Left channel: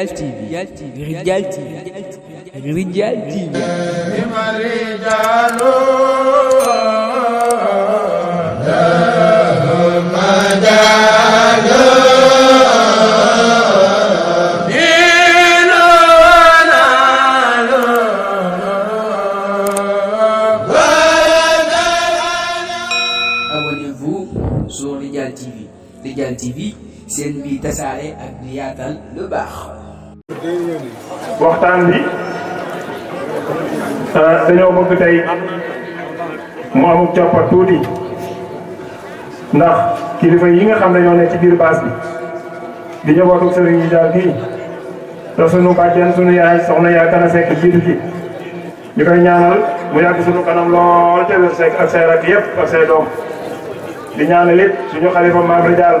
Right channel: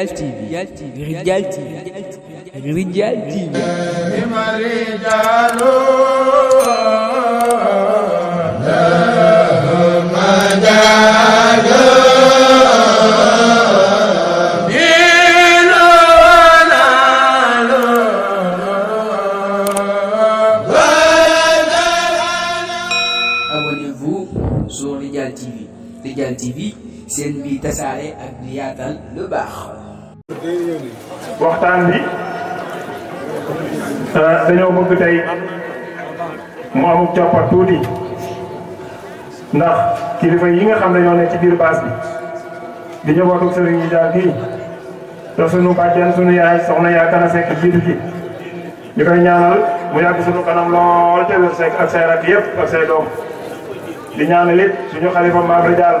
Rijal TV. Abonnez-vous sur Rijal TV. Rijal TV seen bi tasaare ak di yaatal lu baax. waxtaan bi dañoo bëgg tey mu amuk coppat tuuti ndax kilifa yi nga xam ne ñoo nekk ci biir baas bi di njabootu Serigne Rijal kii te sunu bàjjen sunu yaay soxna yaa kana sekk jiitu ci ñu koy ñaanal mu yàgg sunu kanam lool te wér sekk ak say rak yëpp ak say doom di ñaanal it suñu xalifa maam Rijal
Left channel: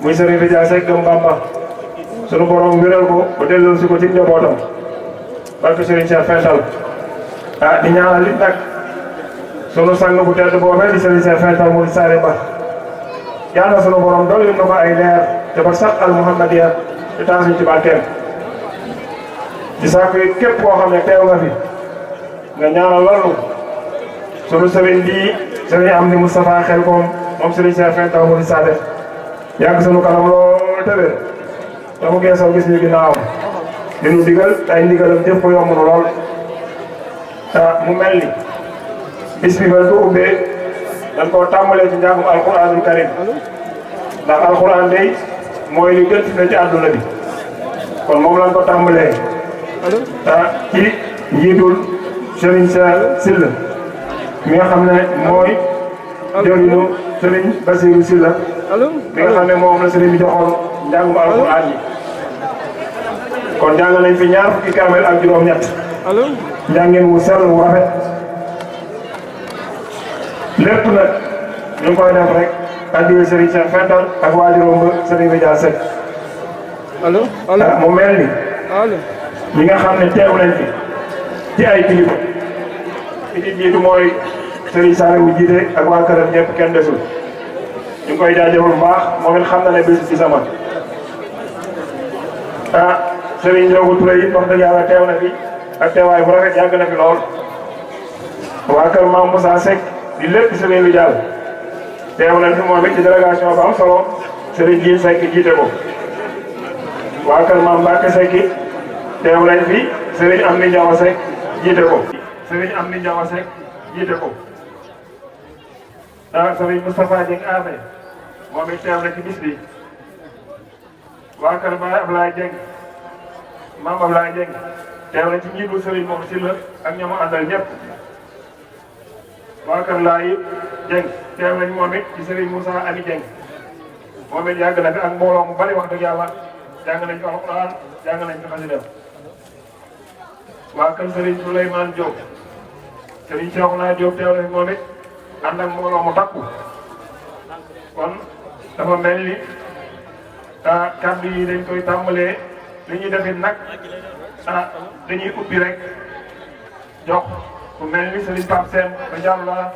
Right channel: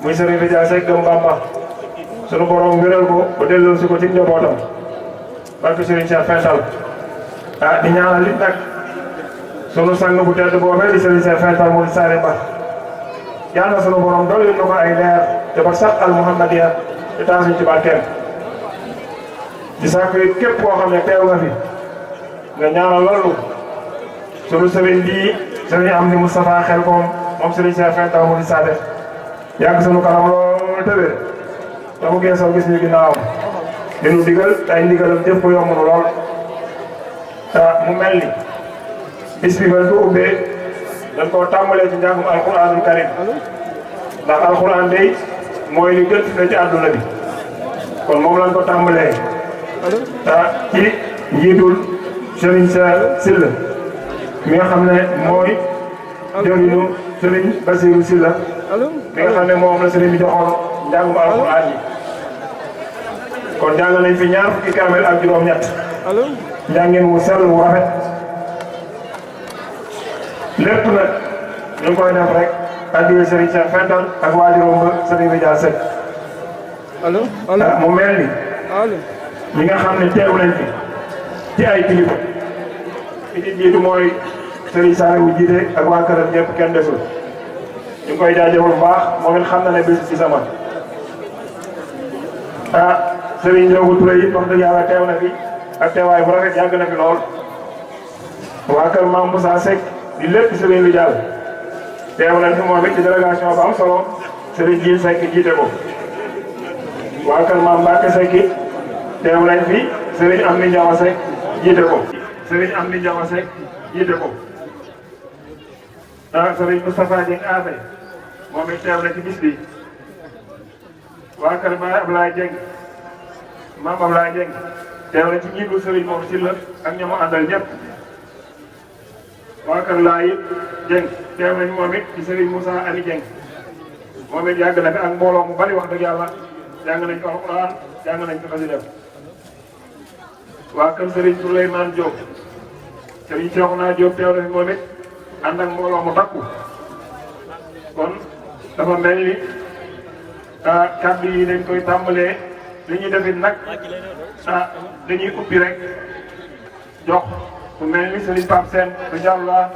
muy Serigne Rijal Seck Gëm Bamba sunu borom wéral ko ba delloo si ko ci njabootam barke Serigne Cheikh Fental di ñaanal it nag sunu sang bu tedd boobee di Serigne Cheikh Fental mu di Saare Ba yàlla sunu borom dolli na ko ay leer te ba sax al Muhammadiya te taas ñu ci barkeem di sàkku it képp koo xam ne teew nga fi nga ñaanal loolu sunu Serigne bii Serigne Amdi Moustapha xel koom moom Serigne Cheikh Fental mu di Saare yàgg sunu kanam lool tëbee te mu geesoo gis ñu ginnaawam di nu digal ay ndigalam jëf ko yomb na lool mu mel ni bis bi ba ko ubbee dañ koo tàmbalee ci njàngum alquranul karim ndax alquran day mooy li gën fi ci àdduna bi kon moom lañ ko tàmbalee ci njiitul Serigne Cheikh Sylla mi nga xam ne mooy jëriñu Serigne Bassirou Sylla mi nga xam ne moom la Serigne bi joxoon njàngum alquran yi kon jàng nañ fi ñaar fukki kaamel ak juróom-ñett njàngeen wu sell wu rafet lépp nag ñu ngi koy def rek addiya Serigne Cheikh Fental ak waajuróom ba Serigne Rijal Seck mu mel ni ñi nga xam ne teew nañ fi ci ay kilifa ki ci jiitu mooy Serigne Saliou jiite ak waa këram ñëpp kenn desul ñu ngi koy jaajëfal bu baax moom it xam na ne bés ci sama Serigne Ndiogu Touré it wax dëgg yàlla teew na fi ak teewaay bu rafet yàgg na fi lool waa kër Mame Moussa Seck di lépp Serigne Rijal teew nañ fi moom it ci délégation bu am solo Serigne Djil Seck jiite ko waa kër Mame Mbacke Seck it teew nañ fi Serigne Amdi Ndiawa Seck jiite ko Serigne Amdi Ndiawa Seck jiite ko Serigne Moustapha Dieng Afe moom it teew na ci bis bi waa kër Baye Ablaye Dieng Mame Ablaye Dieng teew na ci njiitu Serigne Mor Sylla ak ñoom àndal ñëpp waa kër Laye Dieng teew nañ moom it ci Serigne Moussa Ami Dieng moom it yàgg na fi ak mbooloo mu bari wax dëgg yàlla jàng nañ fi alxuraan jàng nañ fi xasida waa kër Serigne Souleymane Diop Serigne Cheikhouna Diop teew nañ moom it ànd ak mbooloo mu takku kon dafa mel ni kàddu yi dañ koy tàmbalee li ñu defit nag dañuy ubbi rek jox ku mel ni Serigne Pape Sène incha allah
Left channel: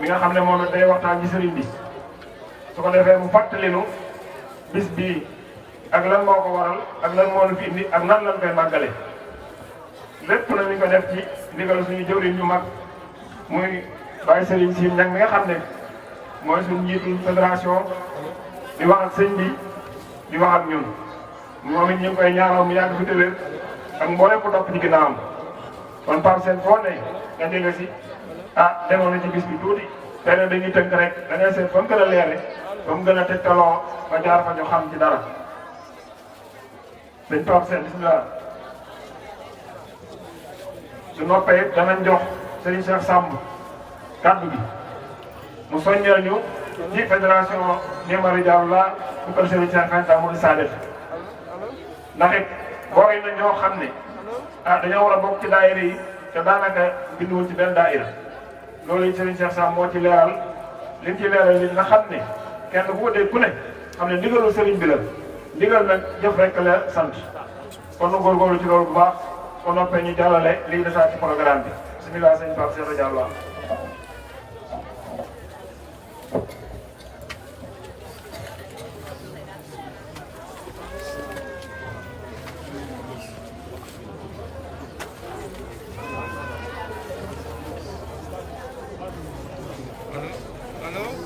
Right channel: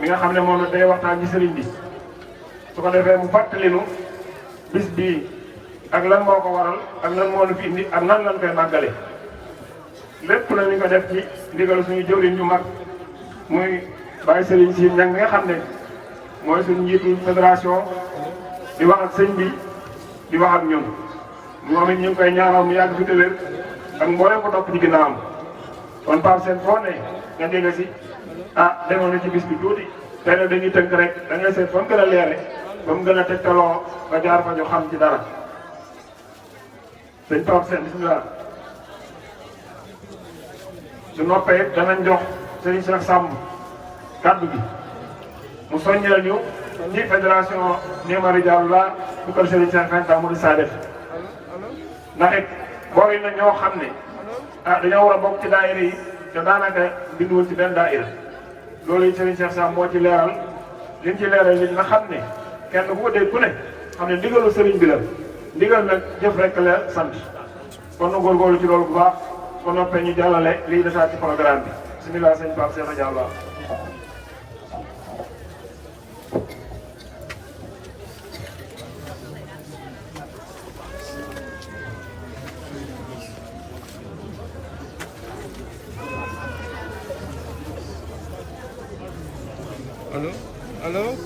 mi nga xam ne moom day waxtaan ci Serigne bi su ko defee mu fàttali nu bis bii ak lan moo ko waral ak lan moo nu fi indi ak nan lañ koy màggale lépp la ñu ko def ci ndigal suñu jëwriñ ñu mag muy Baye Serigne Sy nag nga xam ne mooy suñu njiitu fédération di wax ak sëñ bi di wax ak ñun moom it ñu ngi koy ñaanal mu yàgg fi tëwér ak mboolem ko topp ci ginnaawam kon Pape Sène foo ne nga dégg si demoon na ci bis bi tuuti benn dañuy tënk rek da ngay seet fa mu gën a leere fa mu gën a tegtaloo ba jaar fa ñu xam ci dara sëñ Pape Sène bismillah su noppee danañ jox sëñ Cheikh Samb kaddu gi mu soññal ñu ci fédération Néma Rijal la bu kër Serigne Cheikh Fental mu di saa def ndax it booy na ñoo xam ne dañoo war a bokk ci daayira yi te daanaka binduwoon ci benn daayira loolu it Serigne Cheikh Samb moo ci leeral liñ ci leeral li nga xam ne kenn ku ko dégg ku ne xam ne ndigalu Serigne bi la ndigal nag jëf rek la sant kon na góorgóorlu ci loolu bu baax su noppee ñu jàllale liy desaat ci programme bi bismillah sëñ Pape Sène Diallo allo.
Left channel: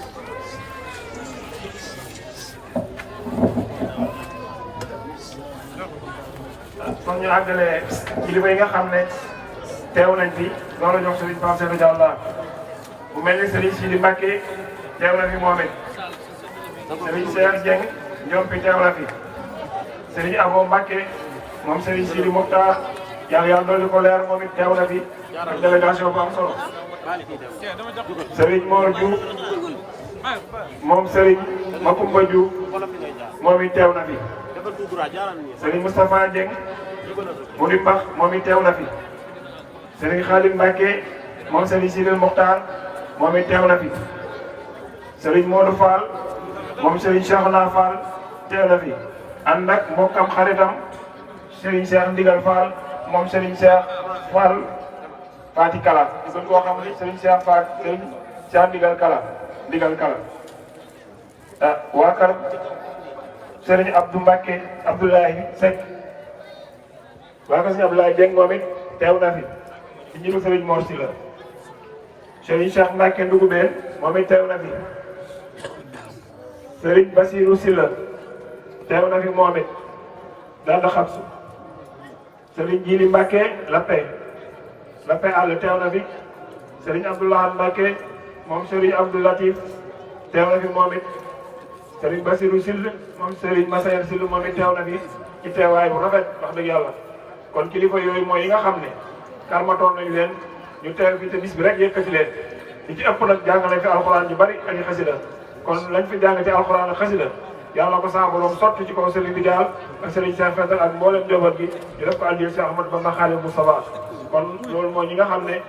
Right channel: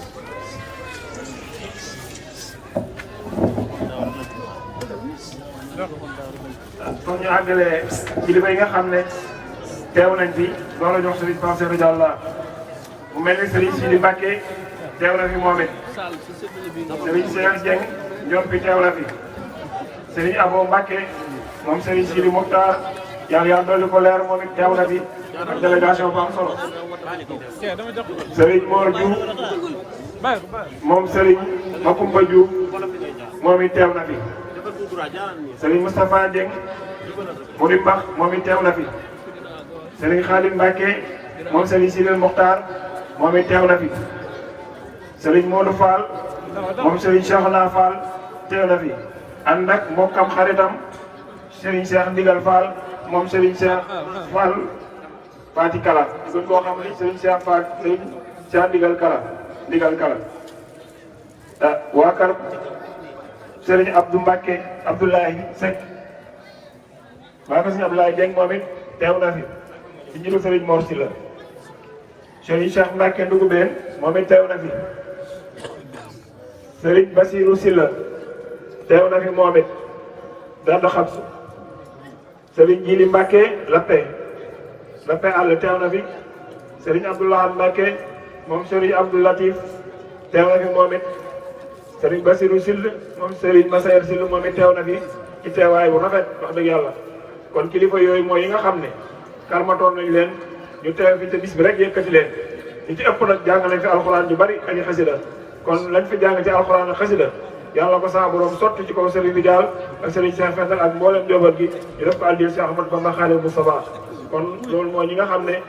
kon ñu àggalee kilifa yi nga xam ne teew nañ fi noonu la jox Serigne Pape Cheikh Diallo mu mel ni Serigne Sidi Mbacké teew na fi moom it Serigne Cheikh Dieng ñoom fi teew na fi Serigne Abo Mbacké moom Serigne Sidi Mokhtar yàlla dolli ko leer moom it teew na fi délégation bu am solo Serigne Mor Diouf moom Serigne Makumba Diouf moom it teew na fi Serigne Moustapha Dieng mu di Bax moom it teew na fi Serigne Khadim Mbacké moom Serigne Sidil Mokhtar moom it teew na fi Serigne Modou Fall moom Serigne Cheikhouna Fall teew na fi ànd ak moom am xaritam Serigne Cheikh Ndigal Fall moom Serigne Cheikh Fall Fati Kala gën koo xam ni Serigne Cheikh Fall Serigne Cheikh Ndigal Kala waa kër Serigne Abdou Mbacké Abdoulaye Seck waa kër Serigne Abdoulaye Dieng moom it teew na fi ci jiitu Serigne Mor Sylla Serigne Cheikh Mbacké Ndougoubé moom it teew na fi Serigne Bassirou Sylla teew na fi moom it danda xam su Serigne Djili Mbacké Lappé àll teew na fi Serigne Abdoulaye Mbacké moom Serigne Abdou Latif teew na fi moom it Serigne Bassirou Sylla moom Serigne Massaer Sylla moom it teew na fi ci teewaay bu rafet wax dëgg yàlla kon kilifa yooyu mooy yi nga xam ne karmatoon nañu leen ñu teew fi te bis bi rek yëkkati leen li ci ëpp nag jàng nañ fi alxuraan ju bari ak xasida kon lañ fi jàng ci alxuraan ak xasida yàlla ko saa borom sotti ci kaw Serigne bi daal ak Serigne Cheikh Fental ak mboolem njaboot gi di def ko aljil Cheikh Ahmadou Bamba Khadimu Moustapha kon loolu mooy ñi nga xam ne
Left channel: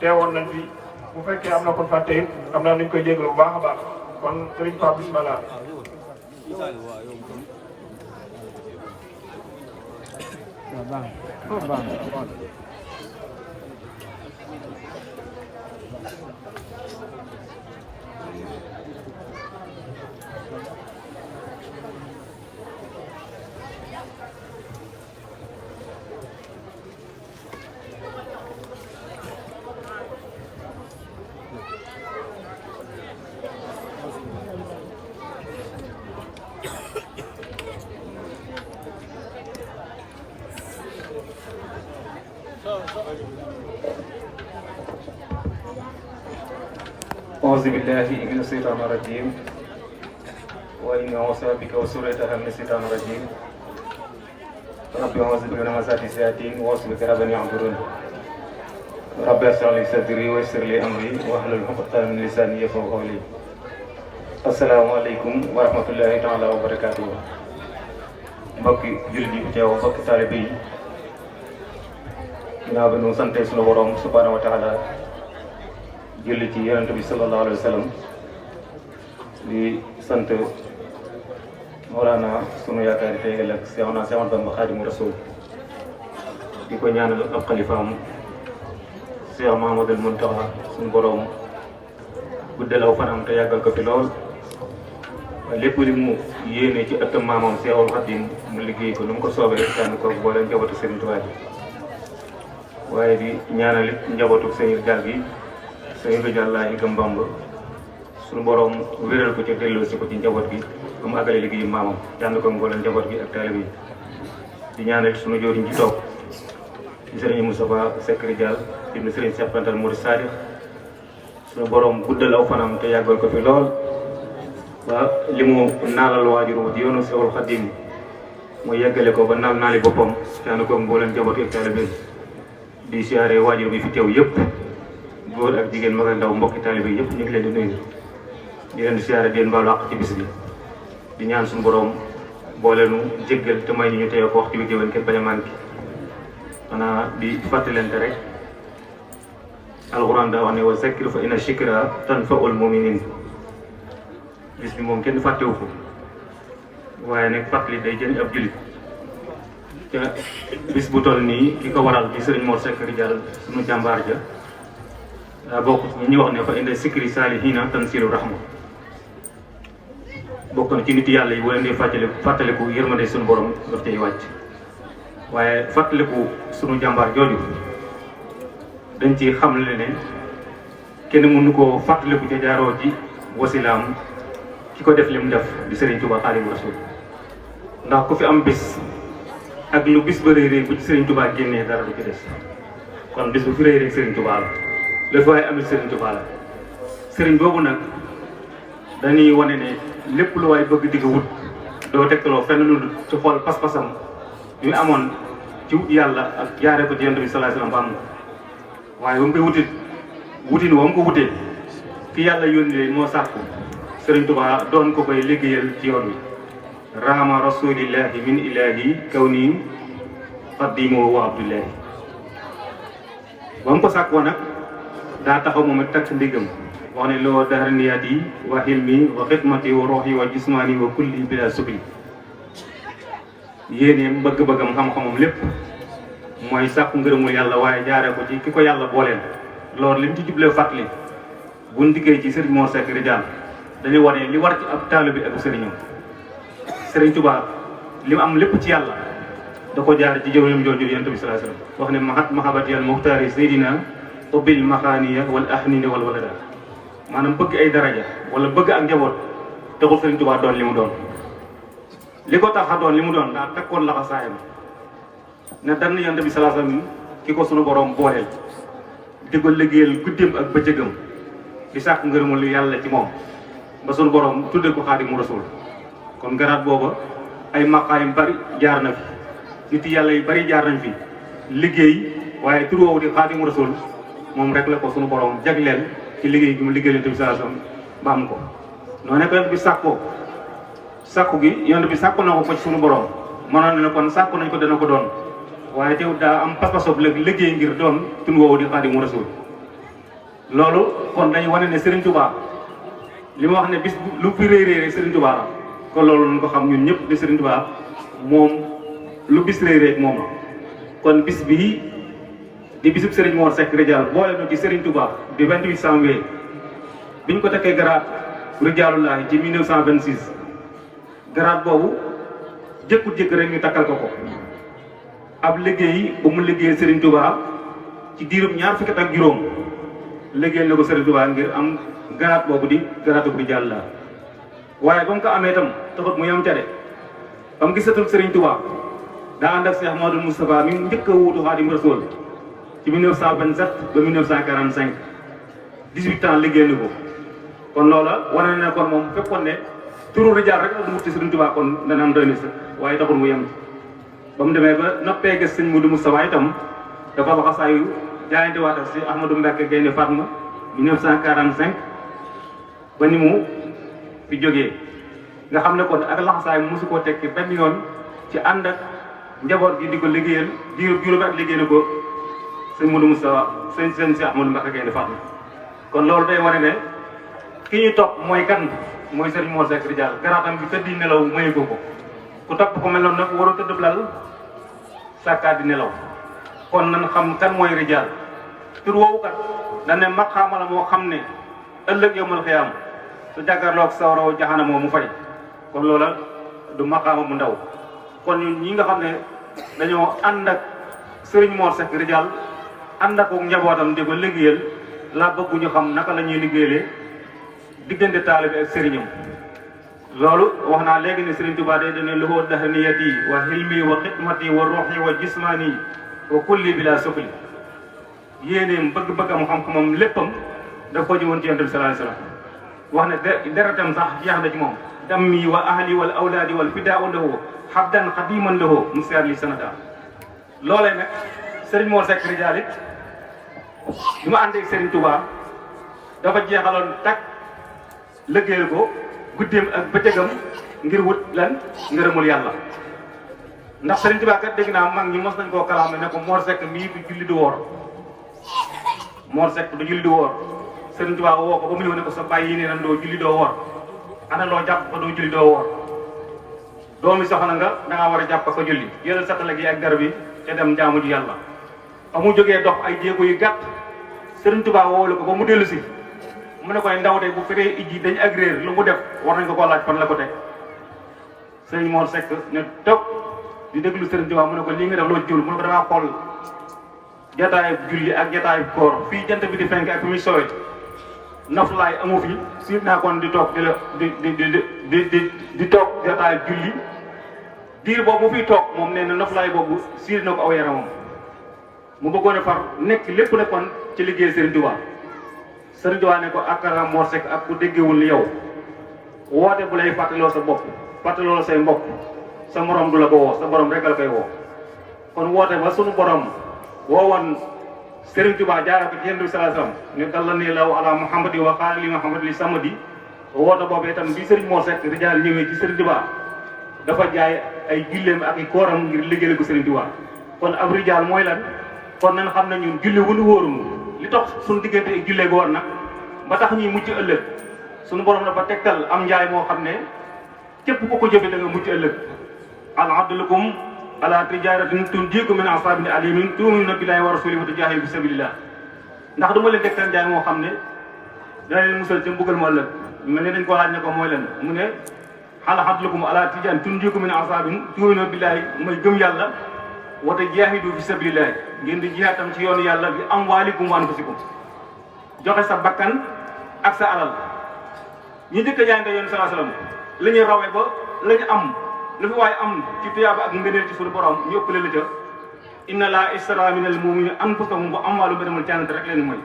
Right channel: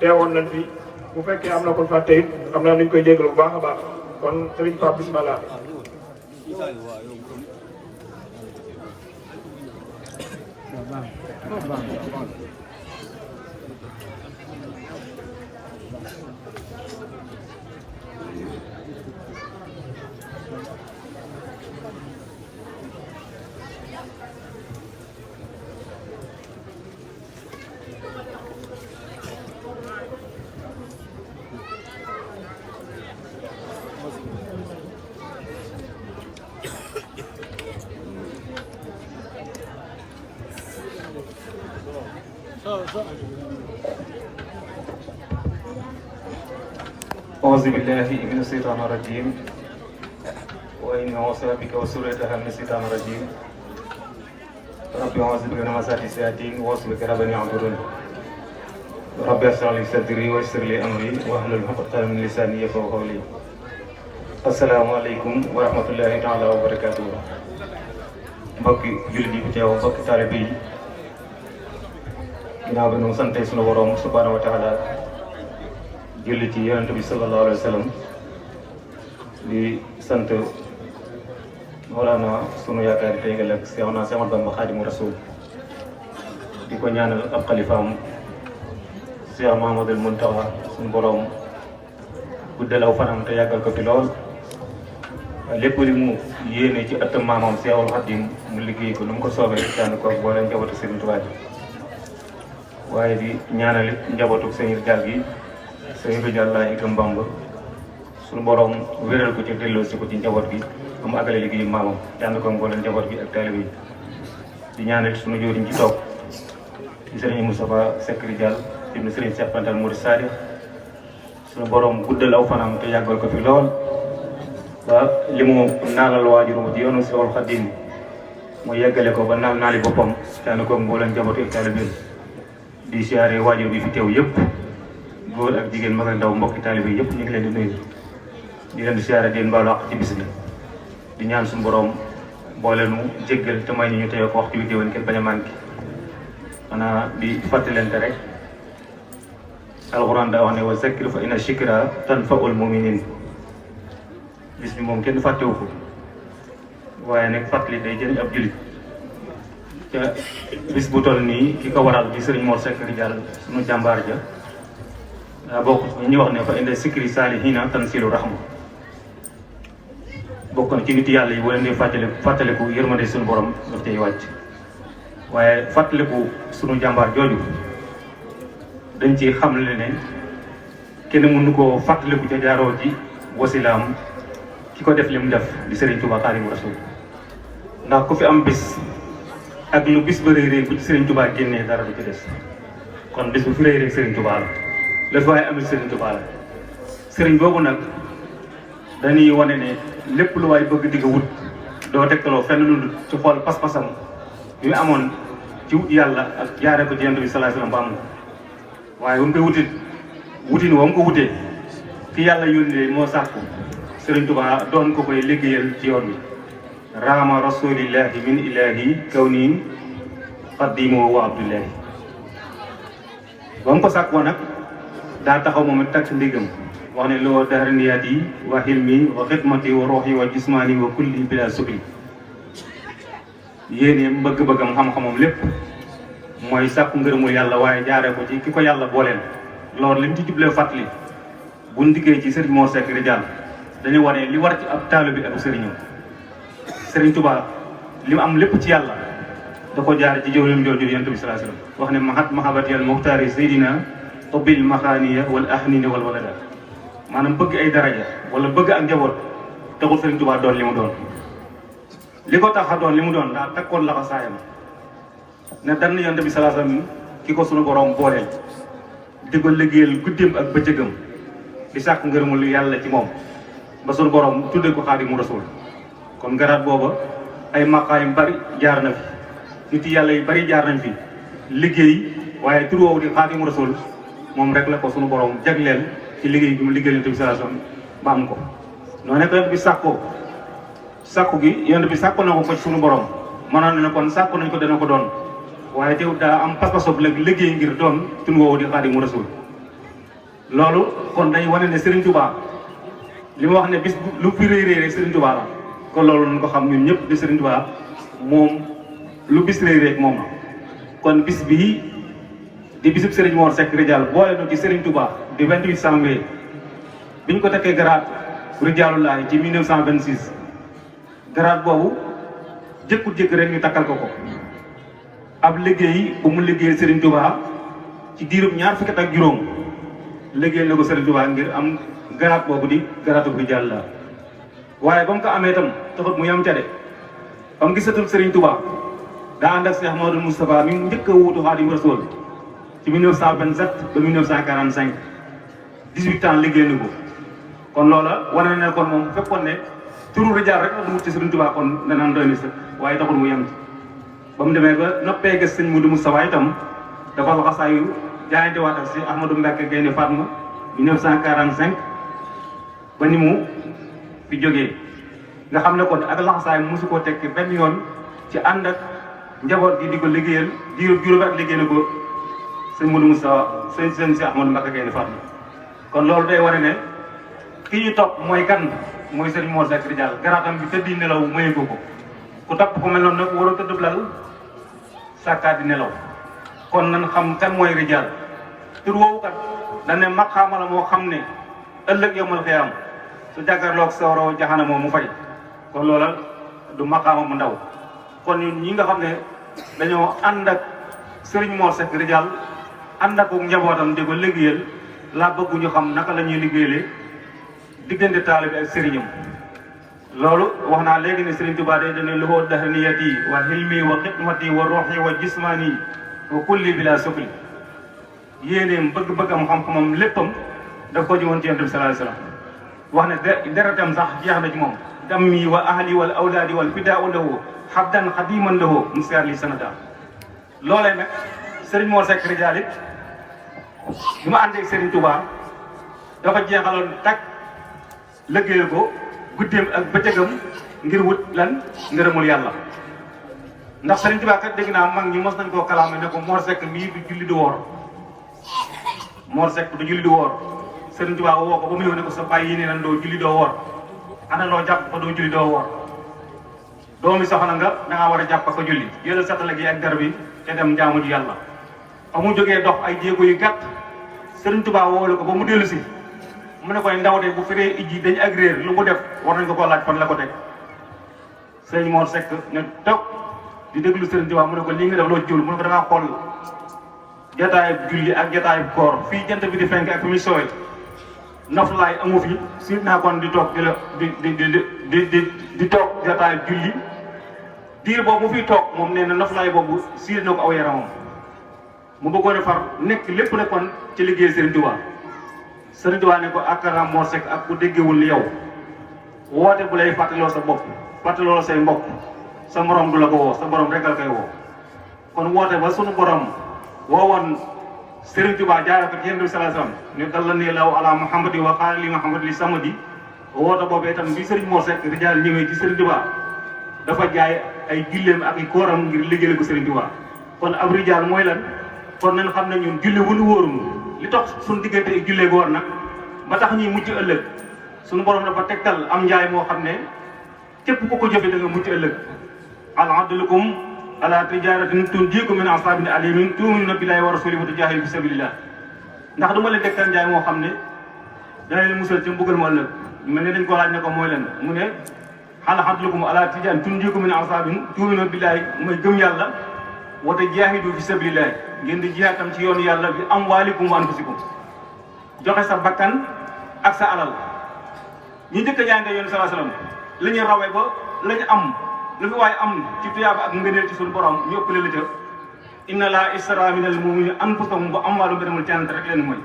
teewoon nañ fi bu fekkee am na kon fàtte it xam naa nañ koy jégalu bu baax a baax kon Serigne Pape bismillah أعوذ بالله من الشيطان الرجيم وإني أعوذ بك وسورتها من الشيطان الرجيم ربي أعوذ بك من همزات الشياطين وأعوذ بك رب أن يحضرون ربي اشرح لي صدري ويسر لي أمري واحلل عقدة من لساني يفقهوا قولي السلام عليكم ورحمة الله تعالى وبركاته mbokki jullit yi fi teew mbokki taalibe yi ginnaaw ba ñu sante sunu borom subhanahu wa taala julli ci yonent bi sallallahu alayhi wa sallam di sant Mawlana sunu yaakaar yi tey ëllëg Seex Ahmadu Bamba Xaadimu Rasuul di ko ñaanal ab xalifaam Seex Muhammadul Muntaxa sunu borom guddal aw fanam te yàggal ko fi lool waaye lépp li mu yéene ci ëttam maamam Seexul Xaadim mu liggéey ko nu mu ko soobee tànn ko booleem njabootu Sëriñ Tuubaa bi waaye di ñaanal njabootu Sëriñ Gaal gi Sëriñ Rijal Laay Ikam Bamba suñu borom wéral ko ci delloo si ko ci njaboot gi ba mu àggale liggéeyu maamam tànn ko mboolem njaboot gi ak taalibe yi di ñaanal suñu jëwriñ ci toog ci Sëriñ Moustapha Seck Rijal ibnu Sëriñ Cheikh Fental Murid Sadiq suñu borom guddal aw fanam te yàggal ko fi lool ba li mu naalal waajur di yoonu Seexul Xaadim mu yeggale ko ba naali boppam tànn ko mboolem njaboot ak taalibe di siyaare waajur bi fi teew yëpp góor ak jigéen mag ak ndaw mbokki taalibe yëpp ñu ngi leen di nuyu di leen di siyaare di leen baalu àq ci bis bi di ñaan suñu borom boole nu jéggal te may ñu teew ko waxtu wi déwén kenn bañ a manqué xanaa di fàttalante rek alxuraan daa wax ne wa zakkir fa inna zikraa tanfa'ul mu'miniin bis bi moom kenn fàttewu ko waaye nag fàttali day jëriñ ab jullit te bis bu toll nii ki ko waral di Sëriñ Mor Seck Rijal sunu jàmbaar ja daa bokk ci ñi wax ne fa inda sikri saalihiina tanzilu rahma bokk na ci nit yàlla yi wala ne fàttaliku yërmande suñu borom daf cay wàcc waaye fàttaliku suñu jàmbaar jooju dañ ci xam le ne kenn mënu koo fàttaliku ca jaaroo ci wasilaam ki ko def li mu def di Serigne Touba Xaadimu Rasuul ndax ku fi am bis ak lu bis ba réeré bu ci Serigne Touba génnee dara du ci des kon bis bu fi réeré Serigne Touba la fi waaye amul Serigne Touba la Serigne boobu nag dañuy wane ne lépp lu waay bëgg digg wut doo tegtaloo fenn lu ci xool pas-pasam yu amoon ci wut yàlla ak jaaree ko ci Yonent bi sallallahu alayhi wasallam waaye ba mu koy wutin wa mu ko wutee fi yàlla yónnee moo sàkku Serigne Touba doon ko koy liggéeyal ci yoon bi raama rasulillahi min ilahi kaw nii xaddimoo wa abdullahi ba mu ko sàkkoo nag daa taxaw moom it takk ndigam wax ne loo daraniyaat yi wa xilmi wa xidmati wa roxi wa jismaani wa kulli bila sukli yéen yi bëgg-bëggam xam-xamam lépp mooy sàkku ngërëmul yàlla waaye jaaree ko ci ki ko yàlla booleel loolu li mu ci jublee fàttali buñ diggee ci Serigne Mor Seck Ridial dañuy war ne li war ci ab taalibe bi ak sëriñam Serigne Touba li mu am lépp ci yàlla da ko jaar ci jëw yum jooju Yonent bi sallallahu alayhi wasallam wax ne mahat mahabati al muxtaari seydina tobil maxaaniya wal ahnina wal walada maanaam bëgg ay daraja wala bëgg ak njaboot taxul Serigne Touba doon li mu doon li ko tax a doon li mu doon daa tekkoon laxa saayam ne dann Yonent bi sallallahu alayhi wasallam ki ko sunu borom booleel di ko liggéeyal guddeem ak bëccëgam di sàkk ngërëmul yàlla ci moom ba sunu borom tuddee ko Xaadimu Rasuul kon garaat booba ay maqaay yu bari jaar na fi nit yàlla yu bari jaar nañ fi liggéey waaye tur woowu di Xaadimu Rasuul moom rek la ko sunu borom jagleel ci liggéey bi mu liggéeyal Yonent bi sallallahu alayhi wasallam ba am ko. noonu nag Yonent bi sàkku gi Yonent bi sàkku na ko ci sunu borom mënoon na kon sàkku nañ ko dana ko doon waaye teewul daa am pas-pasob la liggéey ngir doon tur woowu di Xaadimu Rasuul loolu kon dañ wane ne Serigne Touba li ma wax ne bis lu fi réeré Serigne Touba la kon loolu ñu ko xam ñun ñëpp di Serigne Touba moom lu bis réeré moom la kon bis bii di bisub Serigne Mor Seck Ridial boole na ci Serigne Touba di 28 janvier biñ ko takkee garaat Ridialullahi ci 1926 garaat boobu jëkku-jëkk rek ñu takkal ko ab liggéey bu mu liggéey Serigne Touba ci diirub ñaar fukki at ak juróom liggéey na ko Serigne Touba ngir am garaat boobu di garaatu Ridial la waaye ba mu ko amee itam taxut mu yam ca de ba mu gisatul Serigne Touba daa ànd ak Cheikh Mamadou Moustapha mi njëkk a wuutu Xaadimu Rasuul ci 1927 ba 1945 18 ans liggéey na ko kon loola wane na kon moom fekkoon ne turu Ridial rek la wut ci Serigne Touba kon danaan doy na sax waaye taxul mu yem ci ba mu demee ba noppee gis sëñ Modou Moustapha itam dafa wax asaayu jaayante waat ak si Ahmadou Mbacké Gaynde Fatma 1945 ba ni mu fi jógee nga xam ne kon ak laxasaay mosu koo tekki benn yoon ci ànd ak njaboot gi di ko liggéeyal diiru juróomi at liggéey na ko sëñ Modou Moustapha sëñ si Ahmadou Mbacké Gaynde Fatma kon loolu day wane ne ki ñu topp mooy kan mooy Serigne Mor Seck Ridial garaatam bi tëddi nelaw maye ko ku topp ko mel noonu nag war a tëdd lal sàkkaat di nelaw kon nan xam kan mooy Ridial tur woowu kat dañ ne maqaama la moo xam ne ëllëg yawmal xiyaam su jàkkaarloog sawaraw jaxana moom mu fay kon loola du maqaama mu ndaw kon ñi nga xam ne dañoo ànd ak Serigne Mor Seck Ridial ànd ak njabootam di ko liggéeyal laa bëgg ñu xam naka la ñuy liggéeyalee diggante taalibe ak sëriñam loolu wax naa léegi ne Serigne Touba day dane loxoo daxaniyati wa xilmi wa xidmati wa ruuxi wa jismaani wa kulli bila sukli yéeneem bëgg-bëggam xam-xamam léppam daf ko jëwoon ci Yonent bi sallallahu alayhi wasallam wax ne deretam sax jeex na ci moom dammi wa ahli wal awlaadi wal fidaau lahu habdan xadiman lahu musiar li sanata loolee nag Serigne Mor Seck Ridial it bi ma àndee Serigne Touba dafa jeexaloon tak liggéeyal ko guddeem ak bëccëgam ngir wut lan ngërëmul yàlla ndax Serigne Touba kat dégg naa mag ñi mos nañ koo kalaame ne ko Mor Seck mii du julli du woor Mor Seck du julli du woor Serigne Touba woo ko ba mu ñëw ne ko sa bàyyi yi nee nan doo julli doo woor ana loo jàpp ko doo julli doo woor doomi soxna nga da ngaa war a jàpp ko julli yéen satala gi ak garab yi te dem jaamu ji yàlla ba mu jógee dox ay jéego yu gàtt Serigne Touba woole ko ba mu dellu si mu ne koy ndaw de bu feree ijji dañ agréer lu mu def war nañ ko koo laaj fan la ko teg Serigne Mor Seck ne toog di déglu Serigne Touba mu ne ko lii nga def loo jul mu ne ko damaa xool jataayub julli ak jataayub koor fii jant bi di fenk ak fi muy sowee naflaay amu fi siit naa kon di toog di toog jotaay julli diir boobu mu fiy toog moom nee na naflaay boobu siir na ko aw yaramam mu bëggoon a far nekk lépp na kon ci liggéey Serigne Touba. Serigne Touba ne ko akara Mor Seck ak ku déggewul ni yow woote bu lay fàttaloo sa bopp fàttaloo say mbokk sa morom du la ko woo sa borom rek la koy woo kon woote ba sunu borom woowoon Serigne Touba jaaree ko ci Yonent bi sallallahu alayhi wasallam ne dallanii Allaahu ala Muhammadi wa qaala li Muhammad li samadi woote boobee itam bi Serigne Mor Seck rijaal ñëwee ci Serigne Touba dafa jaay ay julleem ak i kooram ngir liggéeyal ko Serigne Touba kon ab rijaal mooy lan kon nañ xam ne ñun julli wunu wóorunu li tox suñu diggante i jullee go war nag ba tax ñuy mucc ëllëg suñu borom dafa tegtal am njaay moo xam ne képp ku ko jëfe da nga mucc ëllëg al abdulukum ala tijaratin tunjiikum min asaabin alimin tu'minuuna billaahi wa rasuulihi wa tujaahiduuna fi sabilillah ndax du ma leen tegtal njaay moo xam ne dana leen musal ci mbugal mu ëllëg mel ne dañ ko laaj ne ko mooy leen mu ne al abdulukum ala tijaratin tunjiikum min asaabin tu'minuuna billaahi mooy gëm yàlla wa tujaahiduuna fi sabilillah ngeen di jihaad tam ci yoonu yàlla bi amwaalikum wa anfusikum joxe sa bakkan ak sa alal ñi njëkk a jaayante yoonu sallallahu alayhi wasallam la ñuy rawee ba la ñu am lu fi waaye am ci tuyaaba ak ngëneel ci suñu borom ñu ëppale la ca inna laa ishtara minal mu'minina anfusahum wa amwaalahum bi anna cant rek leen mooy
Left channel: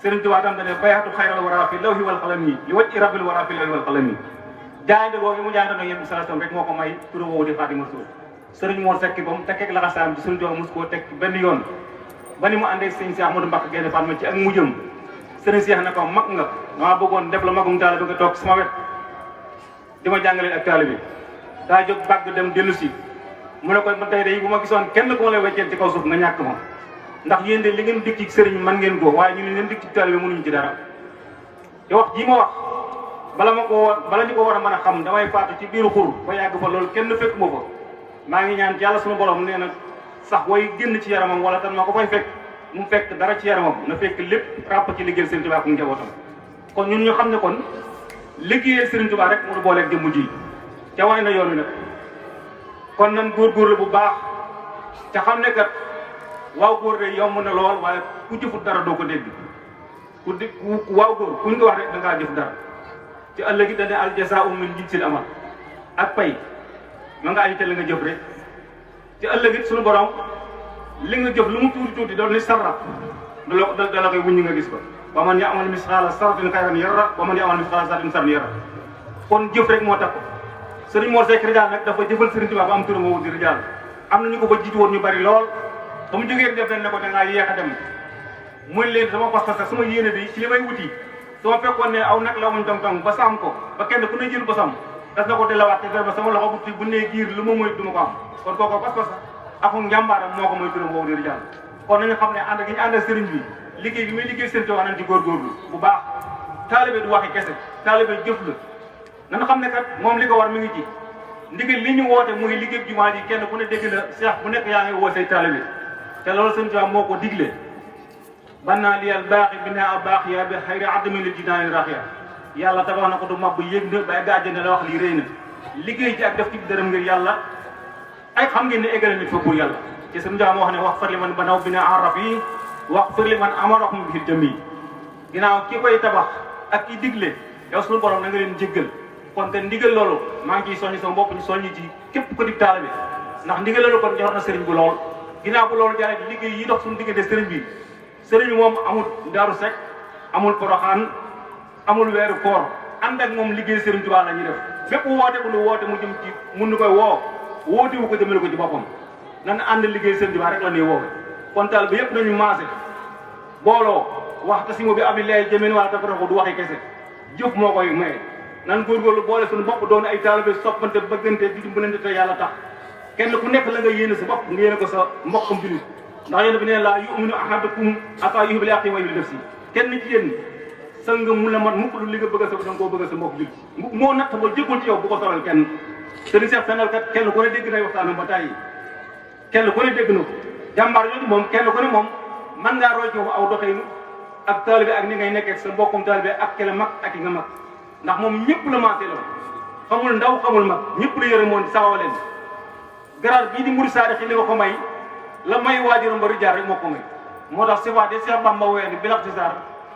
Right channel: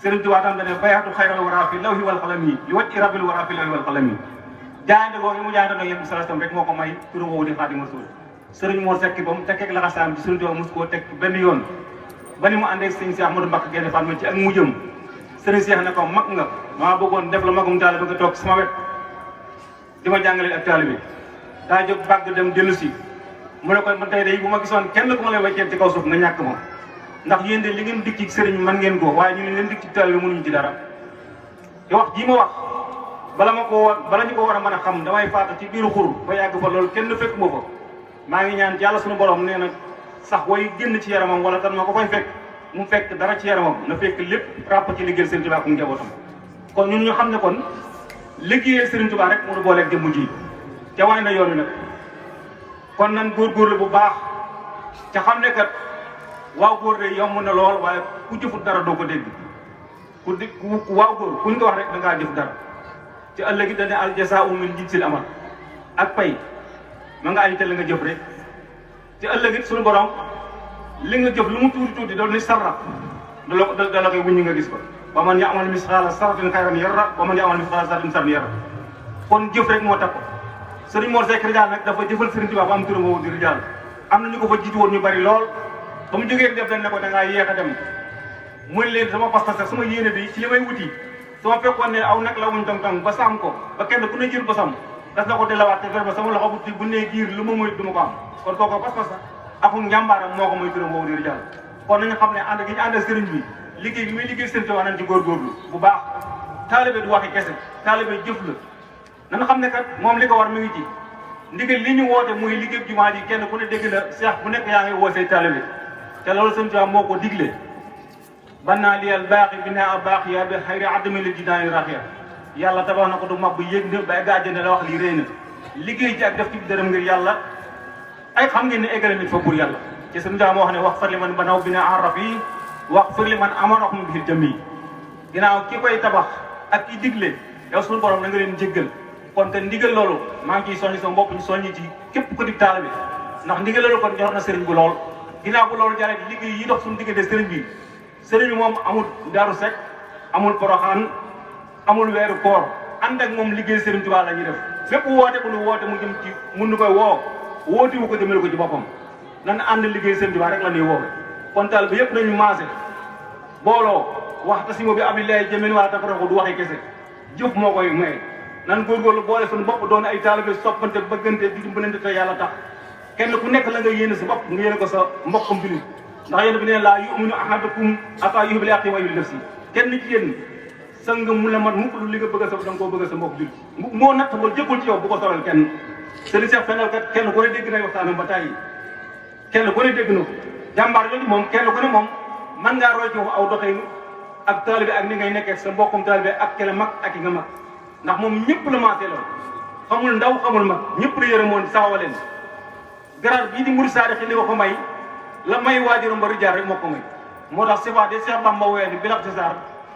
Sëriñ Tuubaa tam dañu bayaatu xayral waraa fi lawhi wal qalami li wajhi rabbil waraa fi lawhi wal qalami jaayante boobu mu jaayante no yéen sallallahu alayhi wasallam rek moo ko may turu woowu di Xaadimu Rasuul Sëriñ Mor Seck ba mu tekkeeg laxasaayam ci Sëriñ Tuubaa mos koo teg benn yoon ba ni mu àndee Sëriñ Cheikh Ahmadou Mbacké Gaïndé Fatma ci ak mujjëm Sëriñ Cheikh na ko mag nga dama bëggoon def la magum taal bëgg a toog sama wet di ma jàngale ak taalibe bi daa jóg bàgg dem dellu si mu ne ko man tey de bu ma gisoon kenn ku ma lay wàcceel ci kaw suuf nga ñàkk ma ndax yéen de li ngeen dikk ci sëriñ man ngeen ko waaye ñu ngeen dikk ci taalibe bi mënuñu ci dara te wax jii ma wax bala ñu ko war a mën a xam damay faatu ci biiru xur ba yàgg fa loolu kenn fekk ma fa maa ngi ñaan yàlla suñu borom nee na sax way génn ci yaramam wala tam ma ko fay fekk mu fekk dara ci yaramam na fekk lépp ràpp ci liggéeyal Sëriñ Tuubaa ak njabootam kon ñun ñu xam ne kon liggéeyal Sëriñ Tuubaa rek mënu booleeg jëmm ji ca waay na yoon wi nag kon nan góorgóorlu bu baax te xam ne kat waaw góor de yomb na lool waaye ku jëfut dara doo ko dégg waaw góor kuñ ko wax rek da ngaa jëf dara te ëllëg it dañ ne al jazaa'u min jinsil amal ak pay ma nga ay te li nga jëf rek te ëllëg it suñu borom li nga jëf lu mu tuuti tuuti doon ni sarra da la koy wuññi nga gis ko ba man ya'mal misqaala zarratin xayran yarah wa man ya'mal misqaala zarratin sharran yarah kon jëf rek moo tax ko Sëriñ Mor Seck rijaal nag dafa jëfal Sëriñ Tuubaa ba am turam woowu di rijaal am na ñu ko fa jiitu woon ñu bari lool ba mu jógee def nañ ne ko da ngaa yéex a dem muy leen sama pas-pas ak sama yéene bi ci li may wuti su ma fekkoon ne aw nekk la wuñ tam ba sàmm ko ba kenn ku ne jël ba sàmm das na ko delawaat te ba sama loxo bu nee giir lu ma moytu du ma ko am kon kooku pas-pas ak njàmbaaram moo ko mooy turam woowu di rijaal kon nañu xam ne ànd gi ñu ànd ak sëriñ bi liggéey bi muy liggéey Sëriñ Tuubaa nañ ci góorgóorlu bu baax taalibe du waxi kese taalibe jëf la nañu xam ne kat moom li ko war mi ngi ci ndigal li ñu woote muy liggéey jumaa ji kenn ku ne dégg la Cheikh bu nekk yaa ngi woo say taalibe te loolu Sëriñ Tuubaa moo ko digle bannaa liyal baaxi binaa baax yaa bi xayri adami lil jinaani raxiya yàlla tabax na ko du mab yéeg na bay gàjjane la wax lii rëy na liggéey ci ak def ci dërëm ngir yàlla ay xam ngeen ne eggale nit fa pour yàlla ci Sëriñ Tuubaa moo wax ne wax far li man banaw binaa araf yi wax far li man amoon mu biir jëm yi ginnaaw ki koy tabax ak ki digle yow suñu borom da nga leen jéggal kon te ndigal loolu maa ngi ciy soññi sama bopp ñu soññi ci képp ko di taalibe ndax ndigal loolu kon jox na sëriñ bi lool ginnaaw bu loolu jaaree ci liggéey yi dox suñu diggante sëriñ bi moom amul Daaru Sekk amul Poroxaan amul weeru koor ànd ak moom liggéey Sëriñ Tuubaa la ñuy def fépp woote bu nu woote mu jëm ci mun nu koy woote wu ko jëmale ko ci boppam nan ànd liggéey Sëriñ Tuubaa rek la ñuy woo kon taal bi yëpp nañu maase booloo wax tasimu bi abillahi jamii'an wa tafarraqu du waxee kese jëf moo koy maye nan góorgóorlu boole suñu bopp doon ay taalibe soppante bëggante di dimbalante te yàlla tax kenn ku nekk la nga yéene sa bopp nga yéene ko sa mbokkam jullit ndax yéen bi neen laa yu'minu ahadukum hattaa yuhibba li axiihi maa yuhibbu li nafsihi kenn ci yéen sang mu la mat mukk lu li nga bëgg a sa da nga koo bëgg a sa mbokk jullit moo natt ba jëkkul ci yow bu ko solal kenn sëriñ Cheikh Fenel kat kenn ku ne dégg na waxtaanam ba tey kenn ku ne dégg na ko jàmbaar yooyu moom kenn ku ne moom mën ngaa roy ci aw doxee ak taalibe ak ni ngay nekkee sa mbokkum taalibe ak kele mag ak yi nga mag ndax moom ñëpp la maasee lool xamul ndaw xamul mag ñëpp la yërëmoon sawawa leen garage bii di Mouride Sarr ci li nga ko may la may waajuram ba rijaar rek moo ko may moo tax sifaat yi Cheikh Bamba woowee ni bilax si Sarr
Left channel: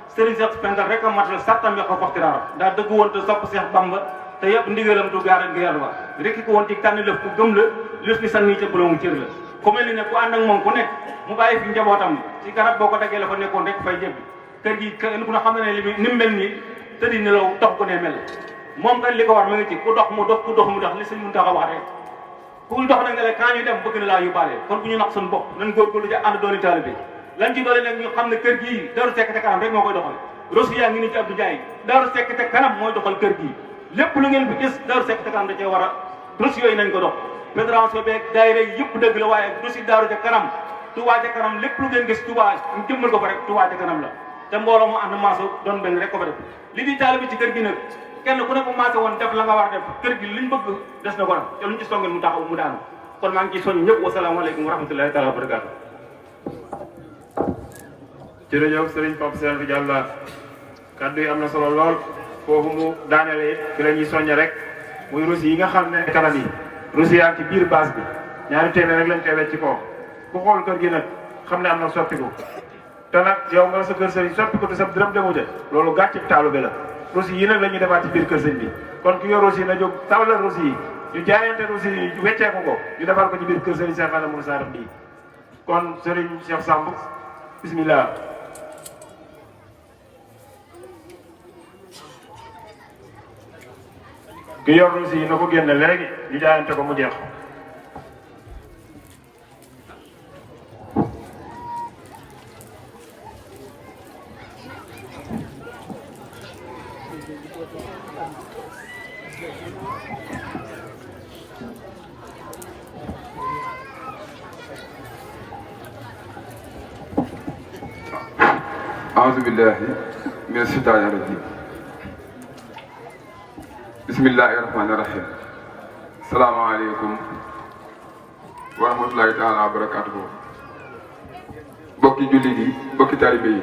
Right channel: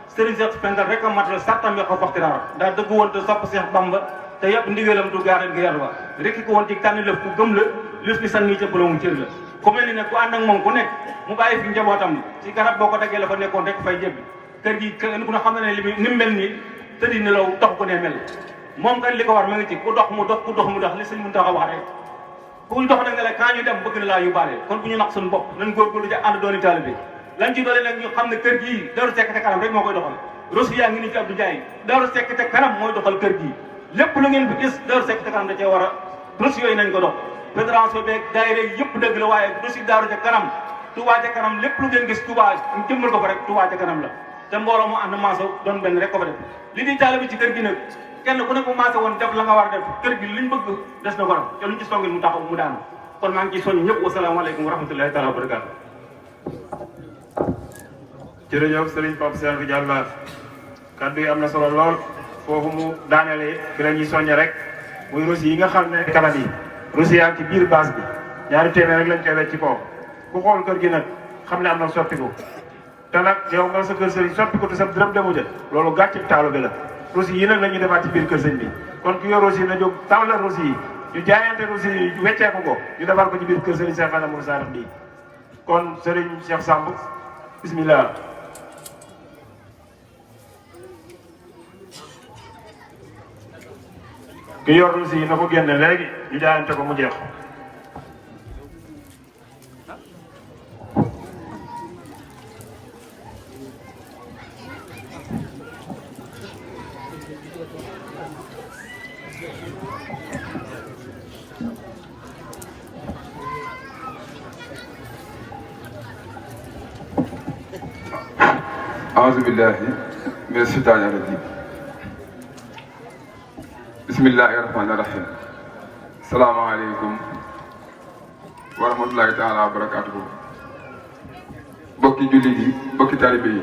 Serigne Cheikh Pendal rek a matal sartam ya ko foxtiraar daa dëgg woon te sopp Cheikh Bamba te yëpp ndigalam du gaara gi yàlla rekki ko woon ci tànn lëf ku gëm la lëf ni sànni ca bëlamu cër la ku mel ni nag ku ànd ak moom ku nekk mu bàyyi fi njabootam ci garab boo ko daggee la fa nekkoon rek fay jébbi kër gi kenn ku ne xam ne li ni mel nii tëddi ni law tax ko ne mel moom kay li ko war ma ngi ci ku dox mu dox ku dox mu dox li suñu mun tax a wax rek ku dox na nga le quand yi dem bëgg na laa yóbbaale kon bu ñu nax suñu bopp nañ góorgóorlu ci ànd dooni taalibe lan ci doole nag ñu xam ne kër gii Daaru Seck te kanam rek moo koy doxal rosu yaa ngi ni ci Abdou Ndiaye Daaru Seck te kanam mooy doxal kër gii lépp lu ngeen fi gis Daaru Seck te kanam da cee war a rosu yooyu nañ ko dox fédération beeg daayira yëpp dëgg la waaye rosu Daaru ca kanam Touba ca kanam lépp lu ngeen gis Touba ñu jëmmal ko fa rek Touba ca kanam la te mbooloo mu ànd maaso doon benn rek ko fa def li di taalibe ci kër gi nag kenn ku nekk maase woon def la nga war a def kër gi liñ bëgg des na ko def te luñ ci songel mu taxaw mu daanu kon maa ngi ciy soññ ñëpp wasalaamaaleykum wa rahmatullahi taala wa barakaatu. jërëjëf Serigne Pape Cheikh Diallo kaddu yi am na solo lool foofu mu daanele it fi la ñuy soññe rek muy rosi yi nga xam ne kanam yi rosi yaa ngi ci biir base bi ñaari téeméer rek lañ koy wecc ci kaw ku xool kër gi nag xam ne am na soppiku te nag yow nga sa kër sëriñ soppiku te sa dërëm demu ca loolu gàcce taalu bi la rosi yi nag la ñuy demaat ci biir kër sëñ bi kon ki yor rosi na jóg tàllal rosi yi ñu jaayante rosi yi wecceeku ko ñu defar ko ci biir kër sëriñ Cheikh Adama Moussa bii kon sëriñ Cheikh Samb bismillah ki yor rosi yi na ko génne léegi ñu jaayante ko mu jeex أعوذ بالله من الشيطان الرجيم بسم الله الرحمن الرحيم السلام عليكم ورحمة الله تعالى وبركاته bokki jullit yi bokki taalibe yi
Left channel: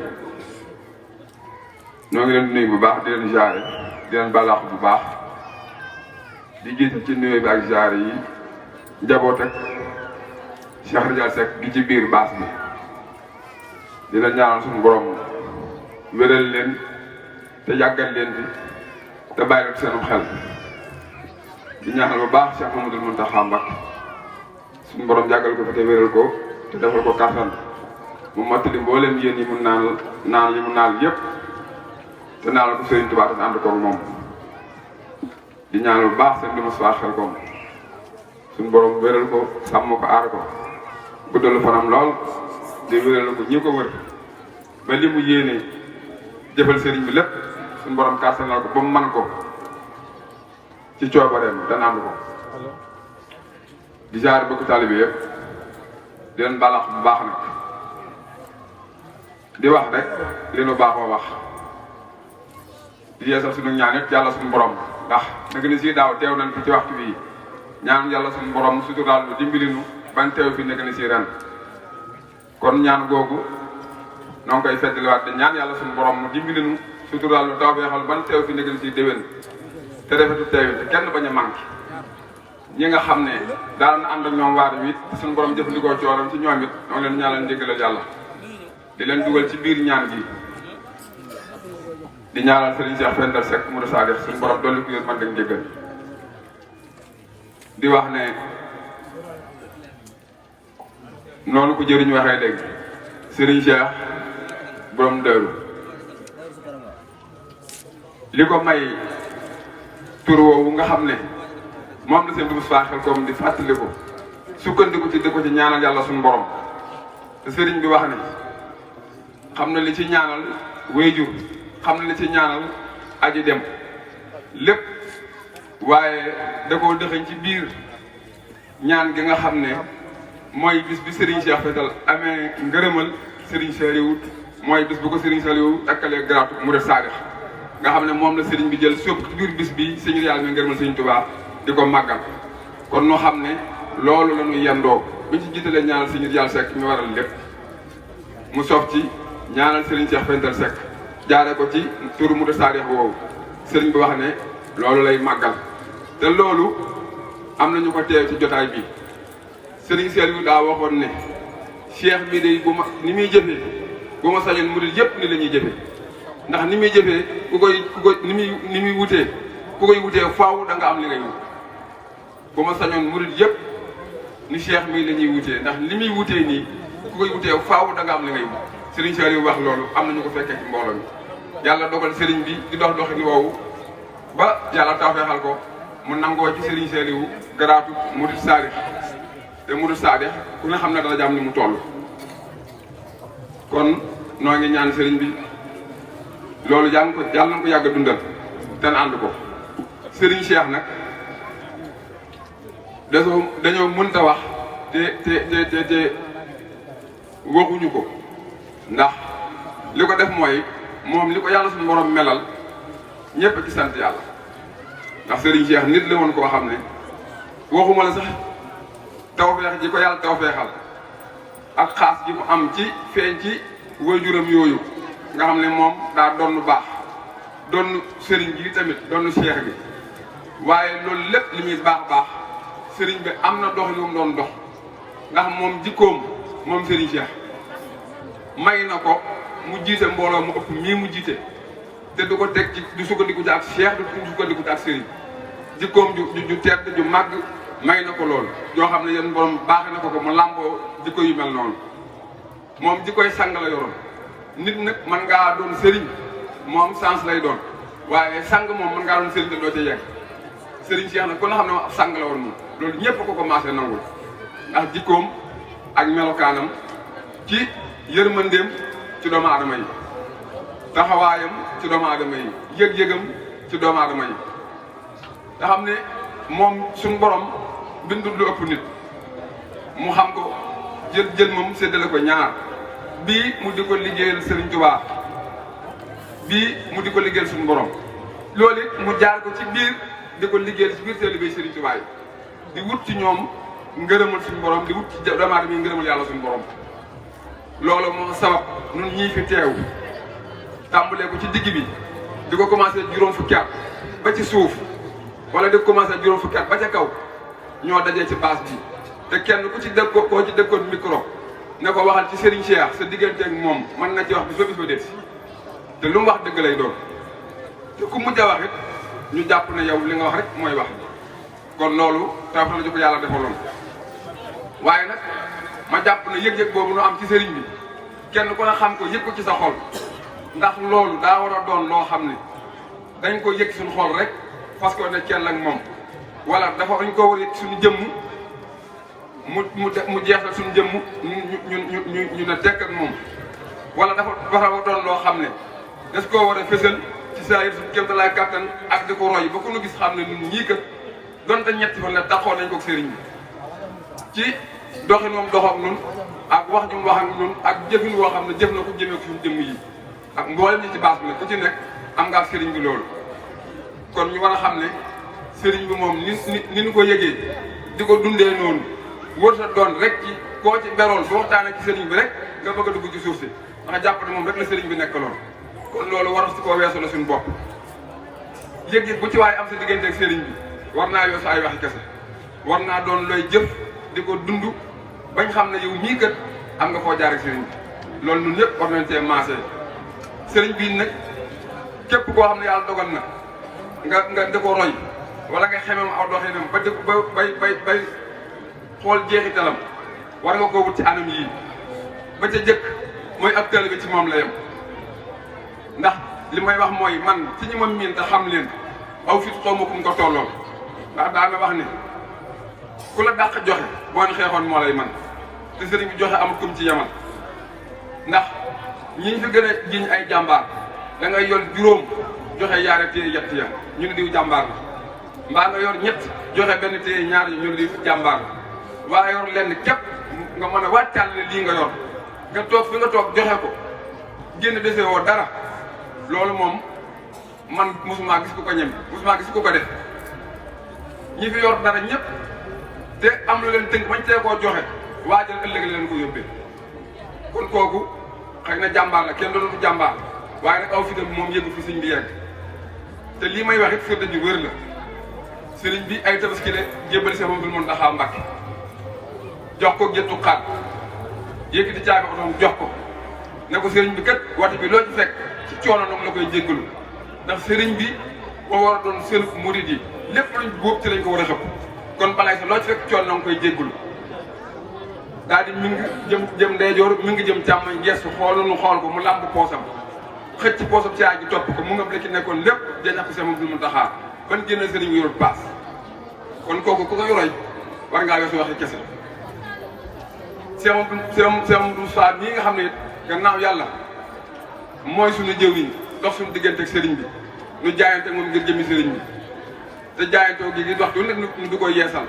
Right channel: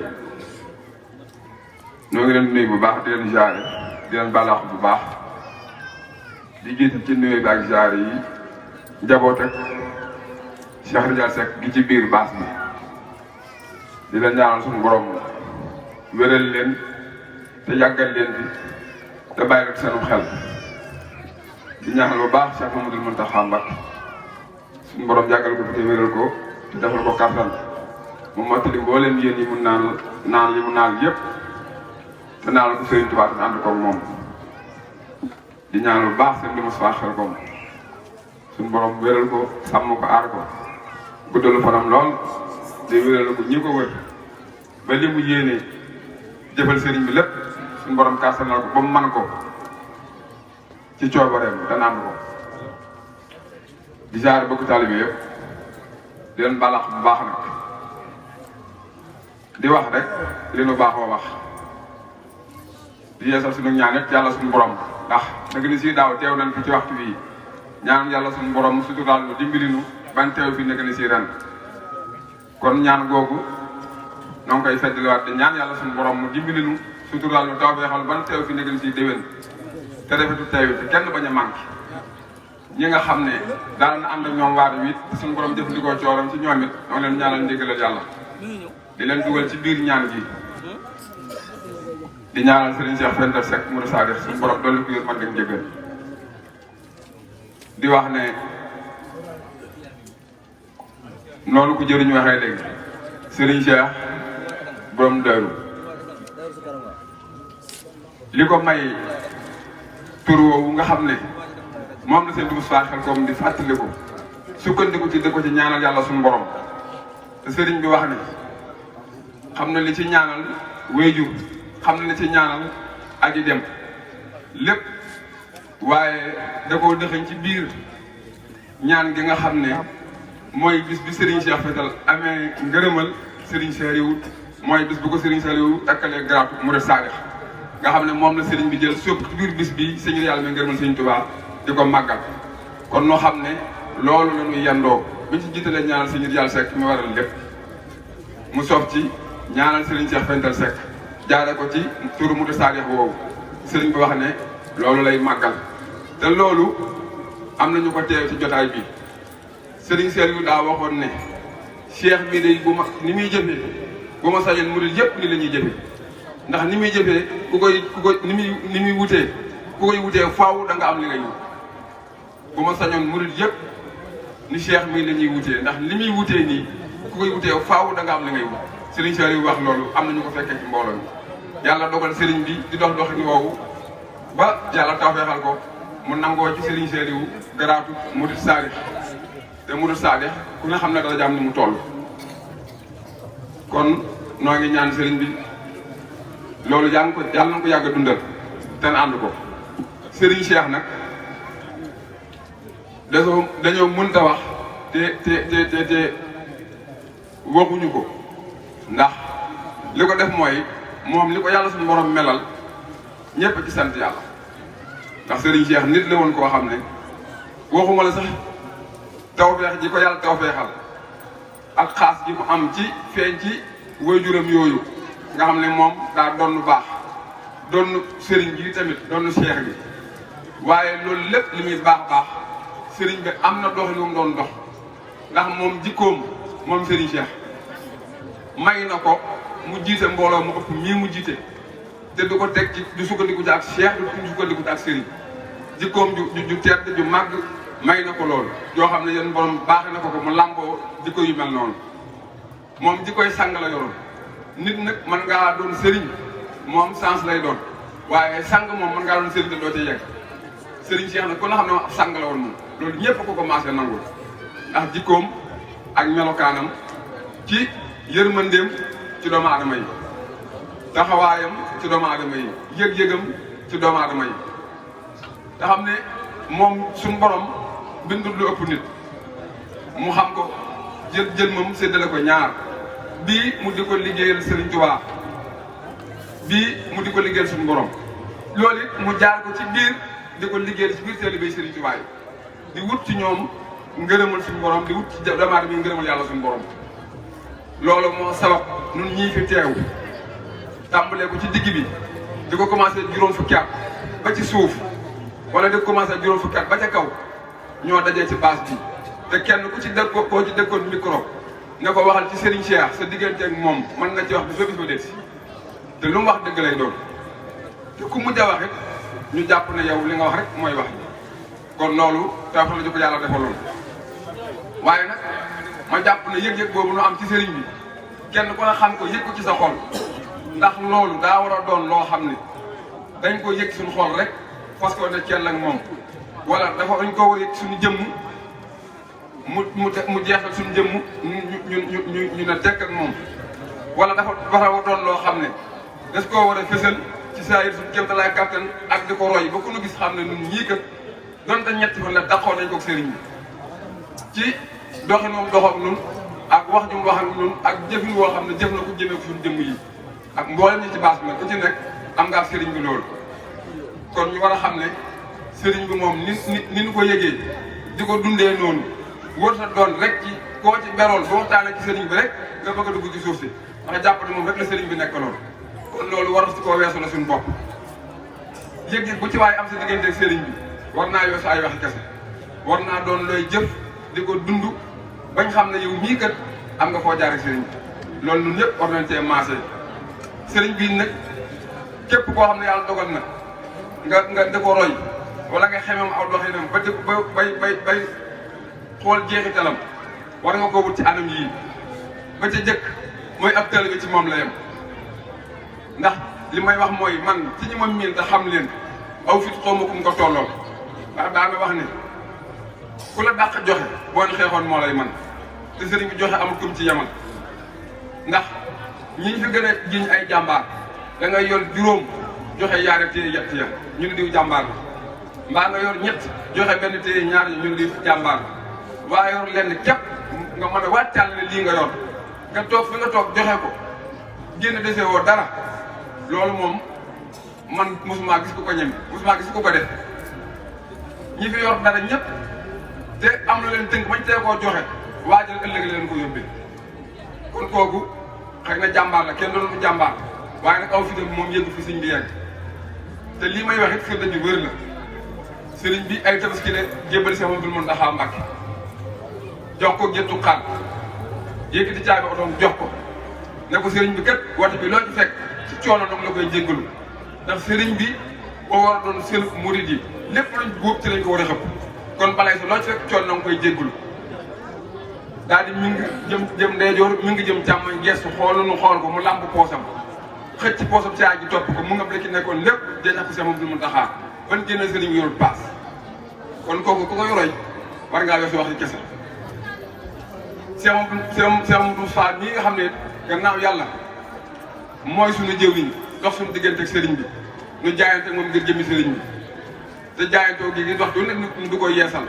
ñoo ngi leen di nuyu bu baax di leen jaare di leen balaax bu baax di jiital ci nuyu bi ak jaare yi njaboot ak Cheikh Ridial Seck gi ci biir baas bi di leen ñaanal suñu borom wéral leen te yàggal leen fi te bàyyi ak seenum xel di ñaanal bu baax Cheikh Mamadou Mountakha Mbacké suñu borom yàggal ko fi te wéral ko te defal ko kattan mu mottali mboolem yéen yi mun naan yi mu naan yëpp te naanal ko Serigne Touba te ànd koog moom di ñaanal bu baax seen dama soir xel koom suñu borom wéral ko sàmm ko aar ko guddalu fanam lool di wéral ko ñi ko wër ba li mu yéene jëfal sëriñ bi lépp suñu borom kàttanal ko ba mu man ko ci coobareem te ànd ko di jaar bokk taalibe yëpp di leen balax bu baax nag di wax rek li lu baax ba wax di yeesal suñu ñaan it yàlla suñu borom ndax nag ni si daaw teew nañ fi ci waxtu bii ñaan yàlla suñu borom suturaal nu dimbali nu bañ teew fi nekk ni si ren kon ñaan googu noo ngi koy feddliwaat di ñaan yàlla suñu borom mu dimbali nu suturaal nu taw bee xam ban teew fi nekk ni si déwén te rafetu teew te kenn bañ a manqué ñi nga xam ne daal na ànd ak ñoom waar wi suñu borom jëfandikoo cooram ci ñoom it moo leen ñaanal njëgalal yàlla di leen dugal ci biir ñaan gi di ñaanal Serigne Cheikh Pendal Seck Mourou Sadikh suñu borom dolli ko yéen man ak njëgal di wax ne noonu ko jëriñ waxee dégg Serigne Cheikh borom Daaru li ko may tur woowu nga xam ne moom la seen dugub xel comme di fàttali ko sukkandiku ci di ko ci ñaanal yàlla suñu borom te Serigne bi wax ni xam na li ci ñaanal wéyjur xam na li ci ñaanal aji dem lépp waaye da koo dëxañ ci biir ñaan gi nga xam ne mooy bis bi Serigne Cheikh Pendal amee ngërëmal Serigne Saliou mooy bis bu ko Serigne Saliou takkalee garaatu Mouride Sadikh nga xam ne moom la Serigne bi jël sóob ci biir bis bi sëñ yàlla mi ngërëmal Serigne Touba di ko màggal kon noo xam ne loolu la ñuy yendoo buñ ci jiitalee ñaanal sëñ Ridial Seck mi waral lépp mu soob ci ñaanal Serigne Cheikh Pendal Seck jaare ko ci turu Mouride Sadikh woowu Serigne bi wax ne loolu lay màggal te loolu am nañu ko teew ci jotaay bi Serigne Saliou daa waxoon ne cheikh bi day bu ma ni muy jëfe bu ma sañoon murid yëpp ni la ñuy jëfe ndax ni muy jëfee ku koy ni muy wutee ku koy wutee faaw da nga am li ngay wut bu ma sañoon murid yëpp ni Cheikh mii la ñuy wutee ndax li muy wutee nii ku koy wutee faaw da nga am li ngay wut Serigne Saliou wax loolu am na ñu ko fekkee ci mbooloo mi yàlla dogal Serigne bi di dox doxin woowu ba yàlla tawfeexal ko mu nangoo ci Serigne Saliou garaatu murid saadix te murid saadix ku ne xam ne dara jàmm ni mu toll kon noo ngi ñaan Serigne bi loolu yàlla na ko yàgg a dundal te na ànd ko Serigne Cheikh nag dañoo mënta wax te waxuñu ko ndax li ko def mooy moom li ko yàlla suñu borom melal ñëpp ci sant yàlla ndax Serigne Cheikh nit la woon koo xam ne waxuma la sax tawfeex ji ko yàlla tawfeexal ak xaas ji ko am ci feeñ ci waajuram yooyu nga xam ne moom daa doon lu baax doon Serigne ji tamit doon Cheikh bi waaye loolu lépp li muy baax baax Serigne bi am na dox yu mu doon dox ndax moom jikkoom moom Serigne Cheikh may na ko mu jiite mbooloo mu ëpp mii mu jiite te du ko teg ci du sukkandiku ci ak Cheikh du sukkandiku ci ak Serigne jikkoom ju tedd ju màgg may na ko loolu yoo xam ne yéen borom baax na ko mu làmboo jikko yu mel noonu moom jikkoy sang la yoroon nit nag mën ngaa doon Serigne moom sens lay doon waaye sang moom mën ngaa doon Serigne te doo ca yegg Serigne Cheikh nag kon nga xam ne sang la woon moom loolu ñëpp ko commencé nangu ndax jikkoom ak melokaanam ci yërmandeem ci doomu aadama yi taxawaayam ci doomu aadama yi yëg-yëgam ci doomu aadama yi nga xam ne moom suñu borom bindul lu ëpp nit mu xam ko jël moom séddale ko ñaar bii mu di ko liggéeyal Serigne Touba bii mu di ko liggéeyal suñu borom loolu it mu jaar ko ci biir di ko liggéeyal ci biir taalibe Serigne Touba yi di wut ci ñoom ngërëmal suñu borom di wut ci doomu aadama yi ngërëmal yàlla suñu borom loolu moo sabab ñun ñii fi teew tàmbalee ko ci digg bi di ko commencé juróom fukki at ba ci suuf wala di ko commencé juróom fukki at ba ca kaw ñoo dajee ci base bi te kenn ku ci dëkk koo ci dëkkoon micro ne ko waxal ci Serigne Cheikh sa digganteeg moom mën na ci wax bi fa des te lu mu wax dëgg lay doon te ku mujj a wax it ñu jàpp ne yow li nga wax rek mooy wax kon loolu taw la ko yàlla defaloon waaye nag ma jàpp ne yëg-yëg boobu nu am ci Serigne bi kenn ku ne xam ko yëg ko ci sa xol ndax loolu daa war a doon loo xam ne dañ ko yëg suñu xol rek parce que ne kenn ak moom wala dafa dañ ko war a yëg suñu jëmm mu jeexal suñu jëmm ñu ne tekk ak moom wala dafa war a doon loo xam ne des koo war a fësal ci saa yër suñu kéemtalaay kàttan ak di ko roy ba ku ñu gis xam ne ñun ñii kat donte ñetti fan la taxoon nañ ko ak Serigne bi ci doxinoom doxam nun ak wax ju mu wax ak nun ak jëfin woo xam ne jëf na ko jëmee ko suñu jëmm yi ak mboolem ñi ci baas bi nag ku ci nekk am nga ak Serigne bi loolu kon ñu war a xam ne Serigne bi moom ni ñu ko yëgee di ko dundee noonu wër sa doon rek ci koo ci beroon boo waxtaanee ci Serigne bi rek nga bëgg a dugg ci suuf si ndax jàpp ne moom rek la Serigne bi nekk loolu kon loolu war si koo weesu la suñu bopp yëg-yëg bu ci waaye am sa diggante ak Serigne bi war naa yoo sa ay waxi kese war naa doon looy jëf di ko dund bañ xam ne yow mii kat am nga foo jaar ak Serigne bi loolu ñun ñëpp war nañ cee maasee Serigne bii nag képp koo xam ne yàlla dogal na nga di ko roy wala nga xemam aw doxinam ba dëkk ba bay xool jeexitalam war nga koo wut ci anam yii ba ca jëkk mooy ab taalibe ci moom la yem ndax li may wax mooy man ci ñi ma miin te xam leen aw fit xaw ma kum ko tolloo ndax daa nga wax ni ku la dàq joxe boo ñu xeexoon moo lay man te Serigne bi joxe amul kum ci yemal ndax ñi fi gën a jiñ ay jàmbaar da ngay yor juróom joxe yaari téye yett ya ñu ne diw jàmbaar la mbaa nga yor ñett joxe benn téye ñaar yi ñu ne diw jàmbaar la waaye yor lenn képp nga mën a wàccal ne lii nga yor nga toog fi nga toog joxe ko génn dese woo dara loolu moom man musuma gis ku ko ñem musuma gis ku ko def ñi fi yor dara ñëpp te am lu leen tënk bañ tee koo joxe waajal ëllëg leen ko yóbbee kon kooku xëy na jàmbaar la kenn doon ko jàmbaar waaye nag aw fi dem moom yëngu fi sëñ bi yegg te lii may wax it firnde ju wér la sëriñ bi ay tabaski la jébbal sama mbir mën daxaa Mbàkke jox ko jëttu xaar yéegi di caabi otoom jox ko ne ko sëriñ bi kat wata bi loo ci fekk ci coono nag la koy jéggalu ndax sëriñ bi moo war a doon sëriñ murid yi lépp luñ góob ci lañ ko war a xëpp kon balay sa loo ci fekk coono na nga koy jéggalu daal di mi ngi jëm ndeyjoor mi ngi jëm càmmoñ gestu xool nu xool ko mu làmb poosam xëcc ci poosam caag ji topp ko mu ngëb da ci nekkoon lépp day ñàkk sama du mu taxaar ban génne sëriñ bi yorul paas kon kooku ku ko yoroy war ngaa weesu waxi kese Seex Mustafaa bii nga xam ne gannaaw yàlla mooy suñu jëwriñ dox suñu diggante ak sëriñ bi ñu jaayante moom ngir jëmi sëriñ bi te jaayantoo gi di waxtu wu ne ñu du ko yeesal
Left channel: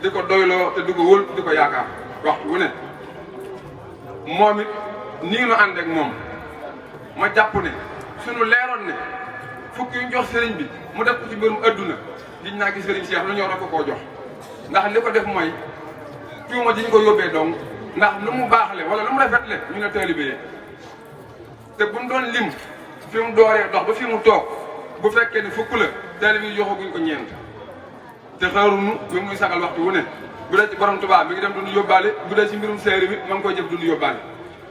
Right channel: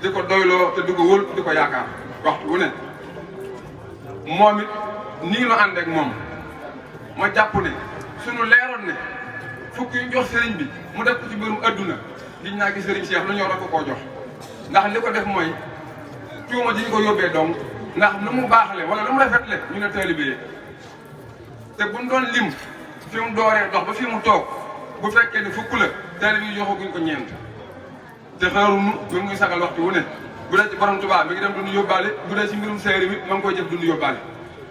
di ko doyloo te du ko wóol di ko yaakaar waxtu wu ne moom it nii nu ànd ak moom ma jàpp ne suñu leeroon ne fukk yu jox sëriñ bi mu def ko ci mbirum adduna giñ naa ki sëriñ Cheikh lu ñëw rek ko koo jox ndax li ko def mooy tuuma ji ñu ko yóbbee donc ndax lu mu baaxle wala lu mu rafetle ñu ne taalibe te bu mu doon lim fi mu dooree dox ba fi mu toog bu fekkee ni fukk la taalibe yi joxaguñ ko ñeent te xaaruñu bi muy sagal waxtu wu ne bu dee ci borom Tuubaa mi ngi dem duñu yóbbaale bu dee ci mbirum séeréer bi ma ngi koy jëf duñu yóbbaale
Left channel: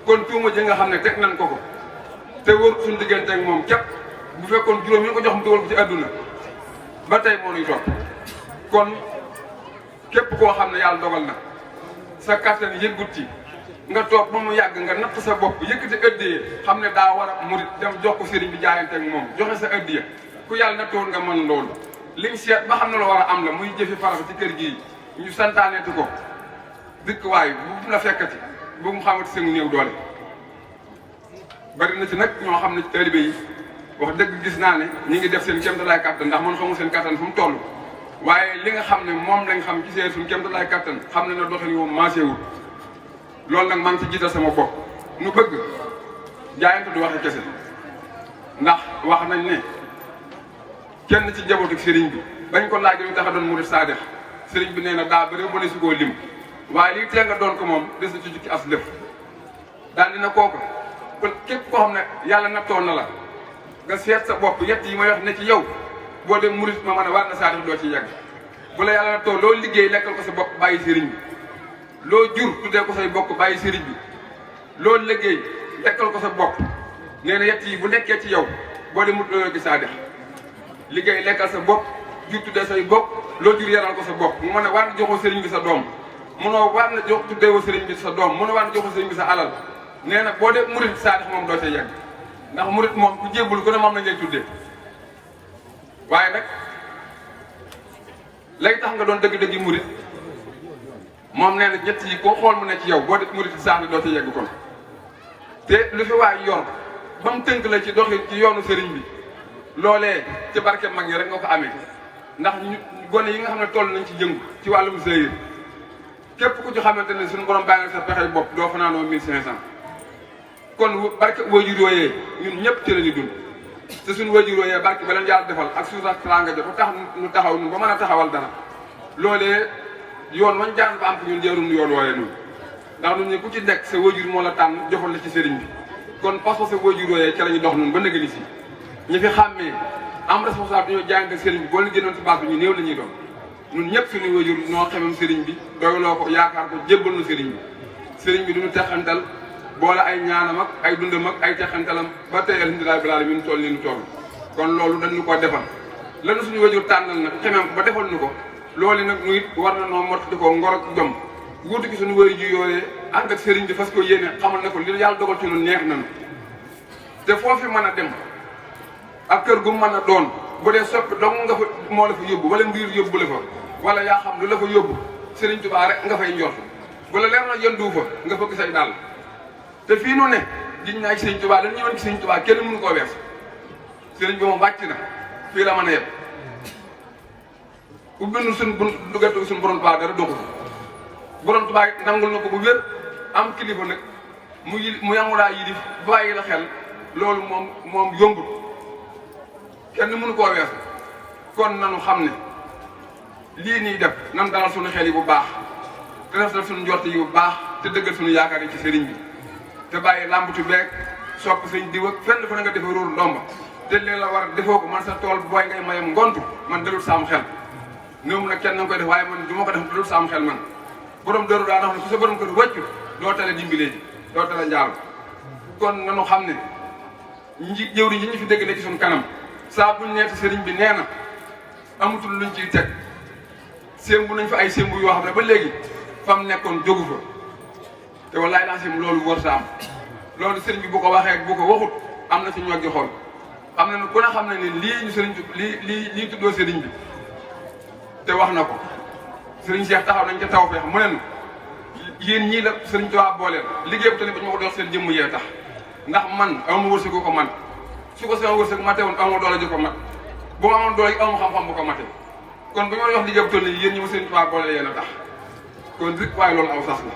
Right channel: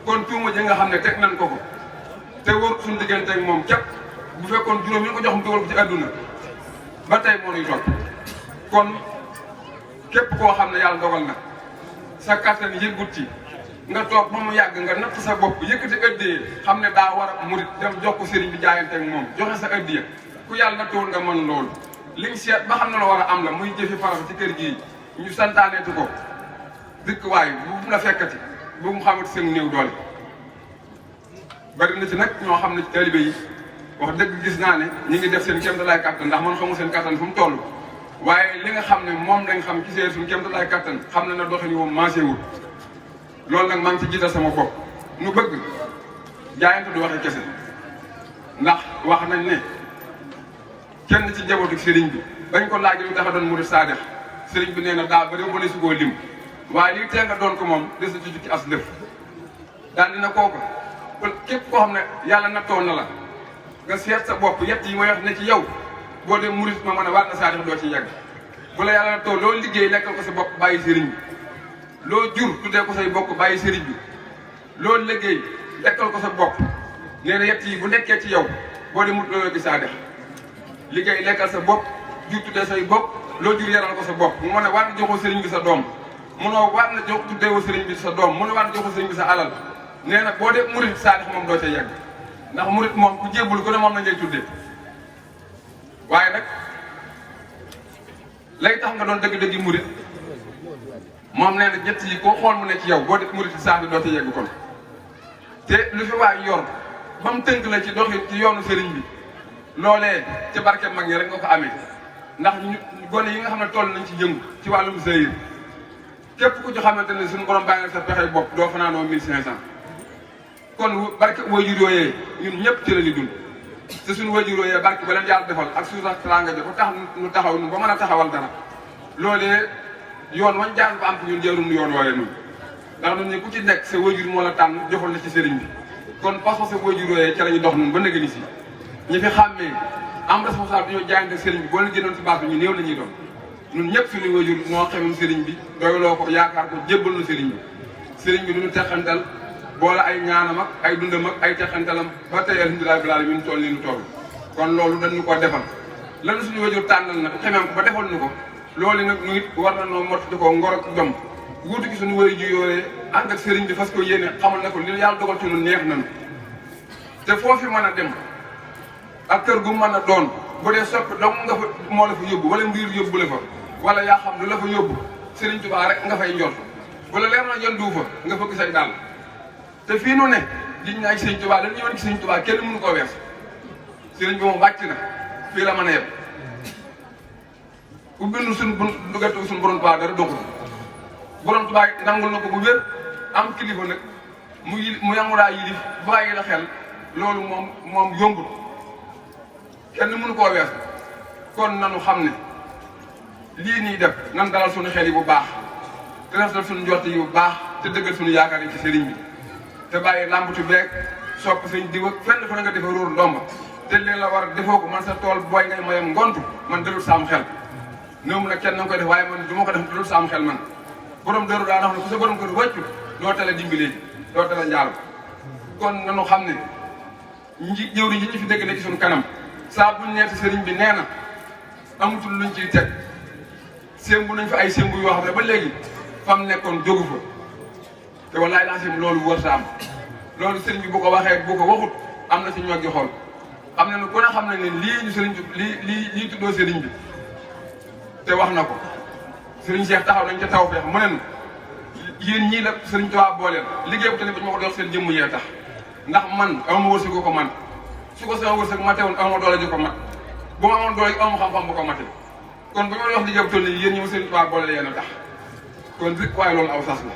kon tuuma ji nga xam ne teg nañ ko ko te wóor suñu diggante ak moom képp bu fekkoon juróom yi nga ko jox mu dugal ko ci adduna ba tey moo nuy topp kon képp koo xam ne yàlla dogal na sa kàttan yëggut ci nga toog ba mu yàgg nga natt sa bopp yëkkati ëddiyee xam ne daa war a murit dem jox ko sëriñ bi jaayante ak moom joxe sa ëddiya ku yàlla na toon nga mën loolu liñ seet ba xam ne la war a am la muy jëfi farata ci kër gii ñu santaaneeti ko dëkk waay bu la fekkati bu mu xamante seen néew doole bari na ci nag ñoo xam ne ci taalibe yi wax dëgg gis naa ne ñi ngi def seen kéemtalaay kàttan ndax man xamu seen kàttan fu mu toll waaye li nga xam ne moom lañ xam ci seen suñu kéemtalaay kàttan xam ne na doxali moom maasewul loolu nag maa ngi ci jiital sama bopp nu bëgg jaayante du waxi kese ndax wax nañ ne kenn ci njabootu sëriñ bi bañ ko laaj yu tax a doon murid saadix sëriñ bi nee na daa bëri ba ne su koo lim waaye lii tee nga doon ko moom des na ci jukki as lëf daal dina kooku képp koo xam ne yàlla na toon na la nga seet sa bopp yett yi ma wax ne ci yow boo dem murid ma mën a waat na saadix doo ci yegg bu la yàlla na toon loolu liggéey nekkal ko sa bopp bàyyi sëriñ bi loo jur tuddee ko say bokk bàyyi sëriñ bi loolu liggéey dekkal ko sa bopp nee na yett yi bu nekkee ci yow boo dem mut looloo gi saadix liggéey nekkal sa bopp jur tuddee say bopp loo jur yaral ko sa bopp mu mën a waat na joxoo sëriñ bi sa doom mënoo waat na jox tuddee ko sëriñ bi sa doom mënoo waat na joxoo sëriñ bi sa alal nee na boo def murit saadix moom doo ca yegg ndax murit moom ku jébbul gën a moom lañ lay tuddee waaye nag lay tax nga doon dëgg-dëgg yi murit moom nee na ñett yi ko xool mu ne ci yow boo def murit sax bi doo ca yegg kon te lu fi waay yor ba mu tënk la ci doxin ci yoonu sëriñ bi loolee ci barke mag yi rek nga ko amee ndax ñu gone yi nga xam ne toll nañ ci yëngu ci wàllum sëyir képp ku ci xamante ne suñu borom bàyyi sa pexe bopp doo fanaanoo 1500 kon barke waajur yooyee ñun ñëpp ci la di dund te suñu waajur yooyee barke ba leen yàlla defal ak suñu sax teraanga ja bu tax ñu taxaw ñu ba mën a taxawal dara loolee yoon wañ jaan ko am ko ñun jëruñu yoon waaye noonu ndax ñun ñi ku ci nekk sa waajur moo la tànn joxal la ci sëriñ bi kon parce que sa waajur yooyee ca la ñu dox noonu ba nëgë ni si ñi fi xàmmee am responsable dañoo jaayante sëriñ bi boo la génnoon ci baax bi ñu néew la ñuy doon ñun ñëpp suñu waajur ñoo xamam sëriñ bi doyloo ko yaakaar ko jébbal na sëriñ bi sëriñ bi duñu texantal boole ay ñaanam ak ay dundam ak ay texantalam ba tey alhamdulilah bil alamin toll ni ñu toll kon loolu dañu ko defal lanu suñu waajur tànnal nag xemam ko ba defal ñu ko loolu nag ñu it war na noo mottali ko ngor ak jom wuutu gi suñu waajur yooyee ànd ak sëriñ bi fas ko yéene xamal na ko li yàlla dogal ci lu neex nañu te foofu mën a dem ak kër gu mën a doon bu dee soppi dong nga fa moo la fa yóbbu wala mbir yóbbu la fa wala yaa xam lu la fa yóbbu Sëriñ Tuubaa rek nga fay njort wala leer na jëndu fa nga fëgg say dàll te fii nu ne liñ naa ci Sëriñ Tuubaa dañu ñëwoon ci Sëriñ Tuubaa kenn mënu koo wees sëriñ bi moom wàcc na fii la mën a yem ubbil suñ bu duggatu suñ borom Tuubaa dara doxul borom Tuubaa nangul na ko bu wér am kilifa nag mu yamulaa yilif bàyyi la xel loolu moom yombul kenn mënu koo weesu kon nanu xam ne lii nii def nan dalal suñu xel yi bu baax te rafetal suñu njort yi bu baax te dëggal suñu yaakaar yi ci sëriñ bi te bàyyi làmbatu beeg sopp suñ diw ak fenn fa nga defa róor ndomba te li la war a defoo ko man sa tool booy nga mayam ngontu man dëgul saam xel néew nag kenn na nga koy def waaye man du ma ko def dëgul saam xel man borom dëru daa wax ne ku sa borom ko du wàccu doo tale dimbilee doo tale njaaru kon nanu xam ne jëwriñ yi ñu fi dégg ne ci suñu kanam saa buñ neeti sëriñ bi nee na amatul luñ ciy teg sémbu nañ fa ay sémbu yoo xam ne ba léegi fam nekkoon jógu fa te wallaay laasim loolu wóor sa am loolu sëriñ bi bu ko waxee bu ko waxut am na ci ñoo gi xool am na ku ne xam ne lii ñu sëriñ bi lii tuddoo sëriñ bi te wax na ko sëriñ Cheikh taxaw nañ ca taw feex mu ne yéen ñii la sëriñ Tuubaa booleel liggéey bu tamit ba ñu ma ko dox seen jëmm yee tax ndax man awma wërsëg ko man su ko sama wërsëg mate woon awma doole ji ko mat bu ma amoon doole yi awma xam-xam bu ko mate kon bu ñu ma wax liggéey bu toll nii yéen ñi ma sëriñ Tuubaa booleel yéen a tax kon rek waaye loolu aw sas la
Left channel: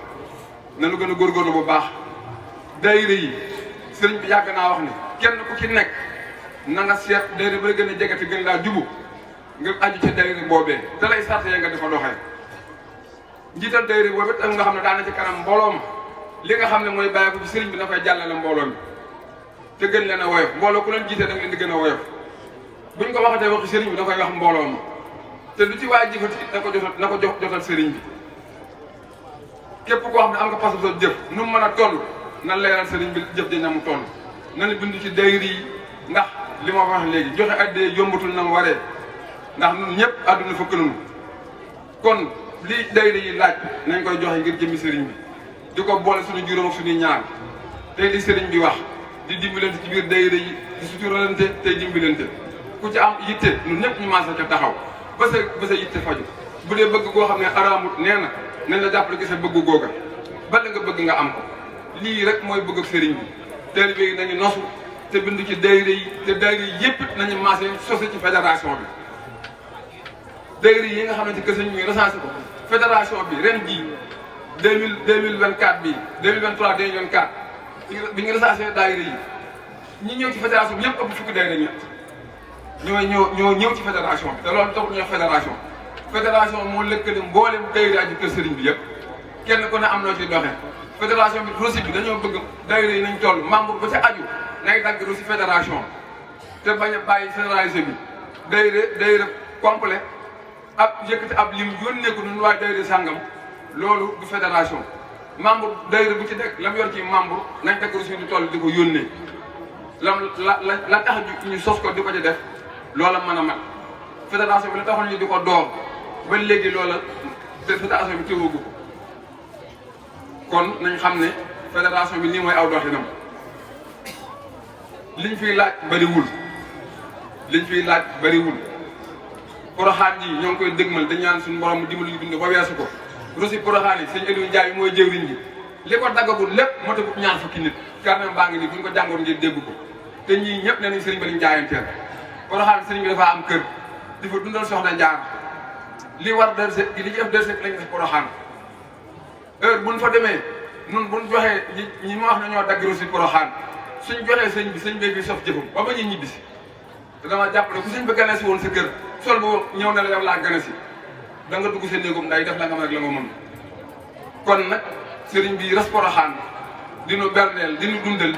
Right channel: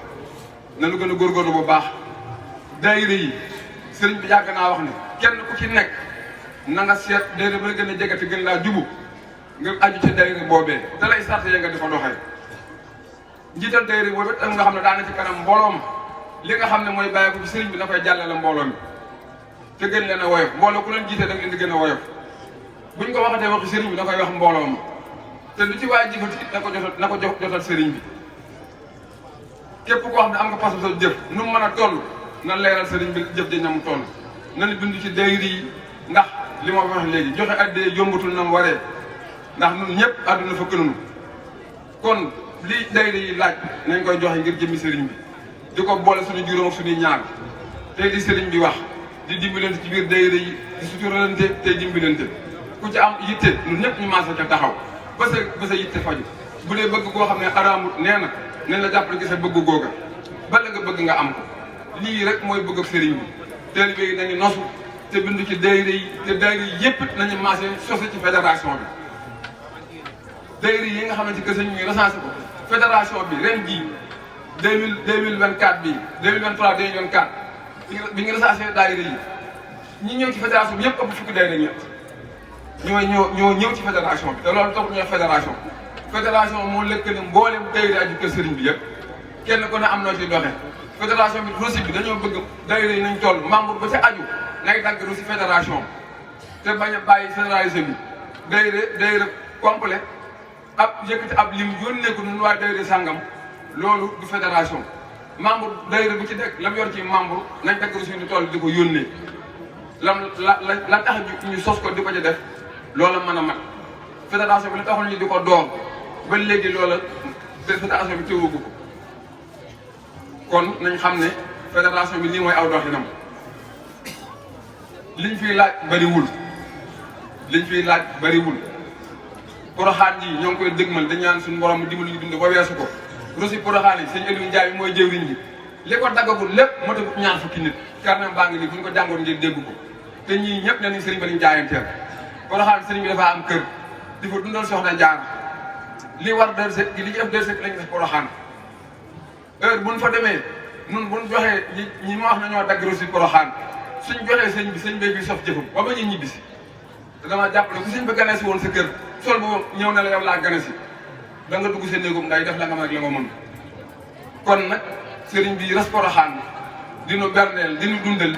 nanu gën a góorgóorlu bu baax daayira yi sëriñ bi yàgg naa wax ne kenn ku ci nekk na nga seet daayira ba la gën a jege te gën laa jubu nga aju ca daayira boobee te lay sarte nga di ko doxee njiital daayira boobu it nga xam ne daana ci kanam mbooloo ma li nga xam ne mooy bàyyi ko ci sëriñ bi dafay jàllale mbooloo mi te gën leen a woyof mbooloo ku leen jiite da leen di gën a woyof buñ ko waxatee waxi sëriñ bi da koy wax mbooloo ma te lu ci waay jëfati na ko jotal sëriñ bi képp koo xam ne am nga pas sa jëf nu mu mën a toll na leeral sëriñ bi jëf ji na mu toll na la bind ci daayira yi ndax li ma wax léegi joxe addee yombatul na mu waree ndax ñun ñëpp àdduna fëkk nañu kon li daayira yi laaj nañ koy joxe ngir jëmmi sëriñ bi di ko boole suñu juróom ak suñuy ñaar tey di sëriñ bi wax di dimbalante ci biir daayira yi di suturalante tey dimbalante ku ci am yitte ñun ñëpp ñu maase ca taxaw ba sa yitte faju bu dee bëgg koo xam ne araam nee na nañ la jàppale ci sa bëgg googa ba la nga bëgg nga am ko lii rek mooy bëgg ak sëriñ bi taalibe yi nañu nosu te bind ci daayira yi te daayira yi yëpp nañu maase sosi ci fédération bi daayira yi nga xamante que sëñ bi recensé ko fédération bi ren bii 2024 bii 2023 2024 bi ñu recensé daayira yi ñi ñëw ci fédération bi ñëpp ëpp fukki daayira ñett ñoo ñëw ci fédération bi te loolu taxul ñoo fédération moo lëkkale mboolem daayira aju kër sëriñ bi yëpp kenn ku ne am loo ci doxe fédération bi rosi bi dañoo bëgg daayira yi nañ toll membre ba ca aju nay dagg rosi fédération te bañ a bàyyi généralisé bi daayira complet ab yëkkati ab lim yónnee ko ñun waa daayira sàngam loolu du fédération membre daayira bu ci nekk la mu yor ci membre nañ dagg rosi ñu toll di ko yónnee la tax ñu sos ko di ko ci def loola mën a mat fédération bi la taxoon ñu di ko door ba léegi loola fédération bi teewagu ko kon nañ xam ne fédération bi nii mooy aw doxinam liñ fiy laaj bariwul poroxaan yi ñoo ngi koy dëgmal dañ ñaan suñu borom mu dimbali ñu bind ba weesu ko rosi poroxaan yi sëñ Aliou Ndiaye mooy jëwriñ bi li ko daggagul lépp matagut ñaar fukki nit karnam baa ngi nii bu ñu ko jàngoon ngeen dégg ko te ñii ñëpp ne nañ sëriñ bi lañ jaayanteel poroxaan sëriñ bi dafa am kër di fa dundal soxna jaar li war dërse li ci def dërse lañ def poroxaan heure buñ fa demee nun buñ joxee ñi ma wax ne ñoo dagg rosi poroxaan suñ joxee sëñ bi fi sof jëfam ba ba ñu ñibbisi te dama jàpp ne ku sëñ bi gane si woon sa kër sol bu ñëw na la yow laa gane si da nga dugg sa néegum nday def la nga mën ak la nga mën kon nag sëriñ bi res poroxaan dinu berndeel dinu dundal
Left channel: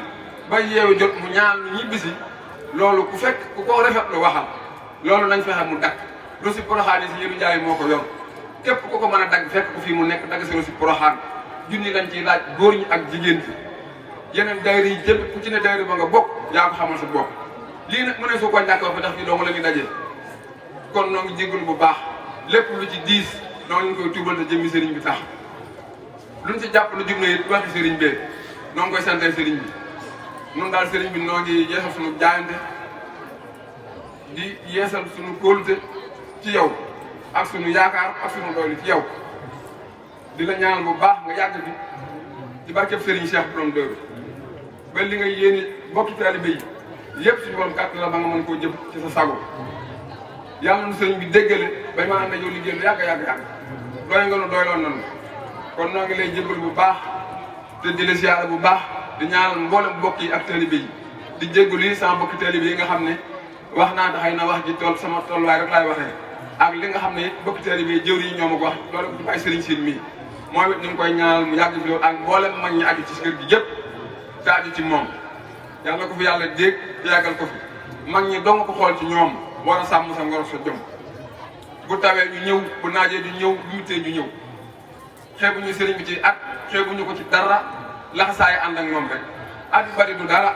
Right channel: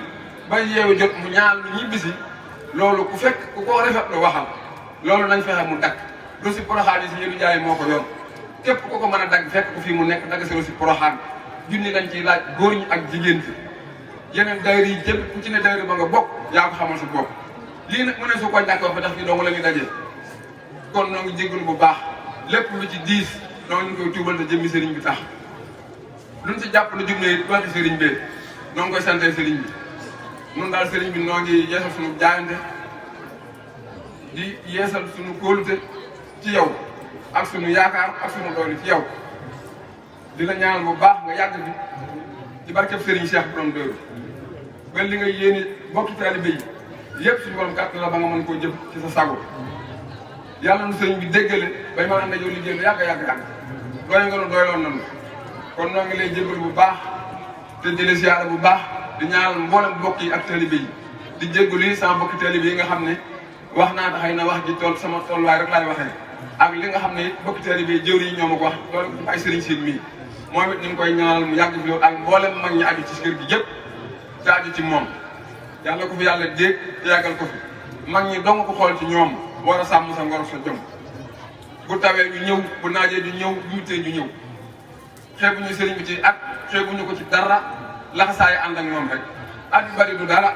ba yeewu jot mu ñaan lu ñibbisi loolu ku ko rafet lu waxal loolu nañ fexe mu dakk rosi poroxaan yi si yéen jaay moo ko yor képp ku ko mën a dagg fekk ko fii mu nekk dagg si rosi poroxaan junni dañ ciy laaj góor ñi ak jigéen ci yeneen daayira yi jëpp ku ci ne daayira ba nga bokk yaa ko xamal sa bopp lii nag mu ne su ko ñàkkoo fi ndax fii dong la ñu dajee kon noo ngi jégalu bu baax lépp lu ci diis noo ngi koy tuubal te jëmmi sëriñ bi tax luñ ci jàpp lu jub ne it wàccu sëriñ bee noo ngi koy sante sëriñ bi nun daal sëriñ bi noo ngi yeesal suñu jaayante di yeesal suñu kóolute ci yow ak suñu yaakaar ak suñu doylu ci yow di la ñaanal bu baax nga yàgg bi ci barkeb sëriñ Cheikh borom dëgg ba li ngay yéene bokki taalibe yi yëpp suñu borom kàttan la ba nga mën koo jëf ci sa sago yàlla nu sëriñ bi déggale bay ma am na yow liggéey lu yàgg doy nga nu doyloon nañu kon noo ngi lay jégalu bu baax te di la siyaara bu baax di ñaanal mboolem mbokk yi ak taalibe yi di jégalu yi sama mbokki taalibe yi nga xam ne wax naa taxay na wax ji tool sama tolluwaay rek laay waxee ak li nga xam ne mbokki taalibe yi jëwri yi ñoo ma ko wax loolu ko ay sëriñ siin mii moom it ñu ngi koy ñaanal mu yàgg fi loolu ak mboolem mag ñi àgg ci kër gi yëpp te àgg ci moom yàlla ko fi yàlla dégg yàggal ko fi mag ñi dong ko xool ci ñoom war a sàmm sa ngor sa jom bu tawee ñu ñëw bu naajee ñu ñëw bu muttee ñu ñëw xeebuñu sëriñ bi ci at xeebuñu ko ci dara laxasaayi ànd ak moom rek at yu bari du dara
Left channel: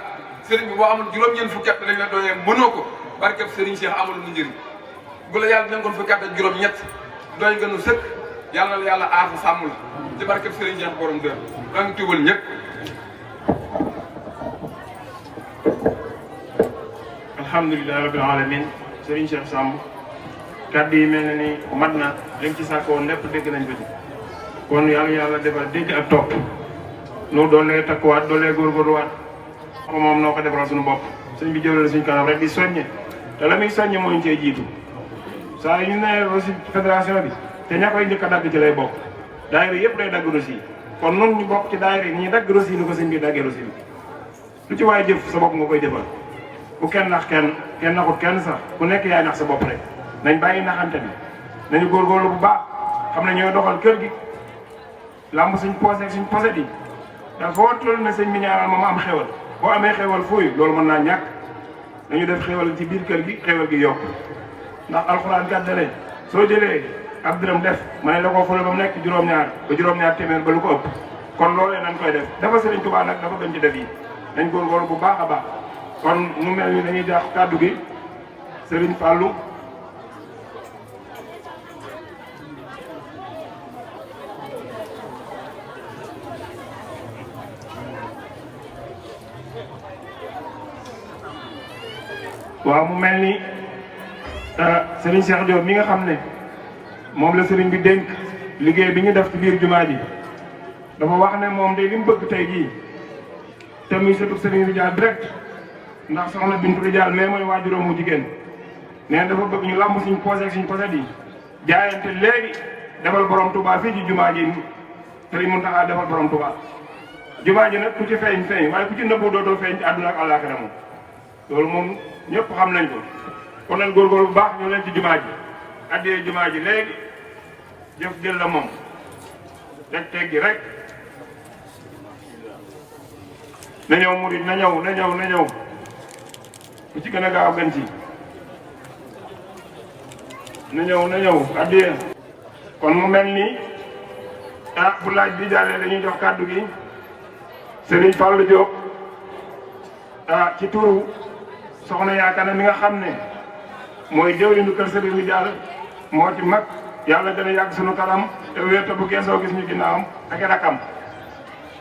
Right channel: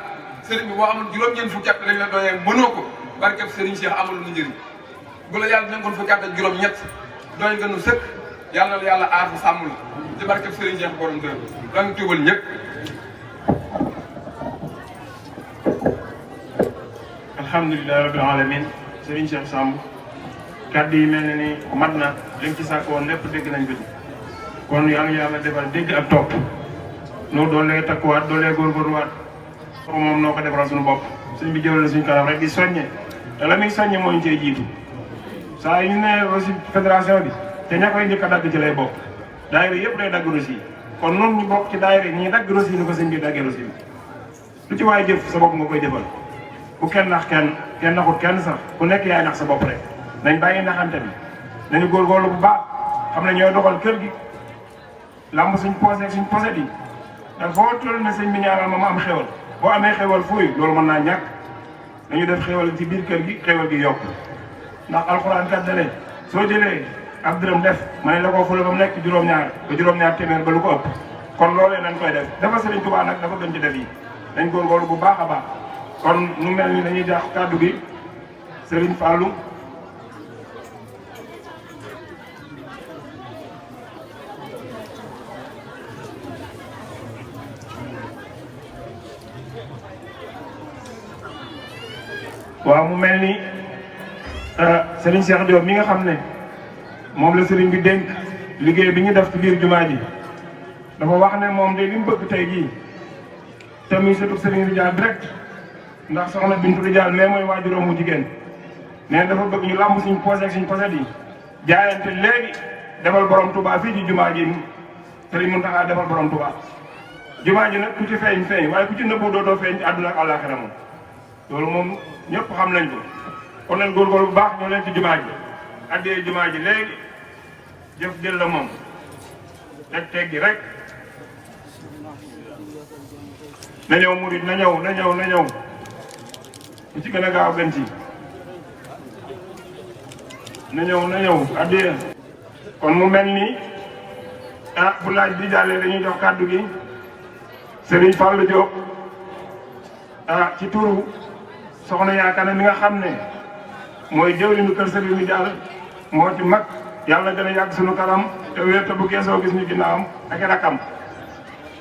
sëriñ bi boo amul juróom-ñeent fukki at lañ la doyee mënoo ko barkeb sëriñ Cheikh amul nga njëriñ bu la yàlla nekkoon fukki at ak juróom-ñett doy nga nu sëkk yàlla la yàlla aar fa sàmm la ci barkeb sëriñ Cheikh borom dër da nga tuubal ñëpp. alhamdulilah rabbil alamin sëriñ Cheikh Samb kàddu yi mel na ni mat na lañ ci sàkkoon lépp dégg nañ bi kon yàlla defal dégg ak topp nu doolee takkuwaat doolee góorgóorluwaat ko moom noo ko defaral suñu bopp sëñ bi jëlal suñu kanam rek di soññe te la muy soññe mooy ñu cay jiitu saa yu ne aussi fédération bi te ña koy njëkk a dagg ci lay bokk daayira yëpp day dagg rosi kon noonu ñu bokk ci daayira ñuy dagg rosi ni ko sëñ bi daggee rosi lu ci waay jëf sa bopp nga koy defal bu kenn nax kenn naxut kenn sax ku nekk yaay nax sa bopp rek nañ bàyyi naxante bi nañu góorgóorlu bu baax xam ne ñooy doxal kër gi lamb suñ posé bi ndax foo toll na sëñ bi ñaanal moom am xewal boo amee xewal fooy loolu mën naa ñàkk dañu def xewal ci biir kër gi xewal gi yokku ndax alxuraan kat dane soo jëlee ab dërëm def ma ne la koo fële ba mu nekk juróom-ñaar ba juróom-ñaar téeméer ba lu ko ëpp kon loolee nañ koy def dafa sëriñ Tuubaa nag dafa gën ci def yi nañ góorgóorlu bu baax a baax kon nu mel ni dañuy jox kàddu gi sëriñ Fallou waaw mu mel ni Serigne Cheikh Diop mi nga xam ne moom la Serigne bi dénk liggéey bi ñu def ci biir jumaa ji dafa wax ne moom de li mu bëgg tey jii te muy sëtu Serigne Ridial direct ndax soxna Bintu Ridial mais mooy waajuróom mu jigéen mais dafa bëgg ñu lamb suñ posé suñ posé yi jaayante léegi defal borom Touba fii ci jumaa ji Serigne Mountakha defal borom Touba jumaa ji nag ku ci feeñ feeñ waaye ku ci nëbboo dootoo feeñ ci àdduna ak àllaaxira moom loolu moom ñëpp xam nañ ko kon nag góorgóorlu bu baax ñu leen ci jumaa ji addee jumaa ji léegi jëf jël la moom rek teg gi rek na ñëw murid na ñëw ku ci gën a gaaw gën ci na ñëw addee kon mu mel ni bu laaj bi jàllee dañuy jox kàddu gi Serigne Fallou Diop ci turu soxna yaakaar mi nga xam ne mooy jëwriñu kër Serigne Ridial moo ci mag yàlla gën a yàgg suñu kanam te wér te bu geesoo gis ñu ginnaawam ak rakam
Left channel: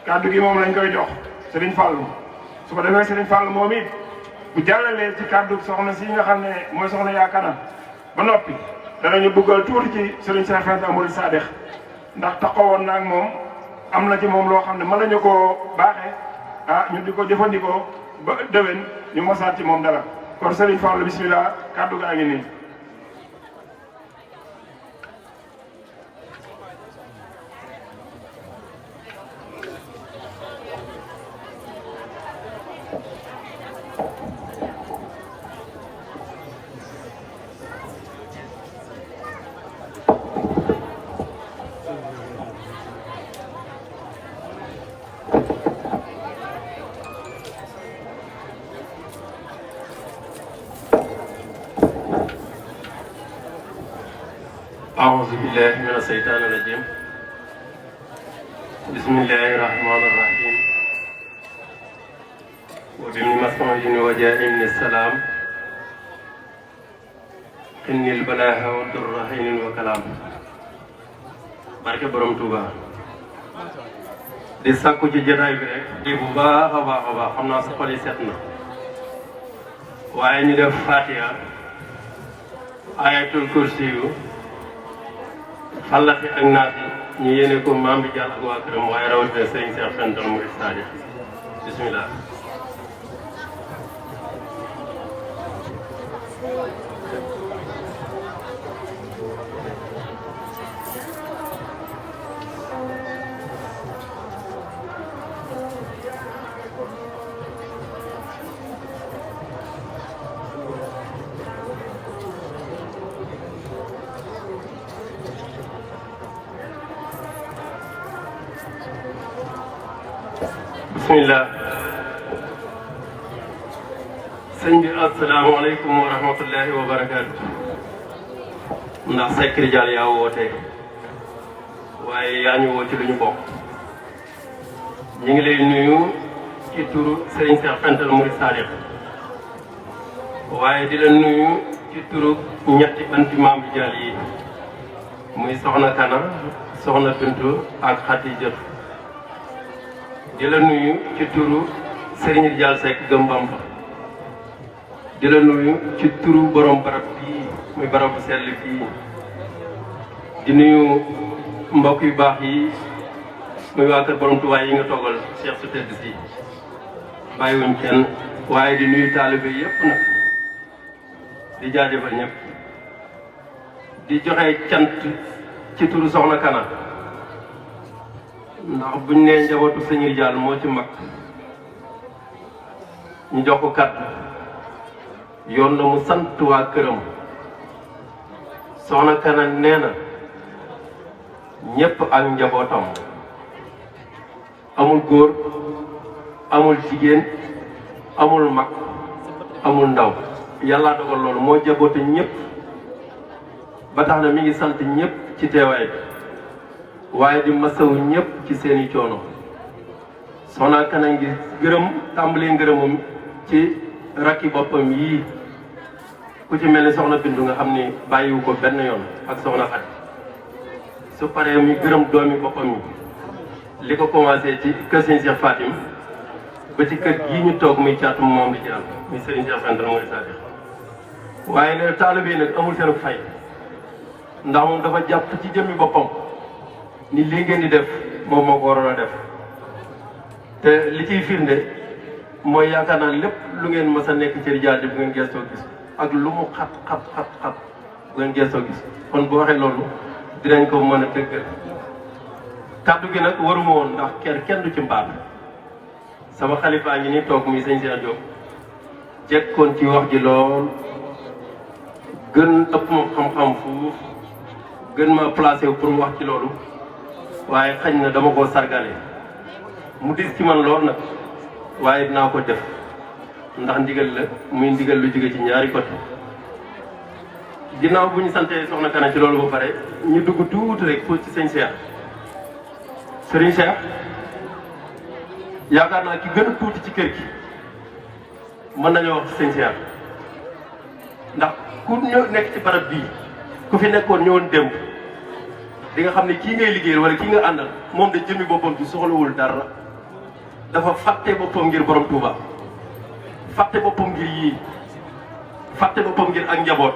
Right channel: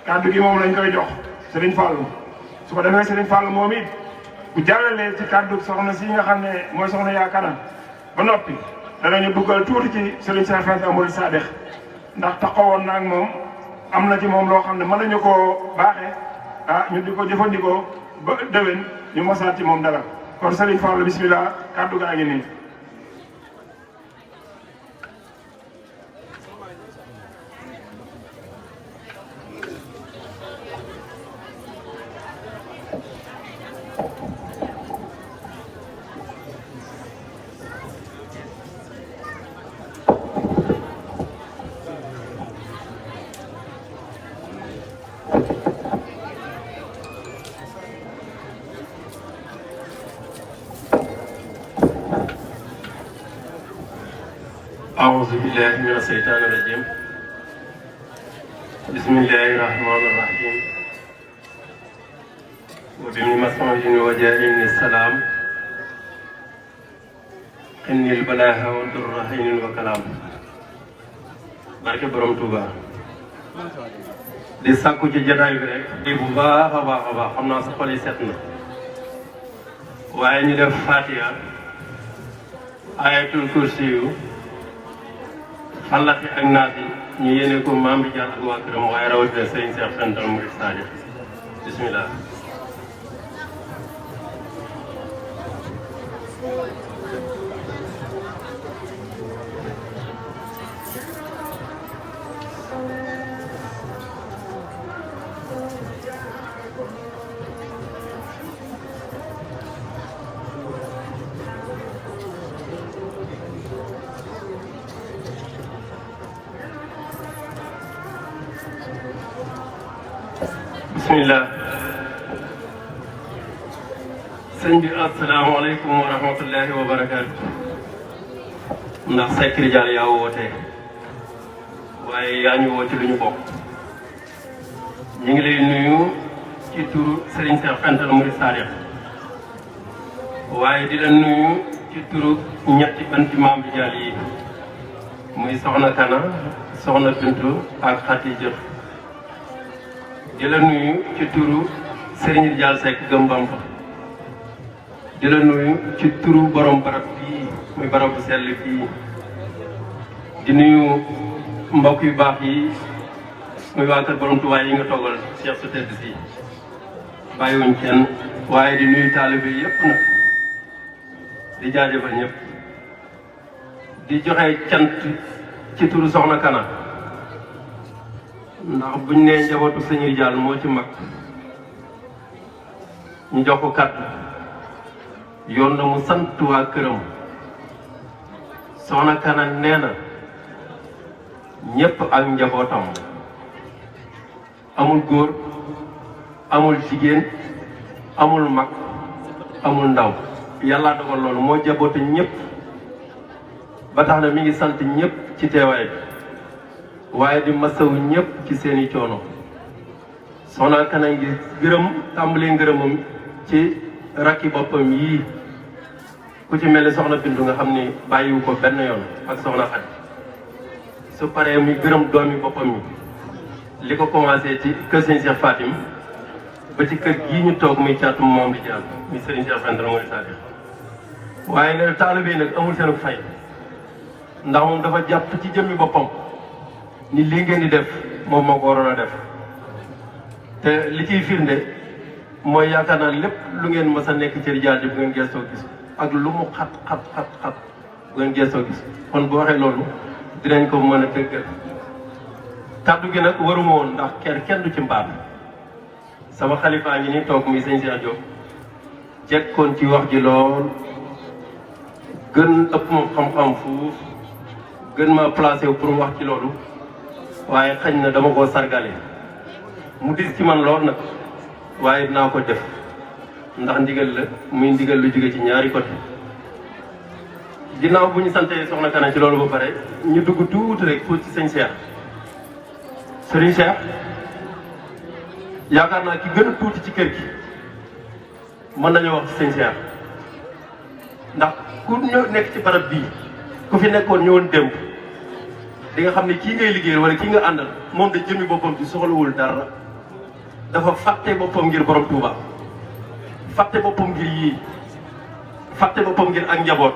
kàddu gi moom lañ koy jox Serigne Fallou su ko demee Serigne Fallou moom it bu jàllalee ci kàddu soxna si nga xam ne mooy soxna yaakaar ba noppi danañu duggal tuuti ci Serigne Cheikh Faye Amady Sadex ndax taxawoon na ak moom am na ci moom loo xam ne mën nañu koo baaxee ñu di ko jëfandikoo ba déwén ñu mosaat ci moom dara kon Serigne Fallou bismillah kàddu gaa ngi nii. أعوذ بالله من الشيطان الرجيم بسم الله الرحمن الرحيم وبمسعود وجاء السلام إن البلاء والضر حين وكلام barke borom Touba di sàkku ci jotaay bi rek di bu baax a baax xam naa sa xol yi set na waaye ñu def Fatiha ayatul kursi yu xalaat ak naat yi ñu yéene ko maam bi jàll ak waa këram waaye rawatina sëriñ Cheikh Santal Murid Sadiq bismillah bismillah sëñ bi asalaamaaleykum wa rahmatullahi wa barakaatu ndax Seck Ridial yaa woote waaye yaa ñu woote lu ñu bokk ñu ngi lay nuyu ci turu Serigne Cheikh Fental Mouride Sadiq waaye di la nuyu ci turu ñetti banti maam bi jàll yi muy soxna Kana soxna Bintu ak Xatijat di la nuyu ci turu Serigne Dial Seck Gëm Bamba di la nuyu ci turu borom barab bii muy barab bu sell fii di nuyu mbokk yu baax yi muy waa kër borom Tuubaa yi nga toogal Cheikh su tedd si bàyyiwuñ kenn waaye di nuyu taalibe yépp nag di jaajëfal ñëpp di joxe cant ci turu soxna Kana ndax buñ nee njabootu Sëñ Dial moo ci mag ñu jox ko kàddu yoon na mu sant waa këram soxna Kana nee na ñëpp ak njabootam amul góor amul jigéen amul mag amul ndaw yàlla dogal loolu moo jaboote ñëpp ba tax na mi ngi sant ñëpp ci teewaay waaye di masawu ñëpp ci seeni coono soxna Kana ngi gërëm tàmbalee ngërëmam ci rakki boppam yii ku ci mel ni soxna Bintu nga xam ni bàyyiwu ko benn yoon ak soxna Xadi su paree mi gërëm doomi boppam yi li ko commencé ci kër Serigne Cheikh Fatim ba ci kër gii ñu toog muy caatum moom di jëram muy Serigne Cheikh Fental Mouride Sadiq waaye nag taalibe yi nag amul seen fay ndax moom dafa jàpp ci jëmmi boppam ni lii ngeen di def moom moo ko waroon a def te li ciy firnde mooy yaakaar naa lépp lu ngeen mës a nekk ci rijaal ji bu ngeen geestoo gis ak lu mu xat bu ngeen geestoo gis kon bu waxee loolu dinañ ko mën a dëgg kàddu gi nag waruma woon ndax kenn du ci mbaal sama xalifaa ngi ni toog mi sëñ Cheikh Diop jekkoon ci wax ji lool gën ëpp ma xam-xam fuuf gën ma placé wu pour wax ci loolu waaye xañ na dama koo sargale mu dis ci man lool nag waaye dinaa ko def ndax ndigal la muy ndigal lu jóge ci ñaari côté ginnaaw bu ñu santee soxna Kana ci loolu ba pare ñu dugg tuuti rek foofu ci sëñ Cheikh Serigne Cheikh yaakaar naa ki gën a tuuti ci kër gi mën nañoo wax ci sëñ Cheikh ndax ku nekk ci barab bii ku fi nekkoon ñëwoon démb di nga xam ne kii ngay liggéey wala kii nga àndal moom da jëmi boppam bi soxlawul dara dafa fàtte boppam ngir borom Touba fàtte boppam ngir yii fàtte boppam ngir ak njaboot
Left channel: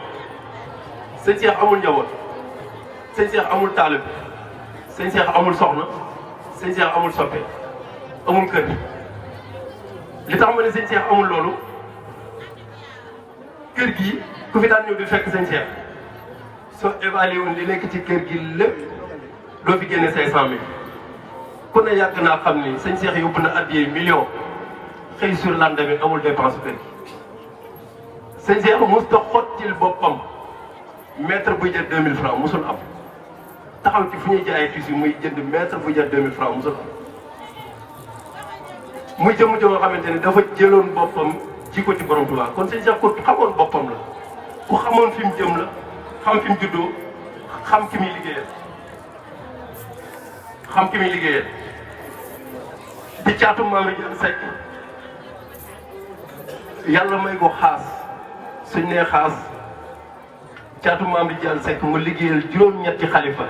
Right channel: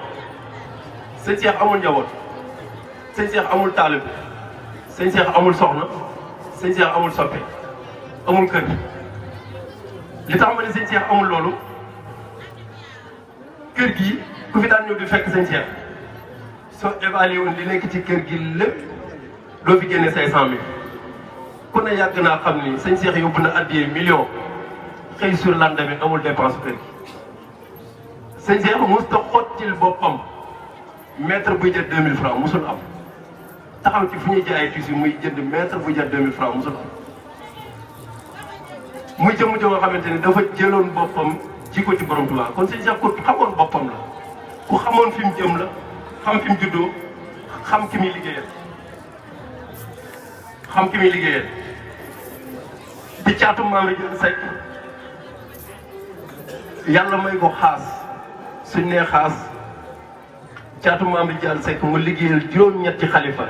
sëñ Cheikh amul njaboot sëñ Cheikh amul taalib sëñ Cheikh amul soxna sëñ Cheikh amul soppe amul kër li tax ma ne sëñ Cheikh amul loolu kër gi ku fi daan ñëw di fekk sëñ Cheikh soo évalué woon li nekk ci kër gi lépp doo fi génne 500000 ku ne yàgg naa xam ni sëñ Cheikh yóbbu na addiyee million xëy sur lendemain amul dépense kër gi sëñ Cheikh mosut a xottil boppam mètre buy jël 2000 francs mosul am taxaw ci fu ñuy jaayee tissu muy jënd mètre bu jar 2000 francs mosul am muy jëmu joo xamante ni dafa jëloon boppam ji ko ci borom Tuubaa kon sëñ Cheikh ko xamoon boppam la ku xamoon fi mu jëm la xam fi mu juddoo xam ki muy liggéeyal di caatum maam Rijaal Seck yàlla may ko xaas suñ nee xaas caatum maam Rijaal Seck mu liggéeyal juróom-ñetti xalifa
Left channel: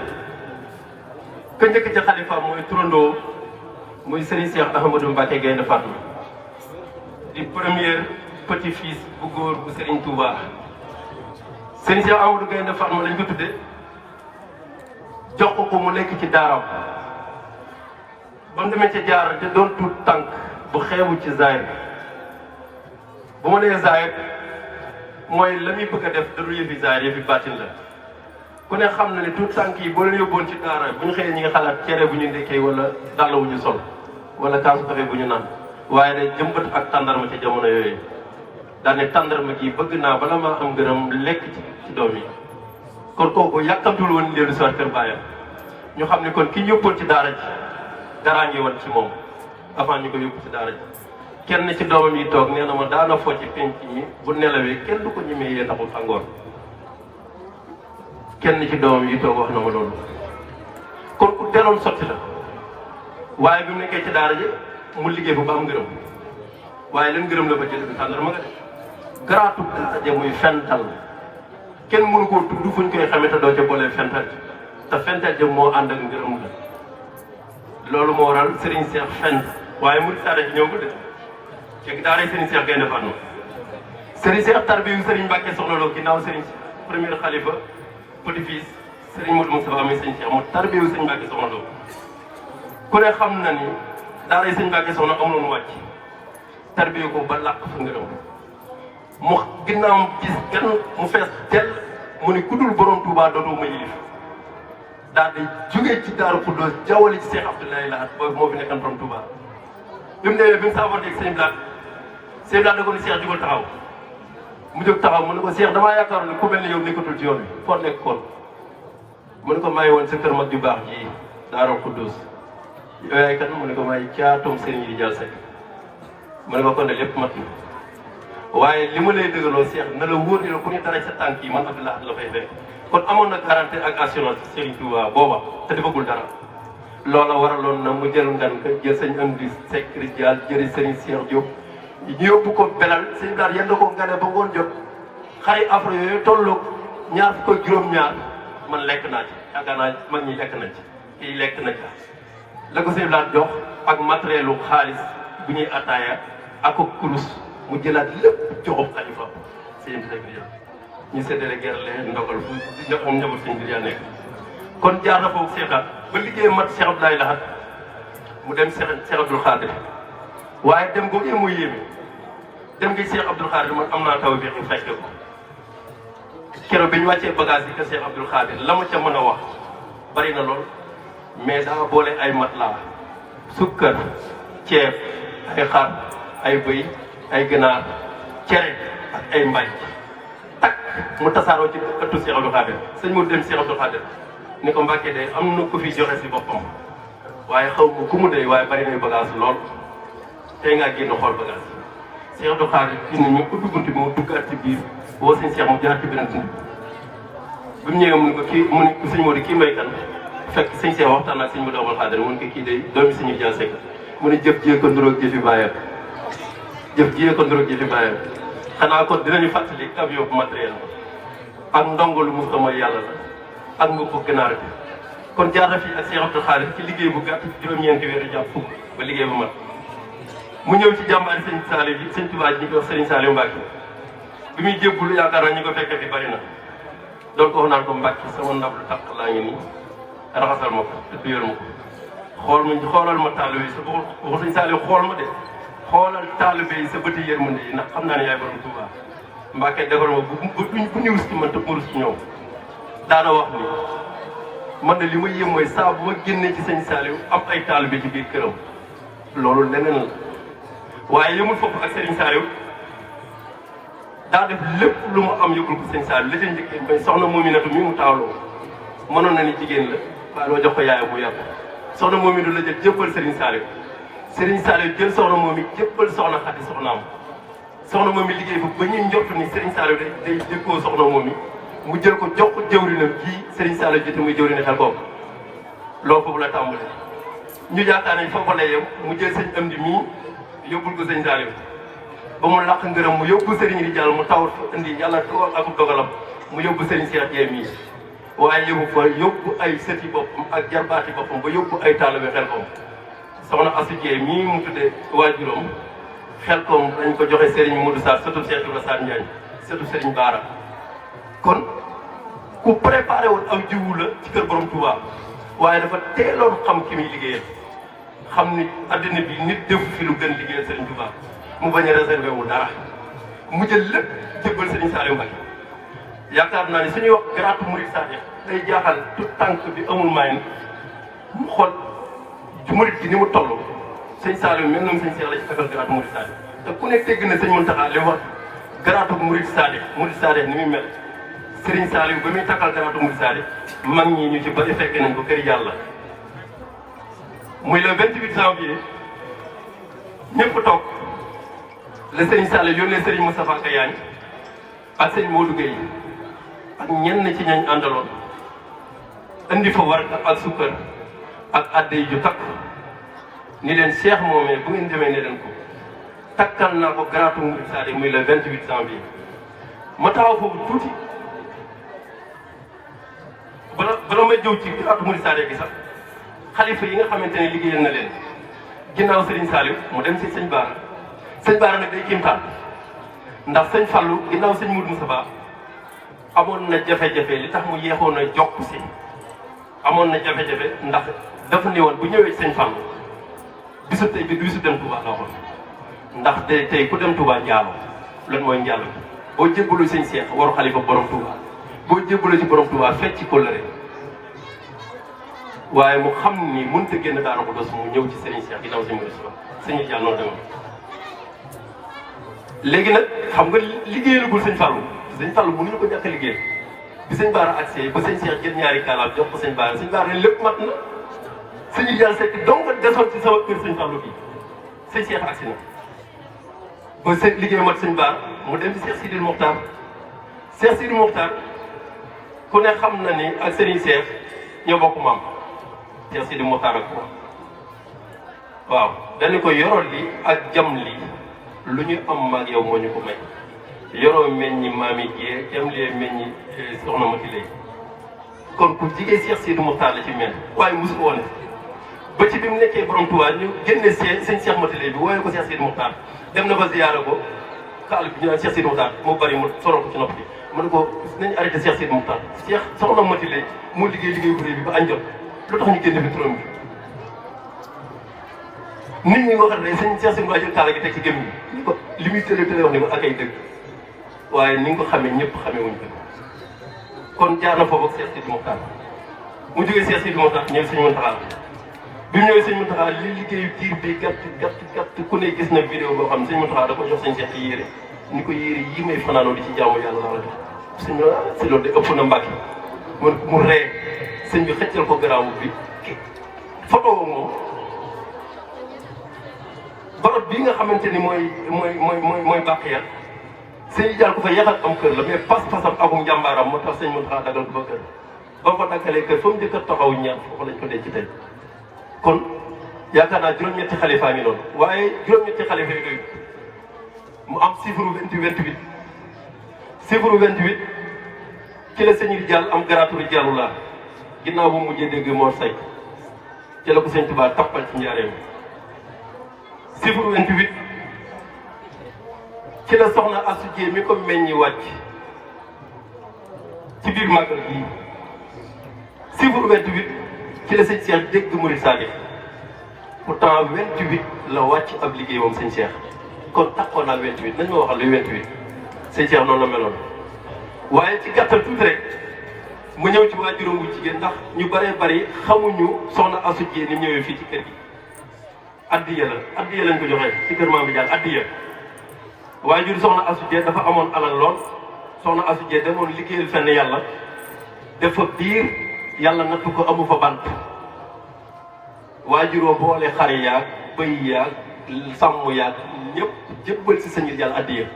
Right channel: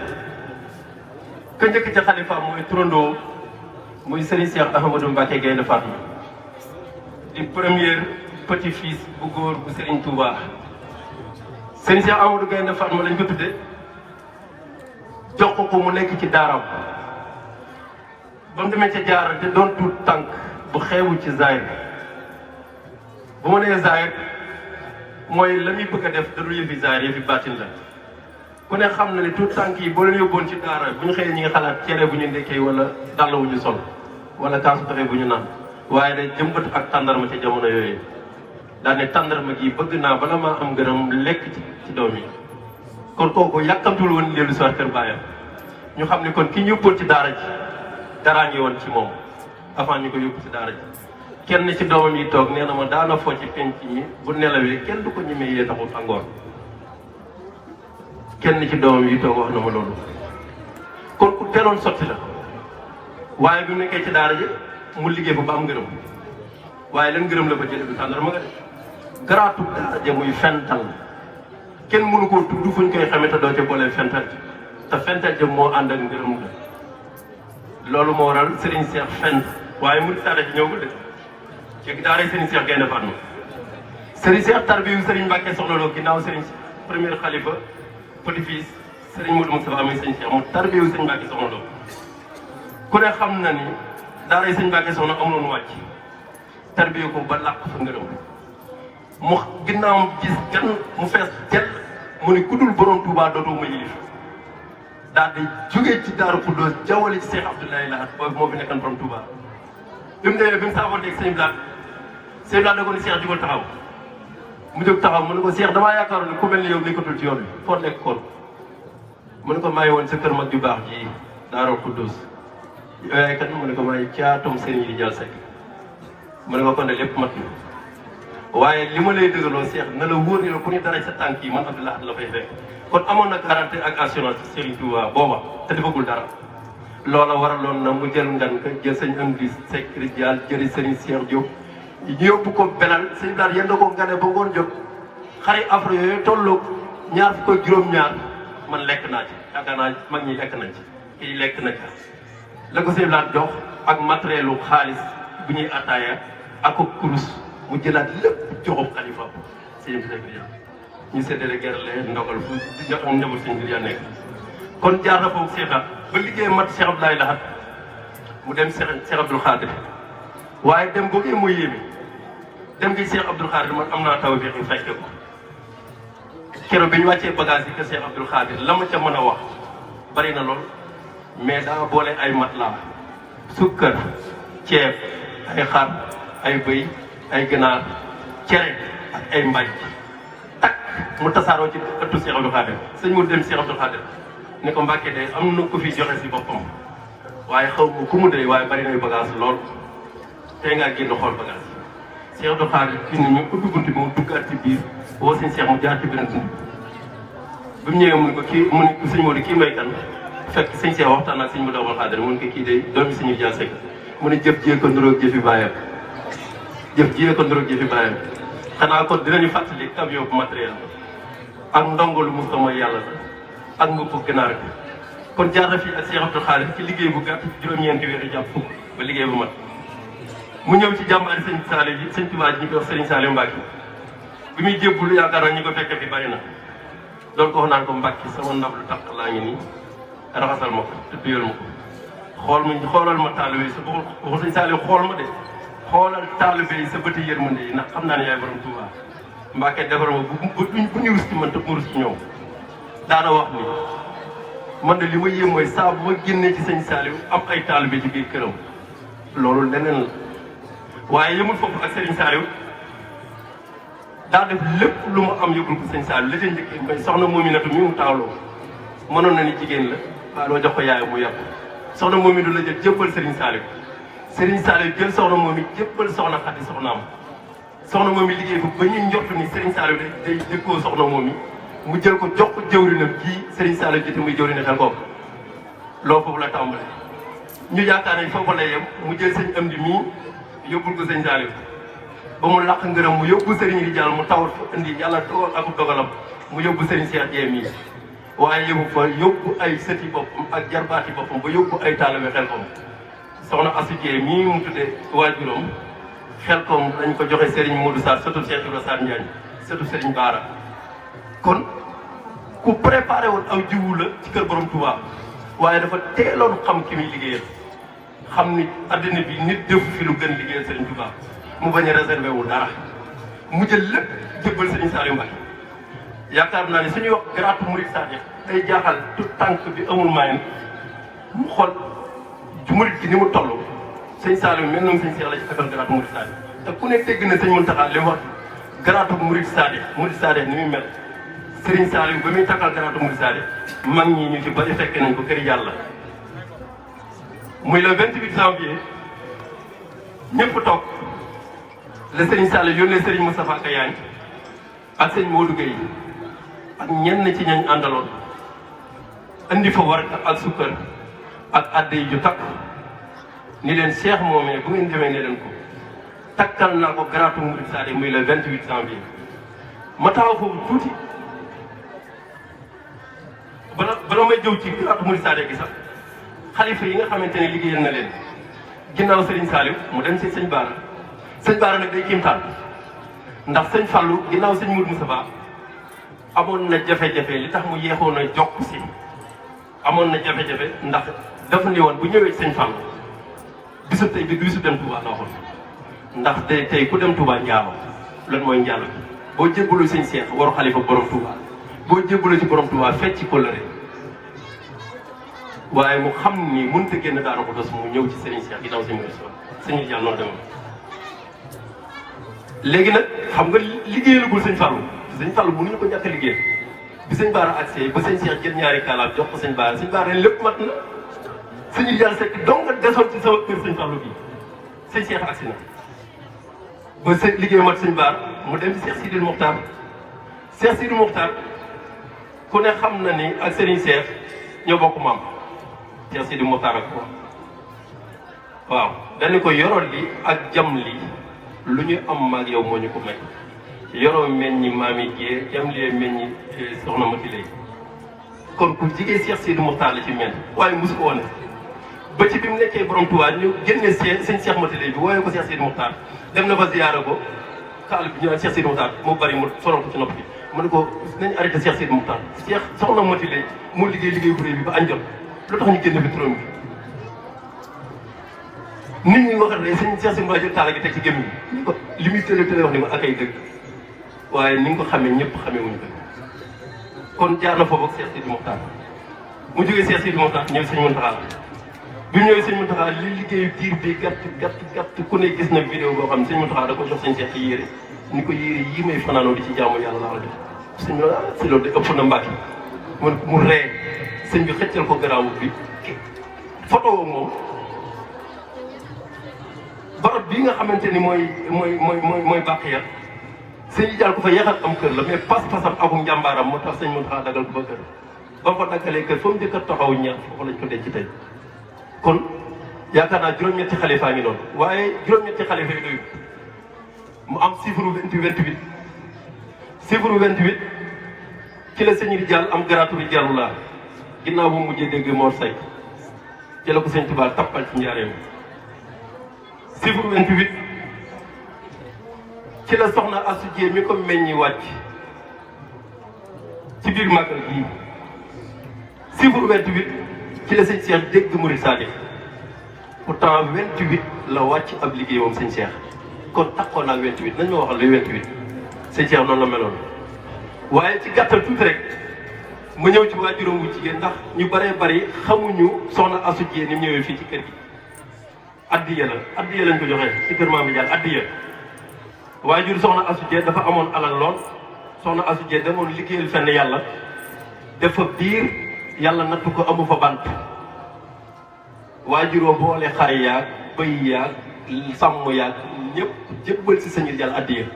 ka njëkk ca xalifa mooy turandoo muy Serigne Cheikh Ahmadou Mbacké Gaïndé Fatma di premier petit fils bu góor bu Serigne Touba Serigne Cheikh Ahmadou Gaïndé Fatma lañ ko tudde jox ko mu nekk ci daaraw ba mu demee ca jaara te doon tuut tànk bu xeewu ci zaahir bu ma nee zaahir mooy la muy bëgg a def da du yëfi zaahir yëfi baatin la ku ne xam na ni tuut tànk yi boo leen yóbboon ci daara bu ñu xëyee ñi nga xalaat cere bu ñu ndekkee wala dàll wu ñu sol wala kaasu kafe bu ñu naan waaye ne jëmbat ak tàndarma ci jamono yooyu daal ne tàndarma gi bëgg naa bala maa am gërëm lekk ci doom yi kon kooku yàkkamtul woon leen soir kër bàyyam ñu xam ne kon ki yóbboon ci daara ji daraa ngi woon ci moom avant ñu ko yóbbu ci daara ji kenn ci doomam yi toog nee na ma daana foo ci penc yi bu nelawee kenn du ko ñemee yee taxul tàngoor kenn ci doomam yi toog wax na ma loolu kon ku teeloon sotti la waaye bi mu nekkee ci daara ji mu liggéey fa ba am ngërëm waaye leen gërëm la ba jël bi tàndarma nga de garaatu daraja muy fental kenn mënu koo tudd fuñ koy xamee te doo ca boole fental te fental ji moo ànd ak ngërëm la loolu moo waral Serigne Cheikh fent waaye mu saare bi ñëw ko de ci daaray Serigne Cheikh Gaïndé Fatma Serigne Cheikh tarbiyu Serigne Mbacke Soxna Lo ginnaaw Serigne premier xalifa petit fils Serigne Modou Moustapha muy Serigne Cheikh mu tarbiyu Serigne Mbacke Soxna Lo ku ne xam na ni daaray Serigne Mbacke Soxna amul mu wàcc tarbiyu ko ba làq fa ngërëm mu ginnaawam gis gan mu fees tel mu ne ku dul borom Touba dootoo ma yilif daal di jógee ci Daaru Xuddoos jawwale ci Cheikh Abdoulaye Lahat boobu moo fi nekkan borom Touba bi mu demee bi mu saafanteeg sëñ Blaat da ko ne Cheikh jugal taxaw mu jóg taxaw mu ne ko Cheikh damaa yaakaaroon ne ku mel ne yow nekkatul ci yoon bi foo nekk kon mu ne ko maa ngi woon si kër mag ju baax ji Daaru Xuddoos yow yaay kan mu ne ko maay caatum sëriñ yi jël sekk mu ne ko kon ne lépp mat na waaye li ma lay dëggaloo Cheikh na la wóor ne ku ne dara sa tànk yi man Abdoulaye la fay fekk kon amoon na garantie ak assurance Serigne Touba booba te defagul dara loola waraloon na mu jël ngan ka jël sëñ Amdi Seck Rijal jëri Serigne Cheikh Diop yóbbu ko belal sëñ Blaat yéen ko gane ba ngoon jot xari afro yooyu tollu ñaar fukk ak juróom-ñaar man lekk naa ci yaakaar naa mag ñi lekk nañ ci kii lekk na ci la ko sëñ Blaat jox ak matériel u xaalis bu ñuy attaaya ak kurus mu jëlaat lépp joxob xalifa sëñ bi ñu séddale gerte leen ndogal fu am njaboot sëñ bi nekk kon jaar na foofu seetaan ba liggéey mat Cheikh Abdoulaye Lahat mu dem Cheikh Abdoul Khadir waaye dem boobu muy yéeme dem ngi Cheikh Abdoul Khadir man am naa taw bi fekke ko keroog bi ñu wàccee bagage yi que Cheikh Abdoul Khadir la ma ca mën a wax bari na lool mais daa boole ay matelas sukkar ceeb ay xar ay bëy ay ganaar cere ak ay mbaaj tak mu tasaaroo ci ëttu Cheikh Abdoul Khadir sëñ mu dem Cheikh Abdoul Khadir ni ko Mbàkke day am na ko fi joxe si boppam waaye xaw ma ku mu day waaye bari nay bagage lool tey ngaa génn xool bagage Cheikh Abdoul Khadir indi ñu ubbi bunt bi mu duggaat ci biir boo sëñ Cheikh mu jaar ci beneen bunt bi mu ñëwee mu ne ko kii mu ne sëñ Modou kii may kan fekk sëñ Cheikh waxtaan naa sëñ Modou Abdoul Khadir mu ne ko kii day doomi suñu jël sekk mu ne jëf jiyee ko nuroog jëfi bàyyam jëf jiyee ko nuroog jëfi bàyyam xanaa kon dinañu fàttali avion bu matériel ak ndongolu mu sama yàlla la ak mu ko gënaar bi kon jaar na fii ak Cheikh Abdoul Khadir ci liggéey bu gàtt juróom-ñeenti weer jàpp fukk ba liggéey bu mat mu ñëw ci jàmbaari sëñ Saliou bi sëñ Touba ji ñu ko wax Serigne Saliou Mbacke bi muy jébbalu yaakaar naa ñu ko fekkee fi bari na doon ko wax naan ko Mbacke sama ndaw lu tax laa ngi nii raxasal ma ko te yor ma ko xoolal ma taalibe yi sa waxu sëñ Saliou xool ma de xoolal taalibe yi sa bëti yërmande yi ndax xam naa ne yaay borom Touba Mbacke defal ma bu ñu rus ci man te mu rus ci ñoom daana wax ni man de li ma yéem mooy saa bu ma génnee ci sëñ Saliou am ay taalibe ci biir këram loolu leneen la waaye yëmul foofu ak Serigne Saliou daa def lépp lu mu am yëgul ko sëñ Saliou la ca njëkk soxna Mominatou mi mu taawloo mënoon na ni jigéen la waaye loo jox ko yaayam mu yàpp soxna Mominatou la jël jébbal Serigne Saliou Serigne Saliou jël soxna moom it jébbal soxna Xadi soxnaam soxna moom it liggéey ko ba ñuy njort ni Serigne Saliou day dëkkoo soxna moom it mu jël ko jox ko jëwrinam kii Serigne Saliou jëte muy jëwri ne xel ko loolu foofu la tàmbalee ñu yaakaar nañ foofu la yem mu jël sëñ Amdi mii yóbbul ko sëñ Saliou ba mu làq ngërëm mu yóbbu Serigne di jàll mu tawat fa indi yàlla dogal ak dogalam mu yóbbu Serigne Cheikh Dieng mii waaye yóbbu fa yóbbu ay sëti boppam ak jarbaati boppam ba yóbbu ay taalibe xel kom soxna Asou Dieng mii mu tuddee waajuram xel kom dañ ko joxe Serigne Modou Sarr surtout Cheikh Ibrahima Sarr Ndiagne surtout Serigne Bara kon ku préparé woon aw jiwu la ci kër borom Touba waaye dafa teeloon xam ki muy liggéeyee xam ni addina bi nit defu fi lu gën liggéeyal Serigne Touba mu bañ a réservé wu dara mu jël lépp jébbal Serigne Saliou Mbacke yaakaar naa ne suñuy wax garaatu murid Sadio day jaaxal tout tànk bi amul maay mu xool murid gi ni mu toll Serigne Saliou mel noonu Serigne Cheikh la ci fekkal garaatu murid Sadio te ku nekk dégg na Serigne Mountakha li wax garaatu murid Sadio ni muy mel Serigne Saliou ba muy takkal garaatu murid Sadio mag ñi ñu ci bari fekke nañ ko kër yàlla muy le 28 janvier ñëpp toog le Serigne Saliou yónnee Serigne Moustapha Kayane ak Serigne Modou Gueye ak ñenn ci ñañ àndaloon indi fa war ak sukkar ak adde yi ju takk ni leen Cheikh moomee bu ngeen demee ne leen ko takkal naa ko garaatu Mouride Sadi muy le 28 janvier ma taxaw foofu tuuti bala may jëw ci garaatu Mouride Sadi gi sax xalifa yi nga xamante ne liggéeyal na leen ginnaaw Serigne Saliou mu dem si sëñ Baara nag day kiimtaan ndax sëñ Fallou ginnaaw sëñ Moudou Moussa amoon na jafe-jafe li tax mu yeexoon a jokk si amoon na jafe-jafe ndax dafa ne woon bu ñëwee sëñ Fallou bisu tey bi bisu dem Touba la waxoon ndax tey ku dem Touba Ndiaro lan mooy Ndiaro bi boo jébbalu sëñ Cheikh war xalifa borom Touba boo jébbalu ci borom Touba fecc ci kóllëre waaye mu xam ni mënut a génn daanaka dos mu ñëw ci Serigne Cheikh ginnaaw si mu sëñ Diall noonu demoon léegi nag xam nga liggéeyalagul sëñ Fallou mënuñu ko ñàkk a liggéey bi sëñ Baara accès ba sëñ Cheikh jël ñaari kaalaam jox ko sëñ Baara lépp mat na sëñ Diall Seck donc nga desoon ci sama kër sëñ Fallou bi sëñ Cheikh accès na ba sëñ liggéey mat sëñ Baara mu dem ci Cheikh Sidil Mokhtar ku ne xam na ni ak Serigne Cheikh ñoo bokk maam Cheikh Sidil Mokhtar ak ko waaw dañu ko yorol li ak jam li lu ñu am maag yow moo ñu ko may yoroo mel ni maam yi jiyee jam lee mel ni soxna Mati lay kon ku jigéen Cheikh Sidil Mokhtar la ci mel waaye mosu ko woon ba ci bi mu nekkee borom Touba ñu génne sëñ Cheikh Mati lay bi wooyee ko Cheikh Sidil Mokhtar dem na fa ziyaara ko kaal bi ñu naan Cheikh Sidil Mokhtar mu bari mu sonal ko ci nopp bi mu ne ko nañu arrêté Cheikh Sidil Mokhtar Cheikh soxna Mati lay moo liggéey bu rëy bi ba añ jot lu tax ñu génne fi turam bi nit ñi waxat ne sëñ Cheikh Sidil Mokhtar jël taala gi teg ci gémmiñ bi ko li muy tële wax ne ma ak ay dëgg waaye ni nga ko xamee ñëpp xamee wuñ ko kon jaar na foofu ak Cheikh Sidil Mokhtar mu jógee Cheikh Sidil Mokhtar ñëw sëñ Mountakha bi mu ñëwee sëñ Mountakha li liggéeyu diir bi gàtt ku ne gis na vidéo boo xam ne sëñ Mountakha da ko jox sëñ Cheikh ci yére ni ko yére yii may fanaanoo di ci jaamu yàlla la def sëñ bi si loolu de ëpp na Mbàkke mu ree sëñ bi xëccal ko garaawu bi photo woo moom barab bii nga xamante ni mooy Baqiya sëñ Diall ko fa yeexal am kër la mais pas-pasam akum njàmbaaram moo tax sëñ Mountakha dagal ko ba kër ba mu ko daggalee kër fa mu njëkk a taxaw ñaar foofu lañ ko denc tey kon yaakaar naa juróom-ñetti xalifa ngi noonu waaye juróom-ñetti xalifa yi doy mu am chiffre 28 chiffre 28 ci la sëñ Diall am garaatu Diallu laa ginnaaw bu mujjee dégg Mor Seck ci la ko sëñ Touba tappal ci njaareem chiffre 28 ci la soxna Astou Dieng mi ko meññi wàcc ci biir màggal gii chiffre 28 ci la sëñ Cheikh dégg Mouride Sadi pourtant 28 la wàcc ab liggéey moom sëñ Cheikh kon taxoon naa 28 nañ ma waxal le 28 sëñ Cheikh noonu la meloon waaye ci gàttal tuuti rek ma ñëw ci waajuram bu jigéen ndax ñu bëree bëri xamuñu soxna Astou Dieng ni ñëwee fii ci kër gi addiya lañ ko joxee ci kër Maam Diall addiya waajur soxna Astou Dieng dafa amoon alal lool soxna Astou Dieng demoon liggéeyal fenn yàlla dafa biir yàlla nattu ko amu fa bant waajuroo boole xar yaag bëy yaag sàmm yaag ñëpp jébbal si sëñ Diall addiya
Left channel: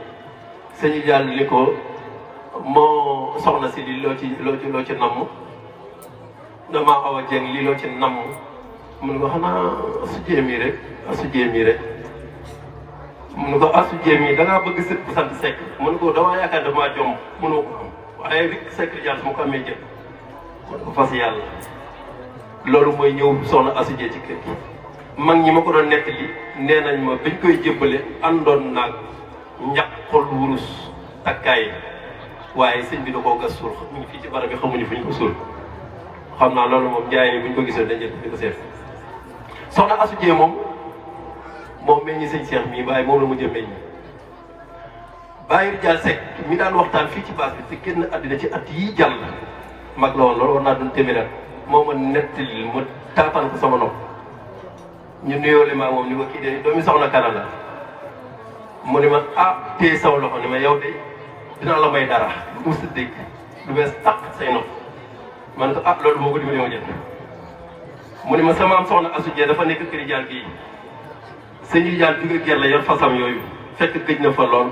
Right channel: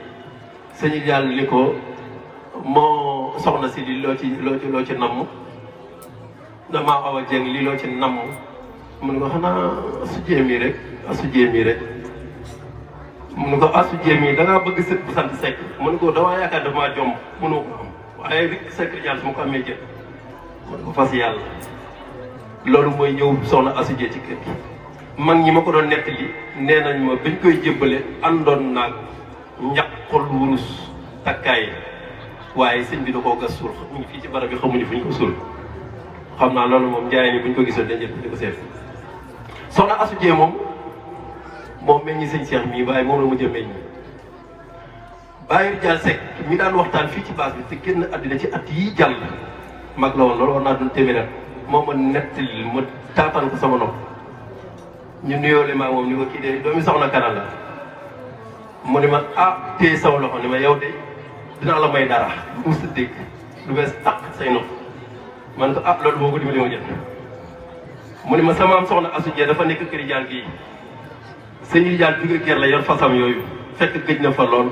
sëñ Diall li ko moo soxna si li loo ci namm damaa xaw a jeng li loo ci namm mun nga xanaa Astou Dieng mii rek mun nga Astou Dieng mii da ngaa bëgg sët bu sant Seck mun ko damaa yaakaar damaa jomb mënoo ko xam waaye rek Seck Diall su ma ko amee jëm mun ko fas yàlla loolu mooy ñëw soxna Astou Dieng ci kër gi mag ñi ma ko doon nettali nee nañ ma biñ koy jébbale àndoon naag ñàkkul wurus takkaay waaye sëñ bi da koo gas suul ñu ngi fii ci barab bi xamuñu fi ñu ko suul xam naa loolu moom jaay ni buñ ko gisoon dañuy di ko seet soxna Astou Dieng moom meññi sëñ Cheikh mii waaye moom la mu jëm meññi Baye Diall Seck mi daan waxtaan fii ci base bi te génn àddina ci at yii jàll mag la woon loolu war naa doon téeméer moom ma nettali ma taataan ko sama nopp ñu nuyoole maa moom ni ma kii de doomi soxna Kana la mu ni ma téye saw loxo ni ma yow de dinaa la may dara lu mu dégg lu bees tàq say nopp man ko loolu boo ko dimbali ma jël mu ni ma sama am soxna Astou Dieng dafa nekk kër Diall gii sëñ Diall jóge kër la yor fasam yooyu fekk gëj na fa lool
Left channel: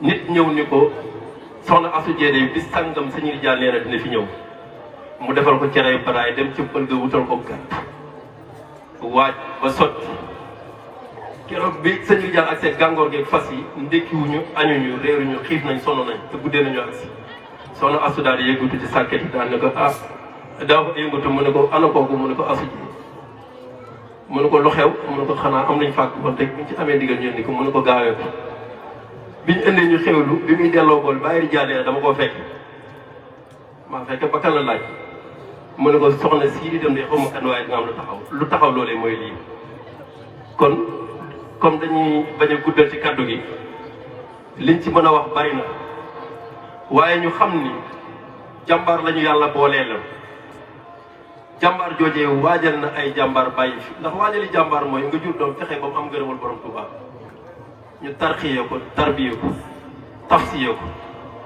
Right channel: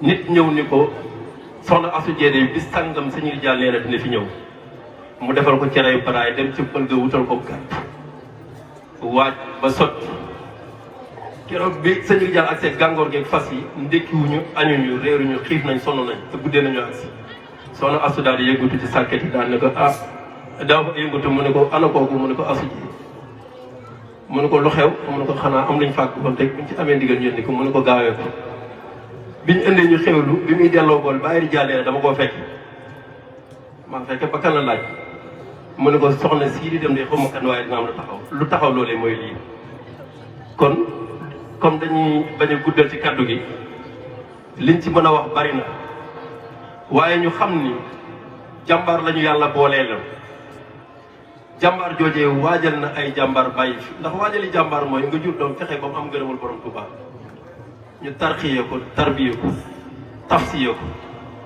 nit ñëw ni ko soxna Astou Dieng day bis sàngam sëñ Diall nee na dina fi ñëw mu defal ko cere baraay dem ci pël ga wutal ko gàtt waaj ba sotti keroog bi sëñ bi jàll ak seen gàngoor gi fas yi ndékkiwuñu añuñu réeruñu xiif nañ sonn nañ te guddee nañu agsi soxna asu daal di yëngatu ci sàkket yi daal ne ko daa ko yëngatu mu ne ko ana kooku mu ne ko asu ji mu ne ko lu xew mu ne ko xanaa am nañ fàkk ba tey buñ ci amee ndigal yónni ko mu ne ko gaawee ko biñ indee ñu xewlu bi muy delloo bool bàyyi di jàllee dama koo fekk maa fekk ba kan la laaj mu ne ko soxna sii di dem de xaw ma kan waaye dina am lu taxaw loolee mooy lii kon comme dañuy bañ a guddal ci kàddu gi liñ ci mën a wax bari na waaye ñu xam ni jàmbaar lañu yàlla boolee la jàmbaar joojee waajal na ay jàmbaar bàyyi fi ndax waajali jàmbaar mooy nga jur doom fexe ba mu am ngërëmal borom Tuubaa ñu tarxiyee ko tarbiyee ko tafsiyee ko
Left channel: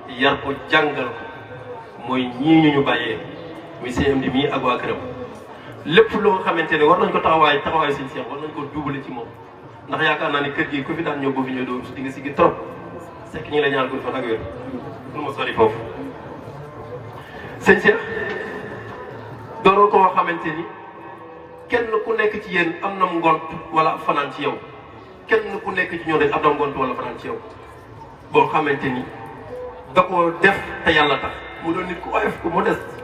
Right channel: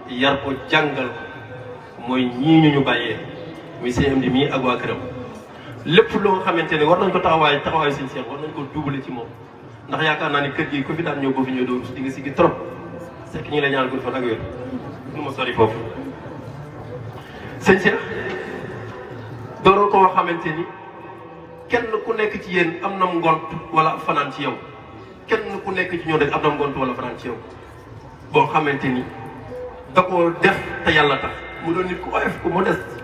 yar ko jàngal ko mooy ñii ñu bàyyee muy CM bi mii ak waa këram lépp loo xamante ne war nañ ko taxawaay suñu seex war nañ ko duubale ci moom ndax yaakaar naa ne kër gi ku fi daan ñëw boo fi ñëw doo di nga si gi trop c'est que ñu la ñaan ko fa ak wér pour ma sori foofu sëñ Seex doonoo koo xamante ni kenn ku nekk ci yéen am na ngont wala fanaan ci yow kenn ku nekk ci ñoom rek am na ngont wala fanaan ci yow boo xamante ni da koo def te yàlla tax mu doon nit ku oyof ku modeste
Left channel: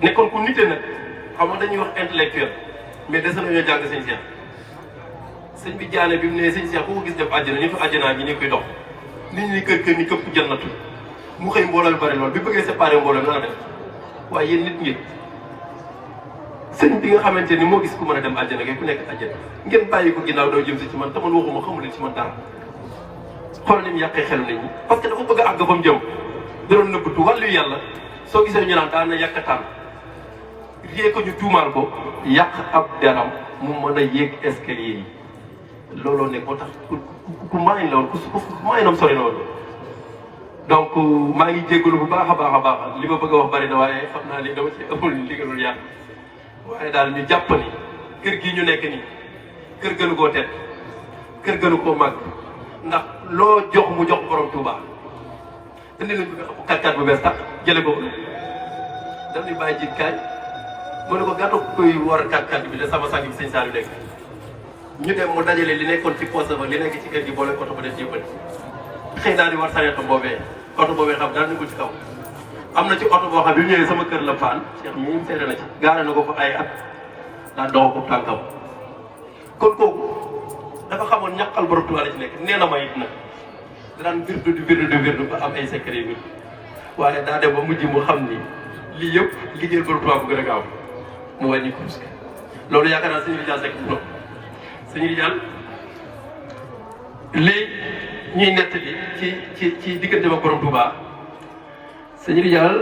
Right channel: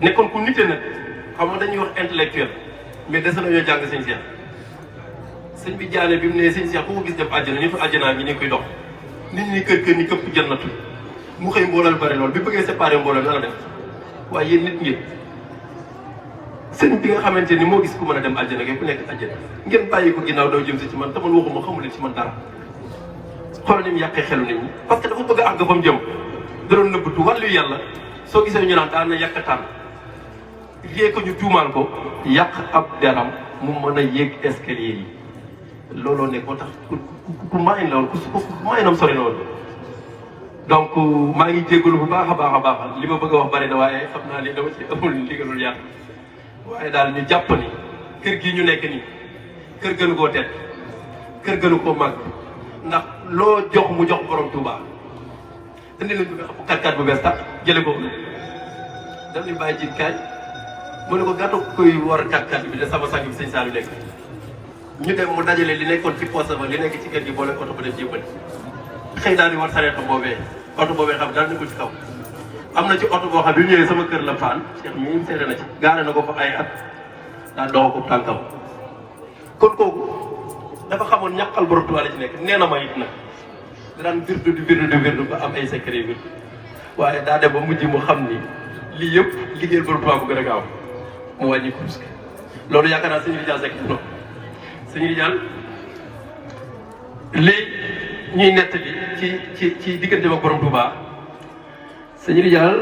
nekkoon ku nite nag xam nga dañuy wax intellectuel mais des nañoo jàng sëñ Seex sëñ bi jaane bi mu ne sëñ Seex ku ko gis def àjjana nitu àjjana ñi ne koy dox nit ñi kër ñi këpp jannatu mu xëy mbooloo lu bari lool bi bëggee séparé mbooloo nga la def waaye yéen nit ñi sëñ bi nga xamante ni moo gis ku mën a dem àjjana ngay ku nekk àjjana ngeen bàyyi ko ginnaaw doo jëm si ci man te man waxuma xamul ci man dara xool ni mu yàqee xelu nit ñi parce que dafa bëgg a àgg fa mu jëm da doon nëbbatu wàllu yàlla soo gisee ñu naan daan na yàqataan rien que ñu tuumaal ko yàq ab deram mu mën a yéeg escalier yi looloo nekk moo tax ku maayin loolu ku maayinam sori loolu donc maa ngi jégalu bu baax a baax li ma bëgg a wax bari na waaye xam naa ni dama ci amul ndigalul yàq waaye daal ñu jàpp ni kër gi ñu nekk nii kër gënu koo tedd kër gënu koo màgg ndax loo jox mu jox borom Touba indi nañu kàttan bu bees tax jële ko dañuy bàyyi jiit kaay mu ne ko gàttu koy war a kàttan bi de sama sànq bi sëñ Sall nekk ñu dem mu dajale li nekkoon ci poche ba li nekk ci kër gi boole oto ba def yëppati xëy daal di war sareeto boobee oto boobee xam daal di ko ci kaw am na ci oto boo xam bi ñëwee sama kër la faan Cheikh mi ngi seede na ci gaare na ko fa ay at daal dox ko tànkam kon kooku dafa xamoon ñàkkal borom Tuubaa la ci nekk nee na ma it na daan virdu ba am ay secret bi waaye daa dem ba mujj mu xam ni lii yëpp liggéey borom Tuubaa bu gën a gaaw mu wàññi ko loolu yaakaar naa sëñ Ridial Seck fu na sëñ Ridial lii ñuy nett bi ci diggante ba borom Tuubaa sëñ Ridial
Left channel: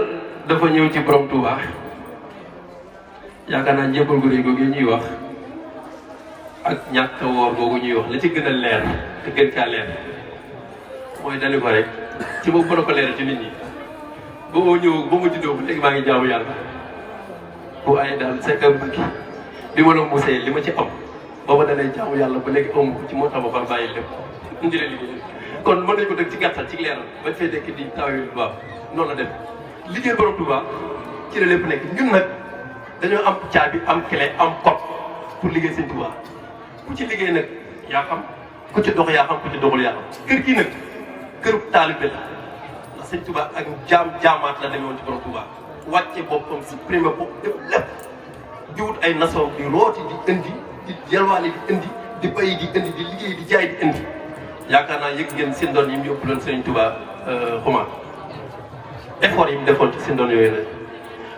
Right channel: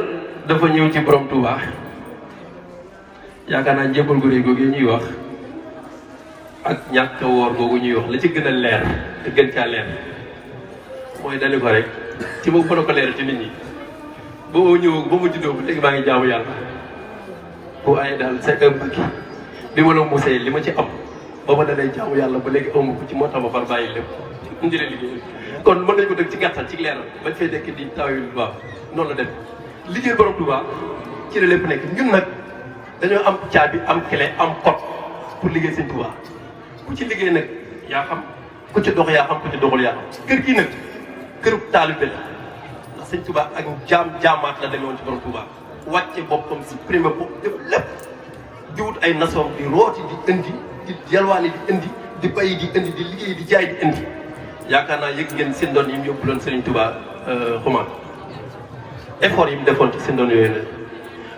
dafa ñëw ci borom Tuubaa yaakaar naa njëbbal gu rëy googu ñuy wax ak ñàkk a woor googu ñuy wax la ci gën a leer te gën caa leer mooy dali ko rek ci moom mën a ko leer ci nit ñi ba ma ñëw ba ma juddoo ba léegi maa ngi jaamu yàlla bu ay daal c'est un peu bi ma la musee li ma ci am ba ma dalee jaamu yàlla ba léegi amu ko ci moo tax ma far bàyyi lépp indi la liggéey kon mën nañ ko dëgg ci gàttal ci leeral bañ fay nekk di taw yu baax noonu la def liggéey borom Tuubaa ci la lépp nekk ñun nag dañoo am caabi am clé am code pour liggéey sëñ Tuubaa ku ci liggéey nag yaa xam ku ci dox yaa xam ku ci doxul yaa xam kër gii nag kërub taalibe la ndax sëñ Tuubaa ak jaamaat la demoon ci borom Tuubaa wàcce boppam si primé bopp def lépp di wut ay nation di rooti di indi di yalwaani di indi di bayi di indi di liggéey di jaay di indi yaakaar naa yëg ngeen seen doon yi mu yóbbu loon sëñ Tuubaa xuma effort yi mu defoon ci seen doon yooyu nag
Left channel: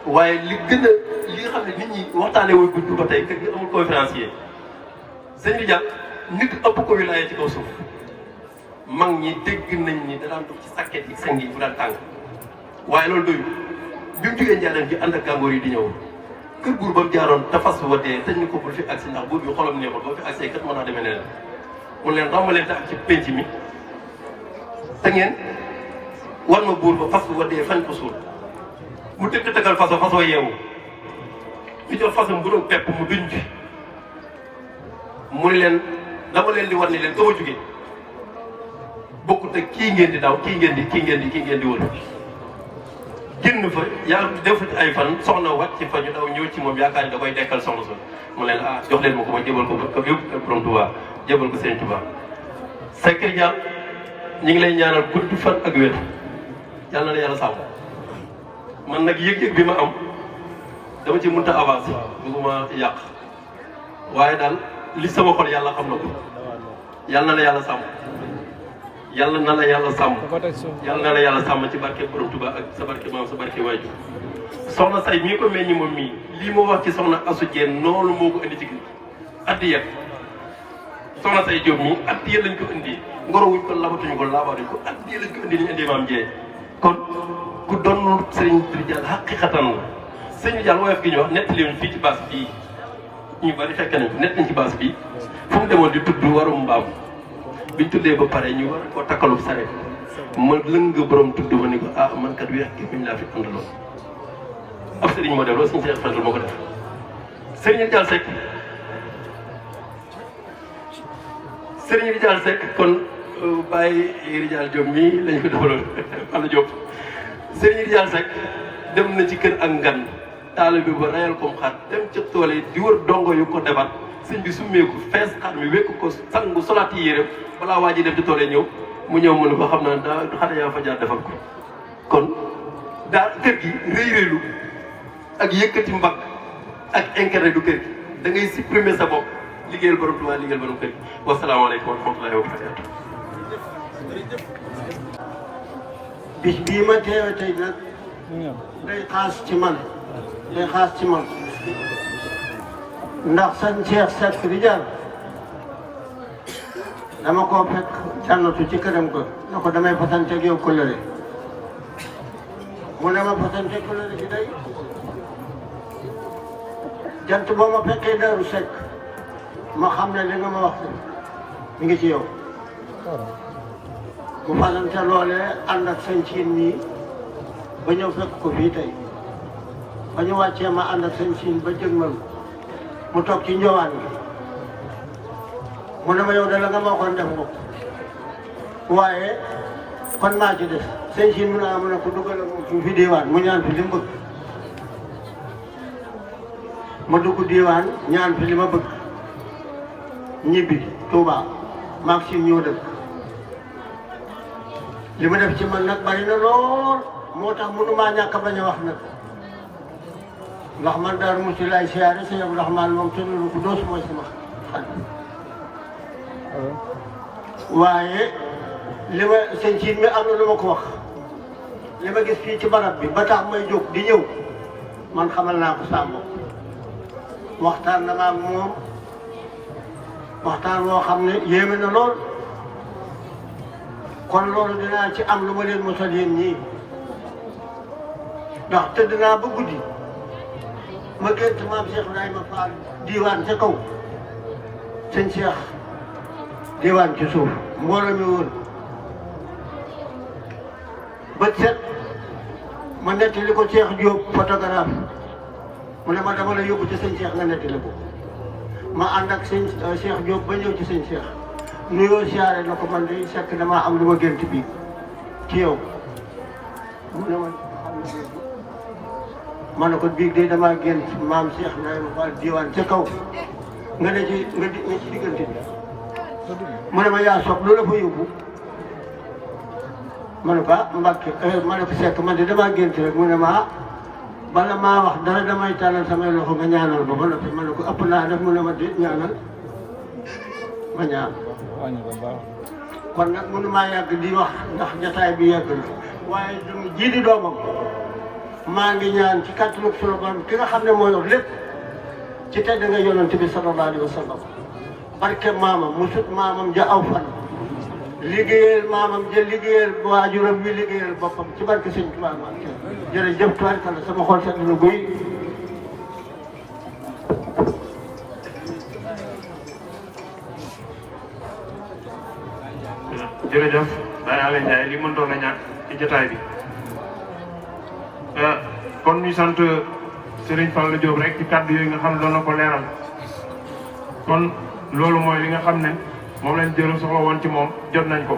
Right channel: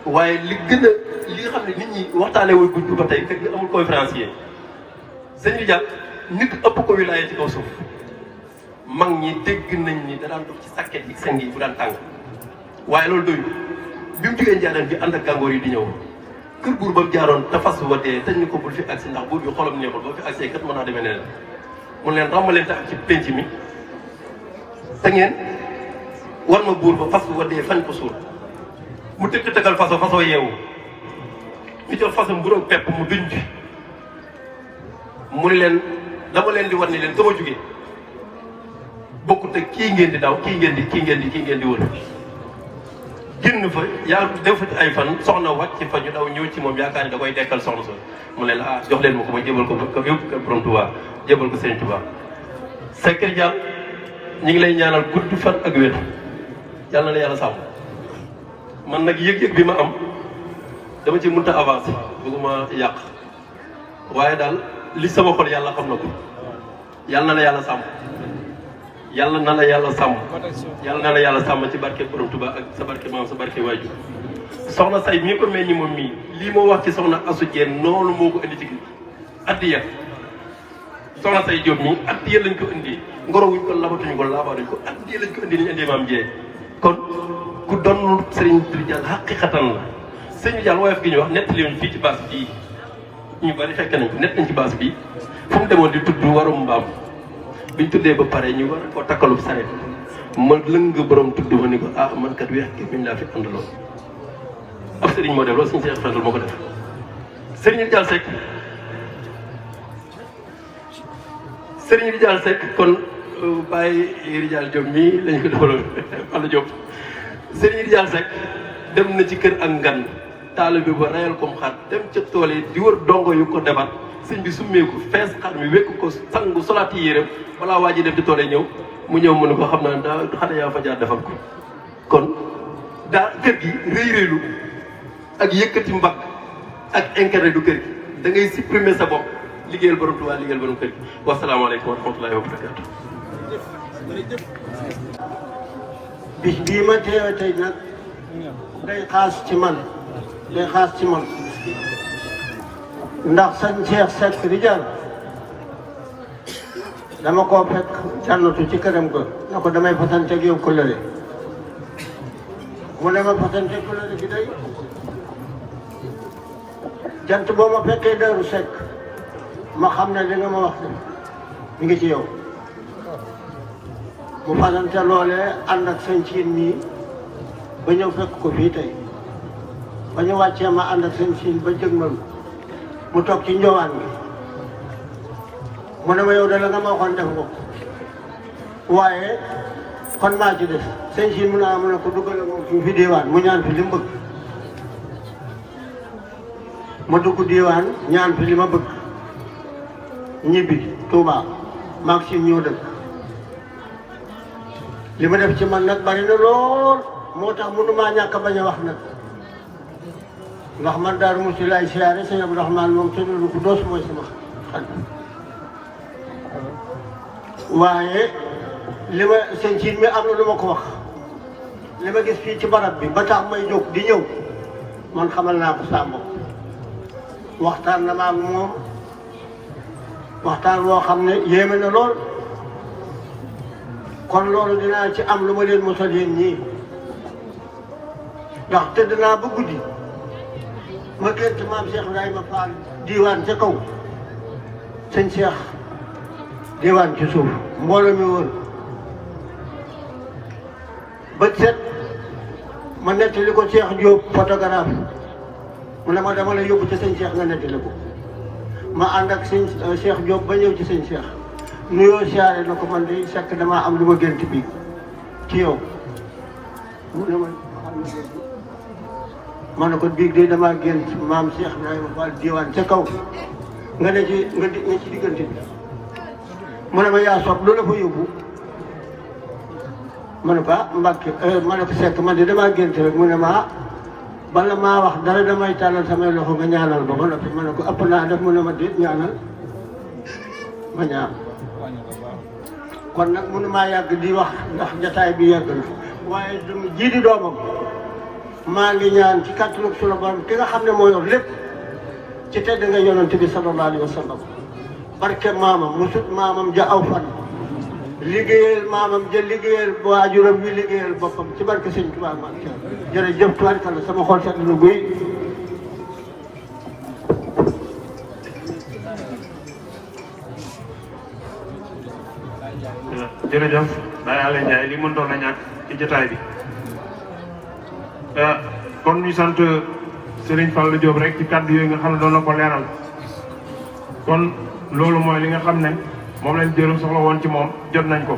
waaye li gën a li nga xam ne nit ñi waxtaanee wul gudd ba tey kër gi amul conférencier sëñ bi jàpp nit ëpp ko wilaaya ci kaw suuf mag ñi dégg nañ ni danaan dox ci sàkket yi seen yi bu daan tàng waaye loolu doyul bi mu jógee njëlleen bi ànd ak gàngoor yi di ñëw kër buur ba jaaroon te fas wa dee te ñu ko bul fi agsi ndax bu ñu xolam neexul boo fi agsee kat mën naa demee neneen mun leen ràmbalente ak ci penc mi te ngeen war ma buur ba fas wa dee fañ ko suul mu tëgg tëggal fasoo yeewu ñu jël fasam bu doon pepp mu duñ ci mu leen dama leen di war ni leen dama jóge bokkut ak kii ngeen di daw kii ngeen di wër génn fa yàlla defati ay fan soxna wàcc fa ñu daw ñëw ci moom yaakaar ni da koy dekkal soxna sa mu leen ah jox leen ma ko ma jébal ko ba yëpp kër borom Touba jébal ko Sëriñ Touba. Seck Ridial ñu ngi lay ñaanal gudd fan ak wér yàlla na yàlla sàmm man nag yëg-yëg bi ma am dama ci mënta avancer bëgguma ci yàq waaye daal li sama xol yàlla xam na ko yàlla na la yàlla sàmm yàlla na la yàlla sàmm yàlla na la yàlla sàmm ci barke borom Touba ak sa barke maam sa barke waajur soxna say mii ko meññi moom mii lii ma wax ci soxna Asou Dieng noonu moo ko indi ci addiya soxna say Diop mii addiya lañ ko indi ngoro wuñ ko labatuñu ko laabatuñ ko addiya lañ ko indi nañu indi maam Dieng kon ku doon Serigne Ridial xaqiqatan la Serigne Ridial woyof gi ñu wax nett leen fii ci baas bii ñu bari fekk nañ ko nett nañ ci baas bii fu mu demoon di tudd warum mbaam biñ tuddee ba pare ñu war ko takkalub saret ma lëng borom tudd ma ni ko ah man kat weex gi buñ laa fi àndaloon ab Serigne moo def loolu suñu seex fendul moo ko def Serigne Ridial Seck Serigne Ridial Seck kon Baye Ridial Diop mii lañ ko defaloon Alla Diop Serigne Ridial Seck dem na ci kër ak ngan taalibe ba reyal ko xar dem ca tool yi di wër dongo yu ko defar sëñ bi summeeku fees xar mi wékk ko sangu sonaati yéreem balaa waa ji def di tool yi ñëw mu ñëw mu ne ko xam naa daa xare yaa fa jaar defal ko kon daa kër gi rëy rëylu ak yëkkati mbagg ak intérêt du kër gi da ngay supprimer sa bopp liggéeyal borom Tuubaa liggéeyal borom kër gi wasalaamaaleykum wa rahmatullaahi wa barakaatu. bis bii ma teew tey nag day xaas ci man ndax sëñ Cheikh Seck Ridial dama koo fekk jànnatu ci këram ko na ko damay fasante ak yow kóllëre mu ne ma fasante kóllëre bi day jant boo ma fekkee Daaru Seck ma xam ne li nga ma wax mi ngi ci yow mu fasante loolee ànd ak sëñ Siin nii ba ñëw fekk ko fii tey ba ñu wàccee ma ànd ak sëñ Siin ba jëgmal mu toog ci njowaan gi mu ne ma yow dala nga ma waxoon def nga waaye kon naa ci def sëñ Siin mu naa mu ne ko duggale moom fi diwaan mu ñaan fi li mu bëgg ma dugg diwaan ñaan fi li ma bëgg ñibbi Touba maag si ñëw dëkk li ma def ci man nag bari na lool moo tax mënumaa ñàkk a bañ a wax nag ndax man daal mosi lay siyaare sëñ Abdou Rahmane moom te lu ko doos mooy sama xaj waaye li ma seen siit mi am na lu ma ko wax li ma gis fii ci barab bi ba tax may jóg di ñëw man xamal naa ko sàmm waxtaan na ma ak moom waxtaan woo xam ne yéeme na lool kon loolu dinaa ci am lu ma leen mosal yéen ñii ndax tëdd naa ba guddi ma gént maam Cheikh Ibrahima Fall diiwaan ca kaw sëñ Cheikh diiwaan ci suuf mbooloo mi woon ba set ma nettali ko Cheikh Diop photographe mu ne ma dama la yóbbu ci sëñ Cheikh nga nettali ko ma ànd ak sëñ Cheikh Diop ba ñëw ci sëñ Cheikh nuyoo siyaare na ko man de fekk damaa am lu ma gént bi ci yow mu ne ma ne ko biig de damaa gént maam Cheikh Ibrahima Fall diwaan ca kaw nga ne ci nga ci diggante bi mu ne ma yaa soog loolu la fa yóbbu ma ne ko ah Mbacke ma ne ko Seck man de damaa gént rek mu ne ma bala maa wax dara damay tàllal samay loxo nga ñaanal ba ma ne ko ëpp naa def mu ne ma déet ñaanal ma ñaan kon nag mënu maa yàgg di wax ndax jataay bi yàgg na waaye jii di doomam maa ngi ñaan ci kàttanu sunu borom ki nga xam ne moo yor lépp ci tedd nga yonent bi sallallahu alayhi wa sallam barke maamam musut maamam ja aw fan liggéeyal maamam ja liggéeyal waajuram wi liggéeyal boppam ci barke sëñ Tuubaa maam jërëjëf tubaarkalla sama xol sedd na guy jërëjëf Baye Alla Ndiaye li mëntoon a ñàkk ci jotaay bi kon ñu sant Serigne Fallou Diop rek ci kàddu yooyu nga xam ne doon na ko leeral kon loolu mooy li nga xam ne moom lañ jëloon soxla woon ci moom jot nañ ko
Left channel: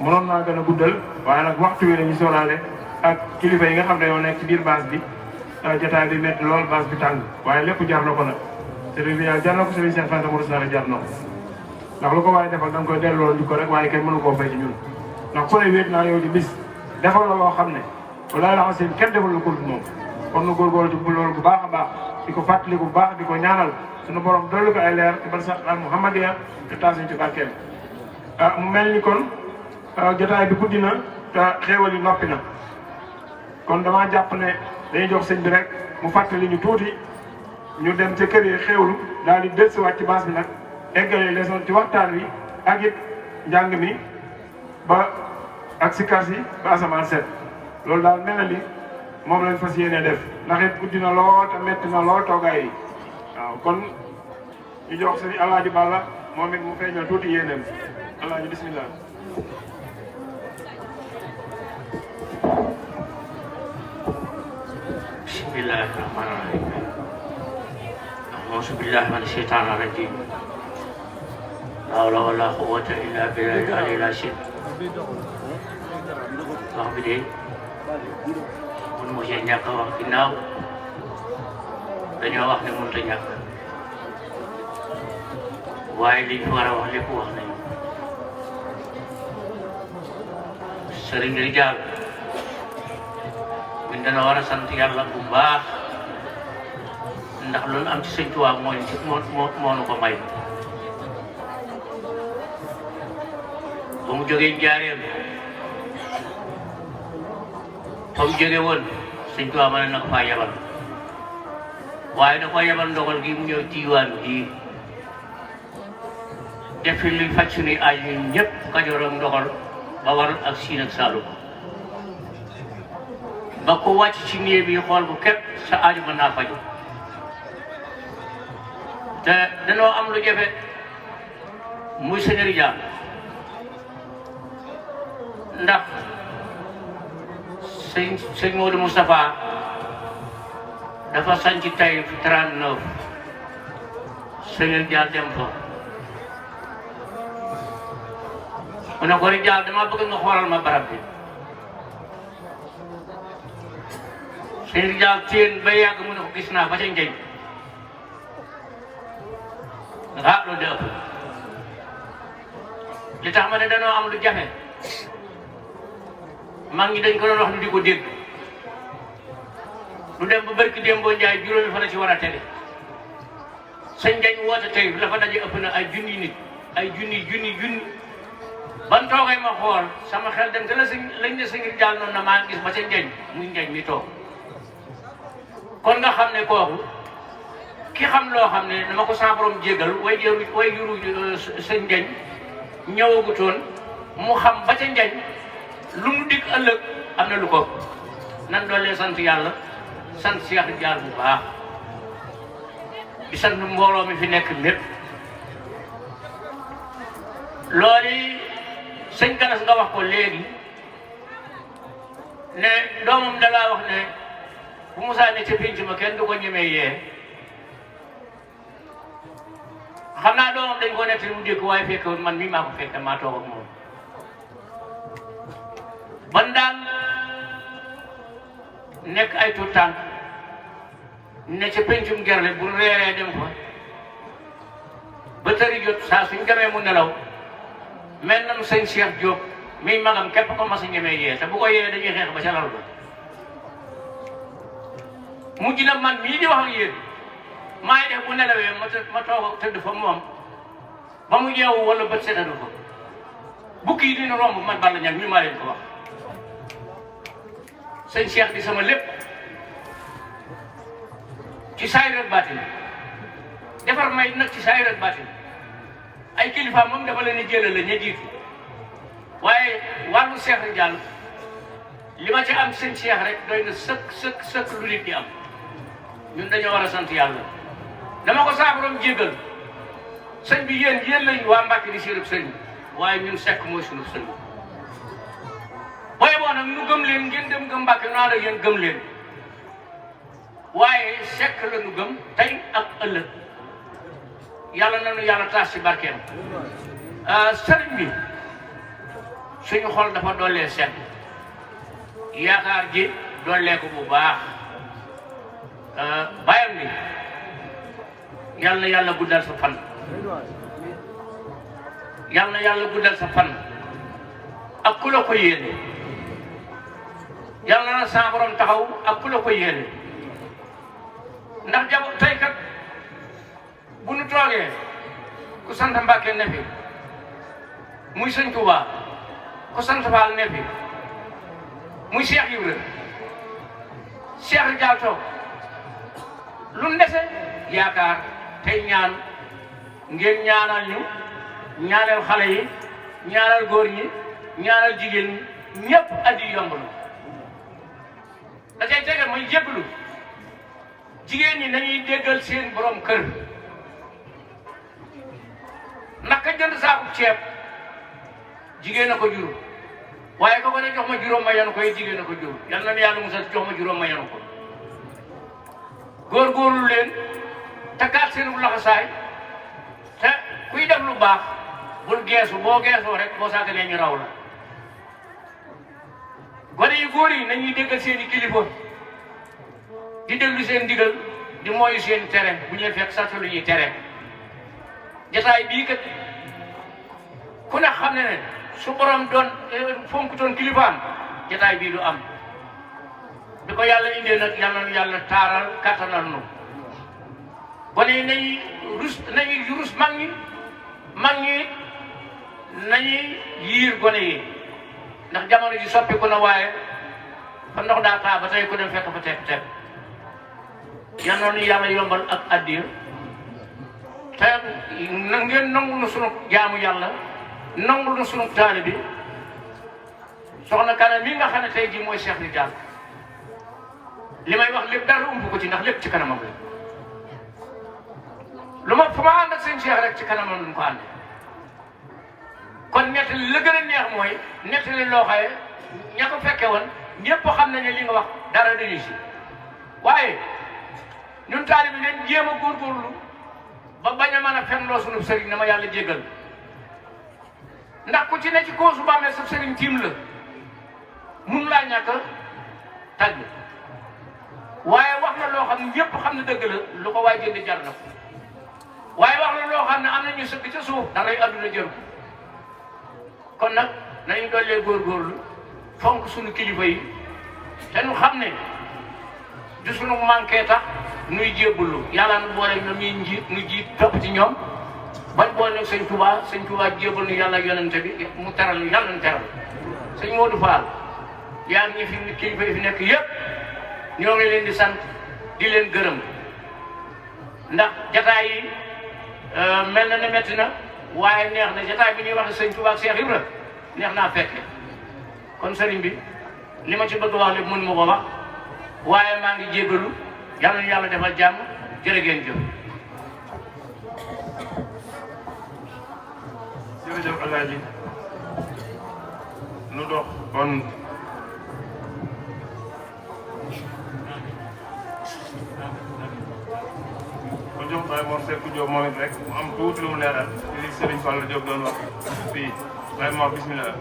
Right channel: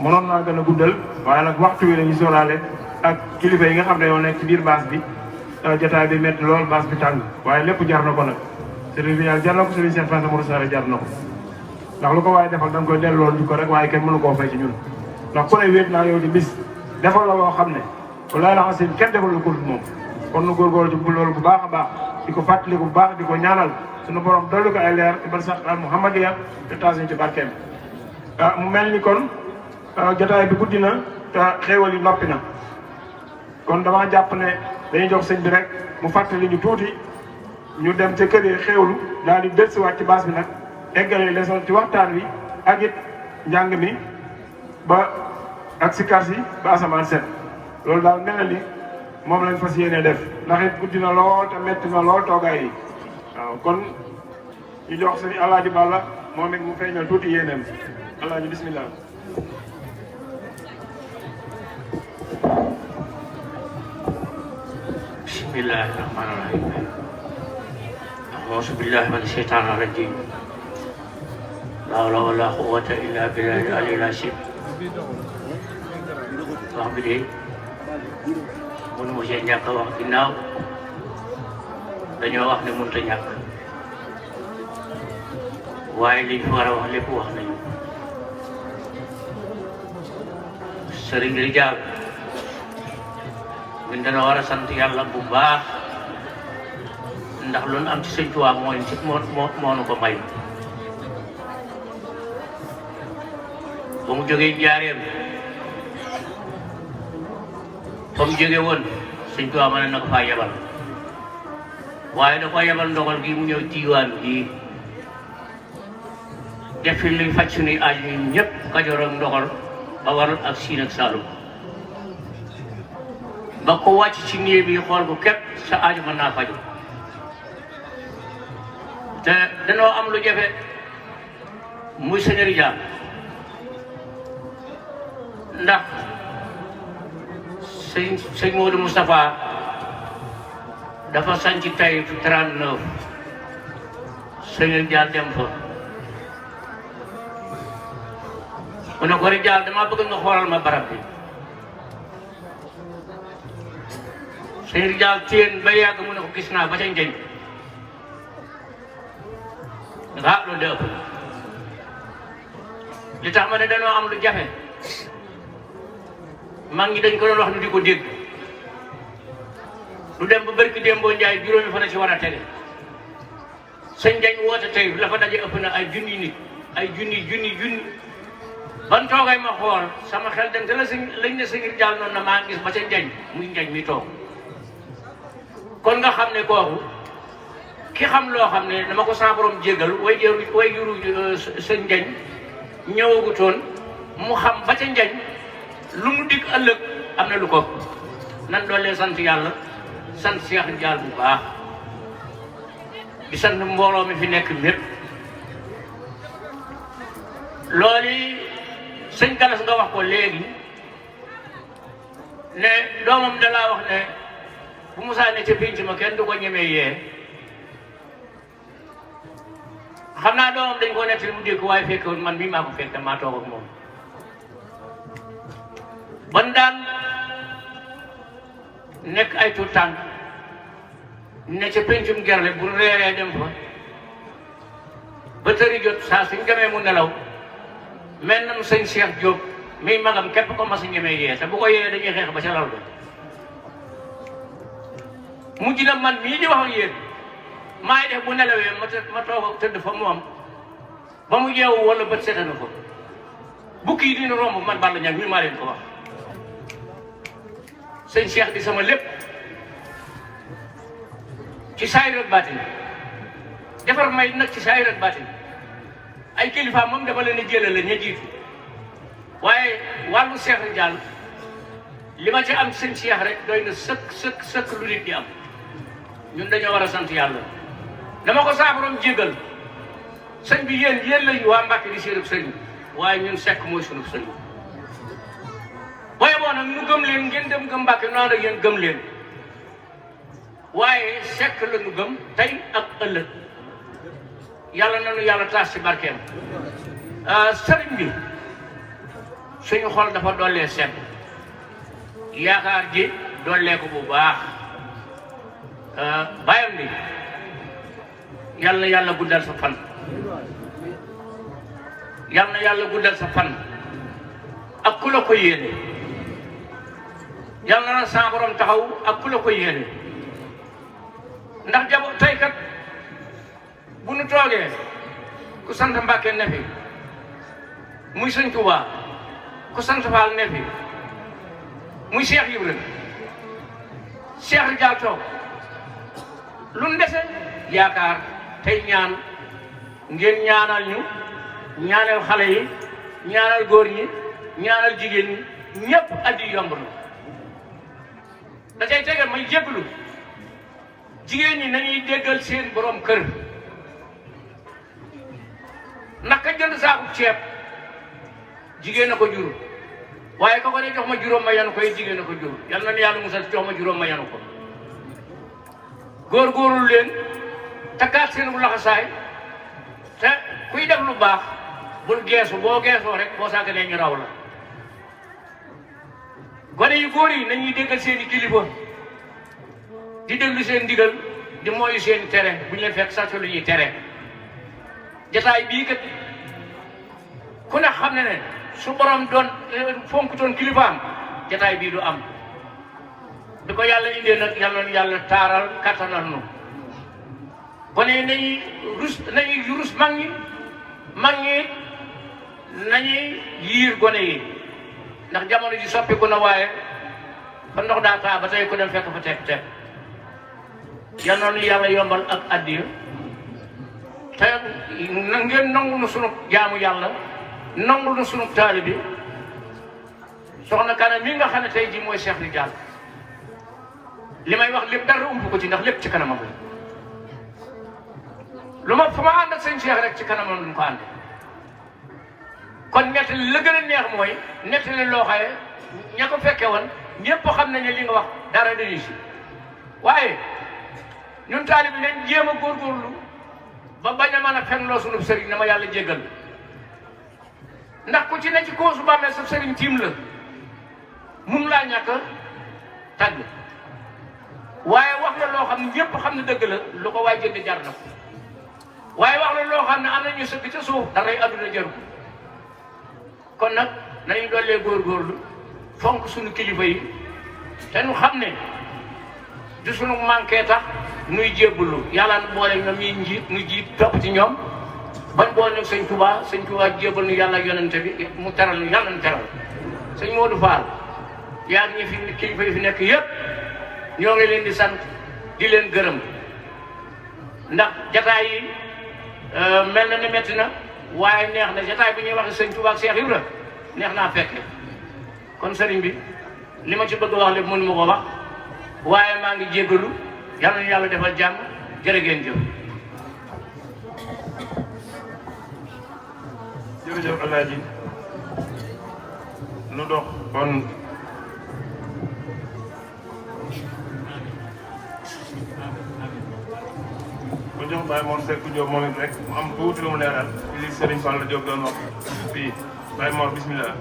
mënoon naa gën a guddal waaye nag waxtu wi la ñu sóoraale ak kilifa yi nga xam ne yoo nekk ci biir baas bi jotaay bi métti lool baas bi tàng waaye lépp jar na ko nag sëriñ bi yàlla jar na ko sëriñ Cheikh Fanta Mourou Sall jar na ko ndax lu ko waaye defal da nga koy delloo ñu ko rek waaye kenn mënu koo fay ci ñun ndax ku ne wéet naa yow di bis defal la loo xam ne walaay la xasim kenn defal lu ko moom kon nu góorgóorlu ci loolu bu baax a baax di ko fàttali bu baax di ko ñaanal suñu borom dolli ko ay leer ci bar sax al muhammadiya te taasuñ ci barkeem mu mel ni kon jotaay bi guddi na te xéewal yi noppi na kon damaa jàpp ne dañuy jox sëñ bi rek mu fàttali ñu tuuti ñu dem ca kër yi xéewlu daal di dellusiwaat ci baas bi nag eggalee leçon ci waxtaan wi ak it njàng mi ba ak si kar si ba asamaan set loolu daal mel na ni moom lañ fas yéene def ndax it guddi na lool te metti na lool toogaay yi waaw kon ñu jox sëñ Alaaji Balla moom it mu feeñal tuuti yéeneen Alaaji bismillah bismillahi rahmaani rahim auzu billahi mina shaytaani rajim la hawla wala quwwata illa billahi al-aliyyil azim wax bi de mun mu see ñàkk wax ginnaaw dañoo wax ne mënut a ñàkk waaye liñ fi war a wax lépp wax nañu sëriñ Rijaal ñun dana war a sant yàlla bu baax ndax loolu am ci sëñ Tuubaa mooy ci moo nu ko may ba mu jógee Njaaréem fa mu jóge woon sëñ Tuubaa mën na ko faa yebal waaye da ko yebal ndogal gi mu ñëw Tiwaawan gi def fi luy faj suñuy aaj ñun ñëpp Kajoor ak ndogal ba waral ak Siin ak Saalum ba ko wàcc ci néeg bi xool bu képp sa aaju mën naa faju te danoo am lu jafe muy sëñ Rijaal ndax sëñ Modou Moustapha dafa sanc tay 39 sëñ Rijaal dem fa mu ne ko Rijaal dama bëgg nga xoolal ma barab bi sëñ Rijaal téen ba yàgg mu ne ko gis naa ba ca njëñ nga lu dëpp li tax ma ne danoo am lu jafe mag ñi dañ ko doon wax ñu di ko dégg lu dem ba barki démboo Njaay juróomi fa na ci war a tege sëñ Njañ woote tey la fa daje ëpp na ay junni nit ay junni ban toogay ma xool sama xel dem te la si lañ ne sëñ Rijaal noonu na maa gis ba ca Njañ muy Njañ mi toog kon nga xam ne kooku ki xam loo xam ne dama ko saa borom jégal way juru sëñ Njañ ñëwagutoon mu xam ba ca Njañ lu mu dig ëllëg am na lu ko nan doole sant yàlla sant Cheikh Rijaal bu baax di sant mbooloo mi fi nekk lépp loolu sëñ Galas nga wax ko léegi ne doomam dalaa wax ne bu Musaa ne ca pénc ma kenn du ko ñemee yee xam naa doomam dañ ko nekk mu dégg waaye fekk man mii maa ko fekk maa toog ak moom ban daan nekk ay tuut tànk ne ca péncum gerle bu reeree dem fa ba tëri jot saa suñ demee mu nelaw mel na sëñ Cheikh Diop miy magam képp ko mas a ñemee yee te bu ko yee dañuy xeex ba ca lal ko mujj na man mii di wax ak yéen maay def bu nelawee ma toog tëdd fa moom ba mu yeewu wala bët seetanu ko bukki yi dina romb man Balla Niang ñu maa leen ko wax sëñ Cheikh di sama lépp ci saayir ak baatin defar may nag ci saayir ak baatin ay kilifa moom dafa leen a jëlale ña jiitu waaye wàllu Cheikh Rijaal li ma ci am sëñ Cheikh rek doy na sëkk lu nit di am ñun dañoo war a sant yàlla dama ko saabaram jégal sëñ bi yéen lañu waa Mbàkke di seen sëriñ waaye ñun Seck mooy suñu sëriñ booy boo nag ñu gëm leen ngeen dem gëm Mbàkke noonu ak yéen gëm leen waaye Seck la ñu gëm tey ak ëllëg yàlla nañu yàlla taas ci barkeel sëriñ bi suñu xol dafa dollee sedd yaakaar ji dolleeku bu baax bàyyam ni yal na yàlla guddal sa fan yal na yàlla guddal sa fan ak ku la ko yéene yal na sa borom taxaw ak ku la ko yéene ndax jabu tey kat bu nu toogee ku sant Mbàkke ne fi muy Sëñ Tuubaa ku sant Faal ne fi muy Cheikh Ibrahima Cheikh Rijaal toog lu ndese yaakaar tey ñaan ngeen ñaanal ñu ñaanal xale yi ñaanal góor ñi ñaanal jigéen ñi ñëpp addi yomb na da cay tegal muy jéggalu jigéen ñi nañuy déggal seen borom kër ndax ka jënd saaku ceeb jigéen a ko jur waaye ko ne jox ma juróom ma yenu koy jigéen a ko jur yal na yàlla musal jox ma juróom ma yenu ko góorgóorlu leen takkaat seen bu laxasaay te kuy def lu baax bul geesu boo geesoo rek boo sàgganee ñu raw la gone yu góor yi nañuy déggal seen i kilifa di déglu seen ndigal di mooyu seen i tere bu ñu leen fekk sax lu ñuy tere jotaay bii kat ku ne xam ne ne su borom doon fonk doon kilifaam jotaay bii du am bi ko yàlla indee nag yàlla taaral kattanal nu gone yi nañuy rus mag ñi nañuy yiir gone yi ndax jamono ji soppiku na waaye fa ndox daa taa ba tey ku dem fekk fa tepp yal na nu yàlla yombal ak addiya te na ngeen nangu na sunu jaamu yàlla nangu na sunu taali bi soxna Kane mi nga xam ne tey jii mooy Cheikh Rijaal li may wax lépp dara ump ko ci ndax lépp ci kanamam la lu ma fu ma ànd ak sëñ Cheikh rek ci kanamam lu mu ko àndee kon nettali la gën a neex mooy nettali loo xaye ña ko fekke woon ñëpp xam nañ ne li nga wax dara dañuy si waaye ñun taali bi neen jéem a góorgóorlu ba bañ a mën a fenloo sunu sëriñ na ma yàlla jéggal ndax ku ci ne ci koosu bàmmeel sa sëriñ tiim la mun laa ñàkk a tàgg waaye wax la loo xam ne ñëpp xam ne dëgg la lu ko waay jënd jar na waaye wax la loo xam ne am na ñu sëgg ca suuf da ngay àdduna jëru kon nag nañu dollee góorgóorlu fonk suñu kilifa yi te ñu xam ne du suñu manqué tax muy jébbalu yàlla na boole na muy njiit muy jiit topp ci ñoom bañ boole sëñ Touba jébbal nu yàlla yonente bi mu teral nu yàlla na teral sëñ Modou Fall yaa ngi fi kilifa yi fi nekk yëpp ñoo ngi leen di sant di leen gërëm ndax jataay yi mel na ne metti na waaye neex na jataay bi ñuy wax sëñ Touba ak Cheikh Ibra neex naa fekke kon sëriñ bi li ma ci bëgg wax lépp mënu ma ko wax waaye maa ngi jéggalu yàlla na yàlla defal jàmm jërë ngeen jëf. jërëjëf Alaaji nu dox bon ko jox Baye moom Seck Diop moom it rek mu am tuuti lu mu leeral li Serigne Fall Diop doon wax fii Baye Mor bismillah.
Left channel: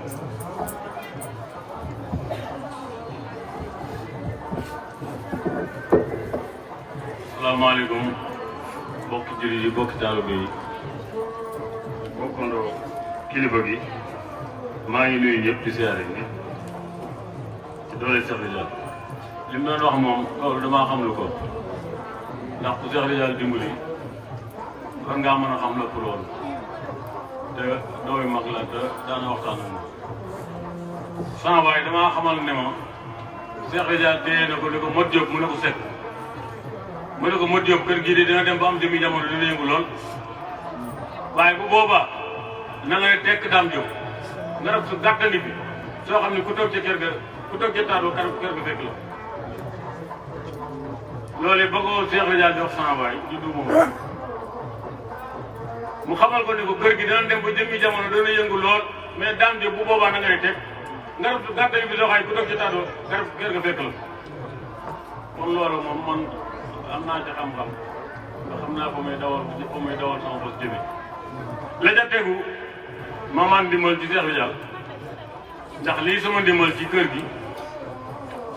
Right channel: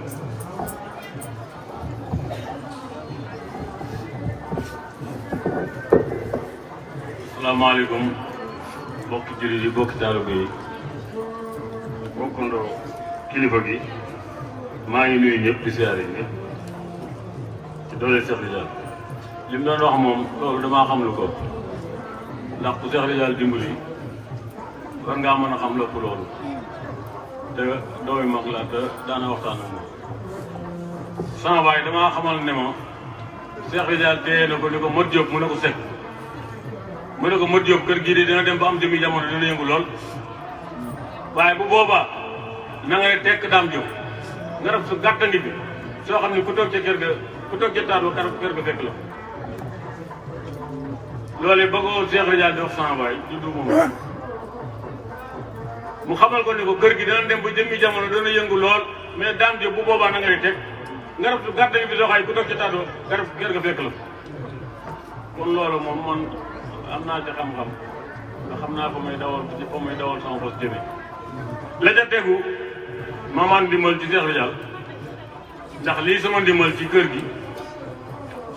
asalaamaaleykum bokki jullit yi bokki taalibe yi bokkandoo kilifa gi maa ngi nuyu ñëpp di siyaare ñëpp ci doole Cheikh Rijaal li mu doon wax moom loolu damaa xam lu ko ndax ku Cheikh Rijaal dimbali war ngaa mën a xam lépp loolu te dooy mag la te daana waxtaan ak moom sama waaye damaa xamal ne moom Cheikh Rijaal téye na ko li ko mot Diop mu ne ko sekk mu ne ko Modou Diop kër gii de dina dem ba am jëmi jamono dina yëngu lool waaye bu boobaa na ngay tekk Dame Diop nga def su gàttandi bi soo xam ne ku toog ca kër ga ku toog ca taar ba kër ga fekk la loolu yi bëggoo Cheikh Rijaal def sama waay du dugg mu xamal ko ne ko kër gi dina dem ba jëmi jamono dina yëngu lool mais Dame Diop bu boobaa na ngay tekk nga def su gàttandi bi soo xam ne ku toog ca taar ba kër ga fekk la kon loolu moom man am naa ca xam-xam nga xam naa ko muy dawal sama bos jëme la ca tegu ma man ndimbal ci Cheikh Rijaal ndax lii sama ndimbal ci kër gi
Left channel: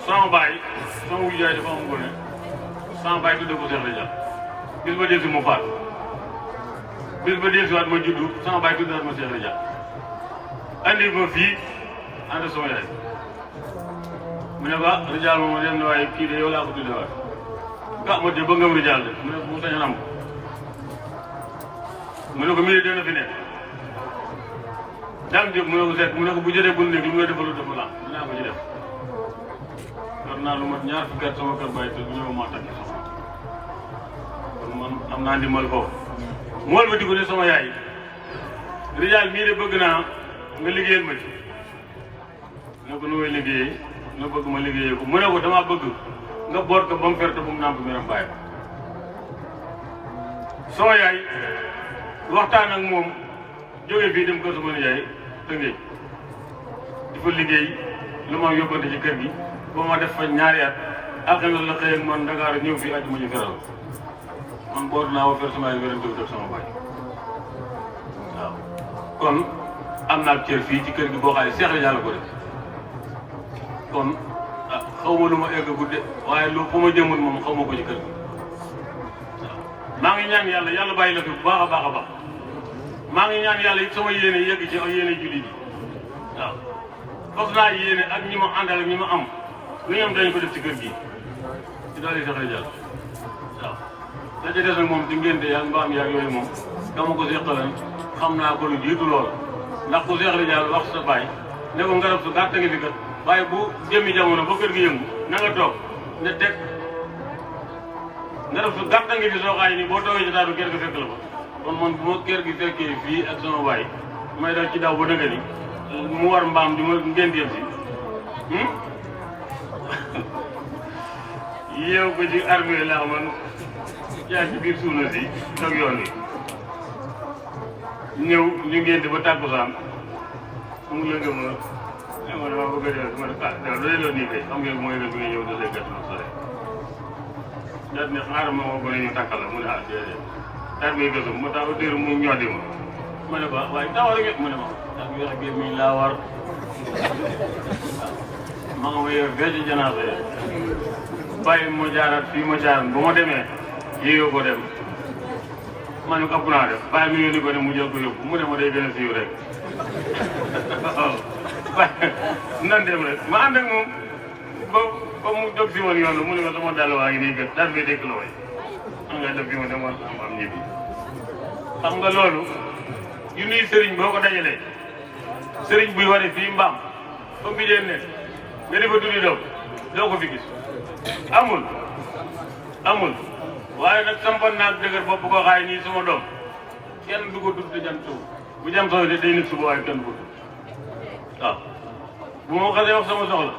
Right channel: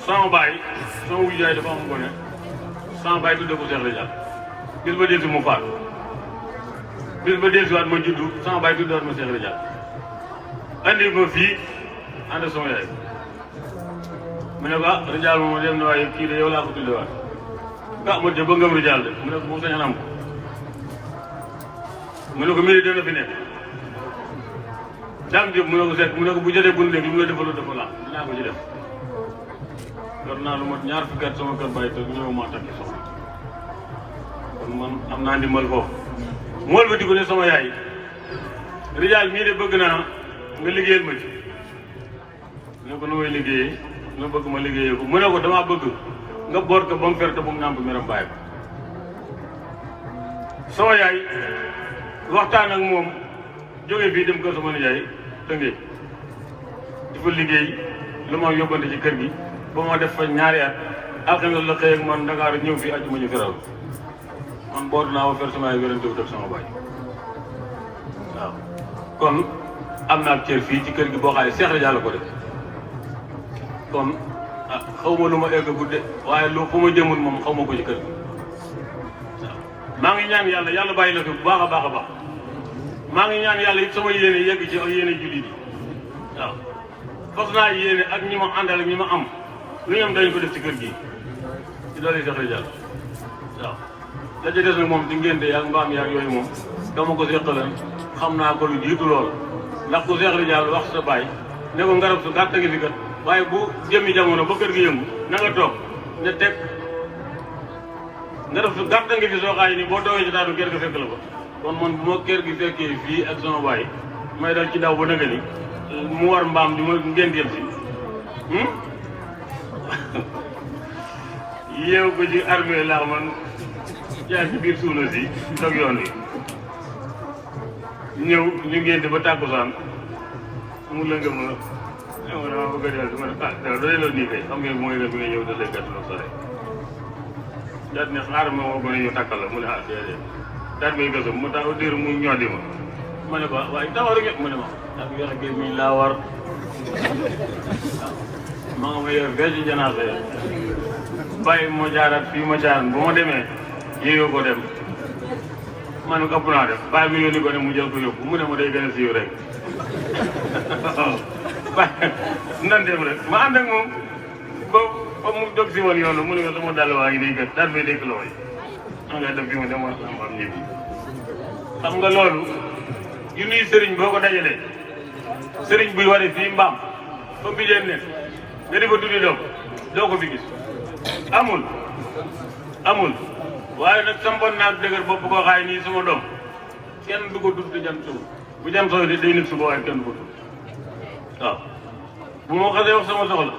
sama baay sama wuyu jaay dafa am gone sama baay tudde ko Cheikh Ridial bis ba delsi mu faatu bis ba delsiwaat ma juddu sama baay tuddewaat ma Cheikh Ridial andi ma fii ànd sama yaay mu ne ba Ridial moom dem ne waaye kii de yow laa ko tuddewaat ah ma de ba ngam Ridial de mu ne bu sañoon am mu ne ko mii dana fi nekk daam jóg mu ne ko seet mu ne ko bu jotee bul nekk lu mu la defaloo def la dinaa ko ci def war naa lu mat ñaar fukki at sama kër bàyyi te ñëw maa takki soxna kon man am naa ndimbal foofu mool ba diggu ne sama yaay Ridial mii de bëgg naa nga liggéeyal ma ci ne ko nu muy liggéeyee nga bëgg ma liggéeyee ko mu ne ko damaa bëgg nga boot ko ba mu ferte ba mu nàmp miram bàyyi ko sama yaay waxtaan ak moom jógee fii dem kër sama yaay dëngee dafa liggéey lu ma yóbbante ci kër gi ba ma def fa ñaari at ak loolu la xëy man Dakar ñëw fii ati mu ñu feral man bootu naa ba fer sama yaay wéran dëgg sama baay waaw kon am naa cër fii ci kër gi boo xam ne Cheikh Ridial ko def kon ah xaw ma lu ma egg gudde waaye lu fu ma jëmul moom xaw ma ko ci kër gi waaw maa ngi ñaan yàlla yàlla bàyyi la fi bu baax a baax a baax maa ngi ñaan yàlla it sama yéene yegg ci yéene jullit yi waaw fas naa yéene ak ñi ma àndal ak ñi ma am lu ñoom dañ ko def ci kër gi ci doole Cheikh Ridial waaw la ca des nag moom ci ngénte yaag mbaam yaag yooyu moom dama ko seqaloon xam naa ko lu jiitu loolu ndax ku Cheikh Ridial wax sa baay ne ko ngarab su gàtt ngi fi kat waaye bu jëmmi jamono ba kër gi yëngu na nga toog ne teg ngarab su gàtt ngi fi soo xaay nii boo toogee ci daadu kër gi fekk la ko kon man bu ma kër gi fekkee fii ak sama baay may dal ci daw ba dëgg ni mu war mbaam di ma ngénteel si yeew ko ci armée laa man yaa ci biir suuna si toog yoon yi ñëw ñu ngénte ba tàkkusaan mu lënga ma ma dama bëgg a dellu ma ne dara doy la nii kay xam nga mooy la bi nga ñëw da say gàtt nag sore daat ne xaaral ma woo ko ne ñu tàkkal la mu ne ah déedéet daat ngay gësam mu tax diir mu ñoddi ma ne ko waaye taxaw la ngeen mu ne ma daat weex gi mi laa war ma nga ma yeew fee ci janaase bàyyi moo jaaraat fii ma jaaran bu ma demee yéeyoo ko dem ma ne ko ëpp naa def bàyyi mu yónni ko dem mu jël ko yóbbu mu ne ma day gën a siiw rek waaw nan dem rek ma ànd ak moom ba mu dog si woon yoonu mu ne ma sama dàll waa ngi nii kat daal bi dëkk la way xam nga def bi ma demoon sama am ñibbi xam nga loolu yu nuy sëriñ boo ko dajalee sëriñ buy wane fii mbaam fa bi deen ne nga di ko tuddi doo ko fi gis amul waaye nag sampoon naa dëgër bopp ko xaay nii sama doom kenn du ko tudd di dem suuf bu dem sooy de day nit suba waaye kenn du ko tudd waaw bu ma xasee wax sama soxla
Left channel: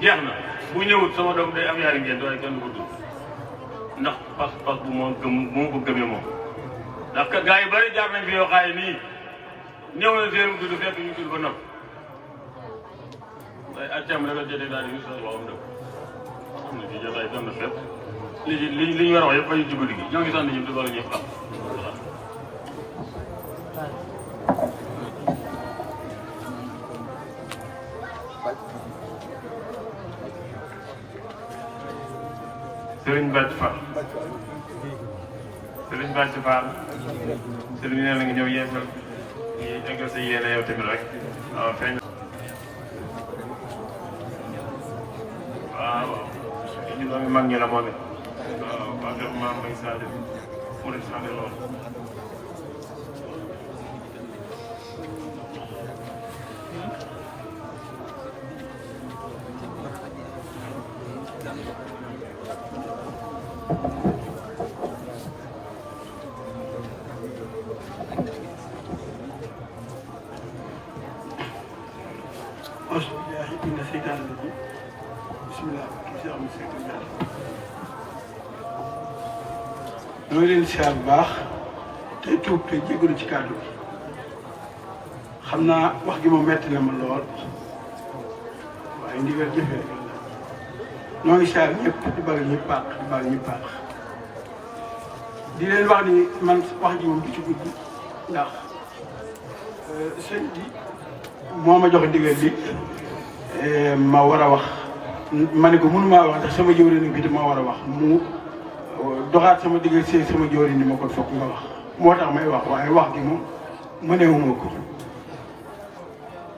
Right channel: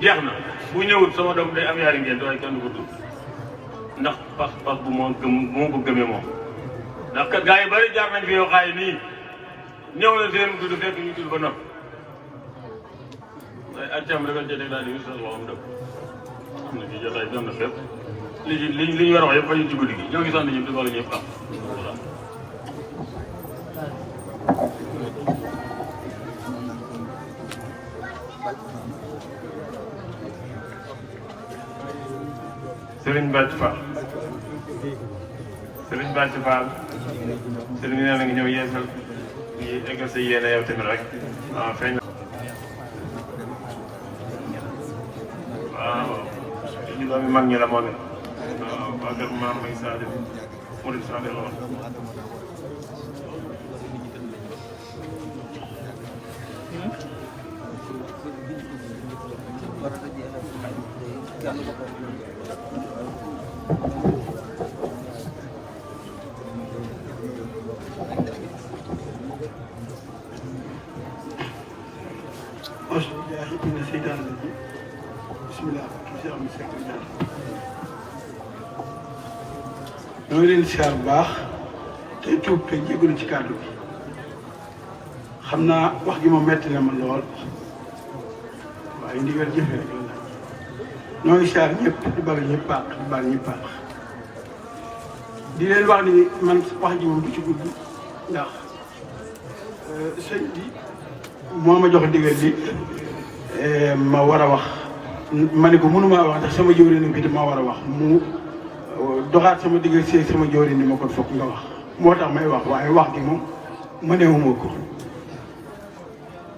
jeex na bu ñëwut sama doom day am yaari ngeen waaye kenn du ko tudd ndax pas bu moo ko gëmee moom ndax gaa yi bari jaar nañ fi yoo xaay nii ñëw na seen mu tudd fekk ñu tudd ba noppi waaye accam rek a jëndee daal di wis la loxoom def xam ne ci jotaay doon na fépp li ñu war a wax yëpp fa ñu ci guddi gi ñoo ngi sant ñëpp di wala ñuy xam Serigne Bàcc Fall Serigne Bàcc Fall Serigne nee na nga ñëw yeesal di eggal sa yéene yow tamit rek waaw feeñ waaw ñu doomi mag ñi la moom it waaw waa kër ma ngi Sadio Mouride Sadio la dama leen siyaar bu baax tey tuub te jégalu ci kàddu gi xam naa wax gi moom metti na ma lool waaye ndigal jëfe rek la noo ngi siyaar ñëpp di bari ñëpp paax di bari ñëpp paax di leen wax ni man wax ji moom du ci gudd ndax sëñ bi moo ma jox ndigal bi ma war a wax ma ne ko mënumaa wax ndax sama jëwriñ bi moo war a wax mu doxaat sama digg sama jëwriñ ni ma ko fokk nga wax moo tax may wax waaye wax gi moom mënewuma ko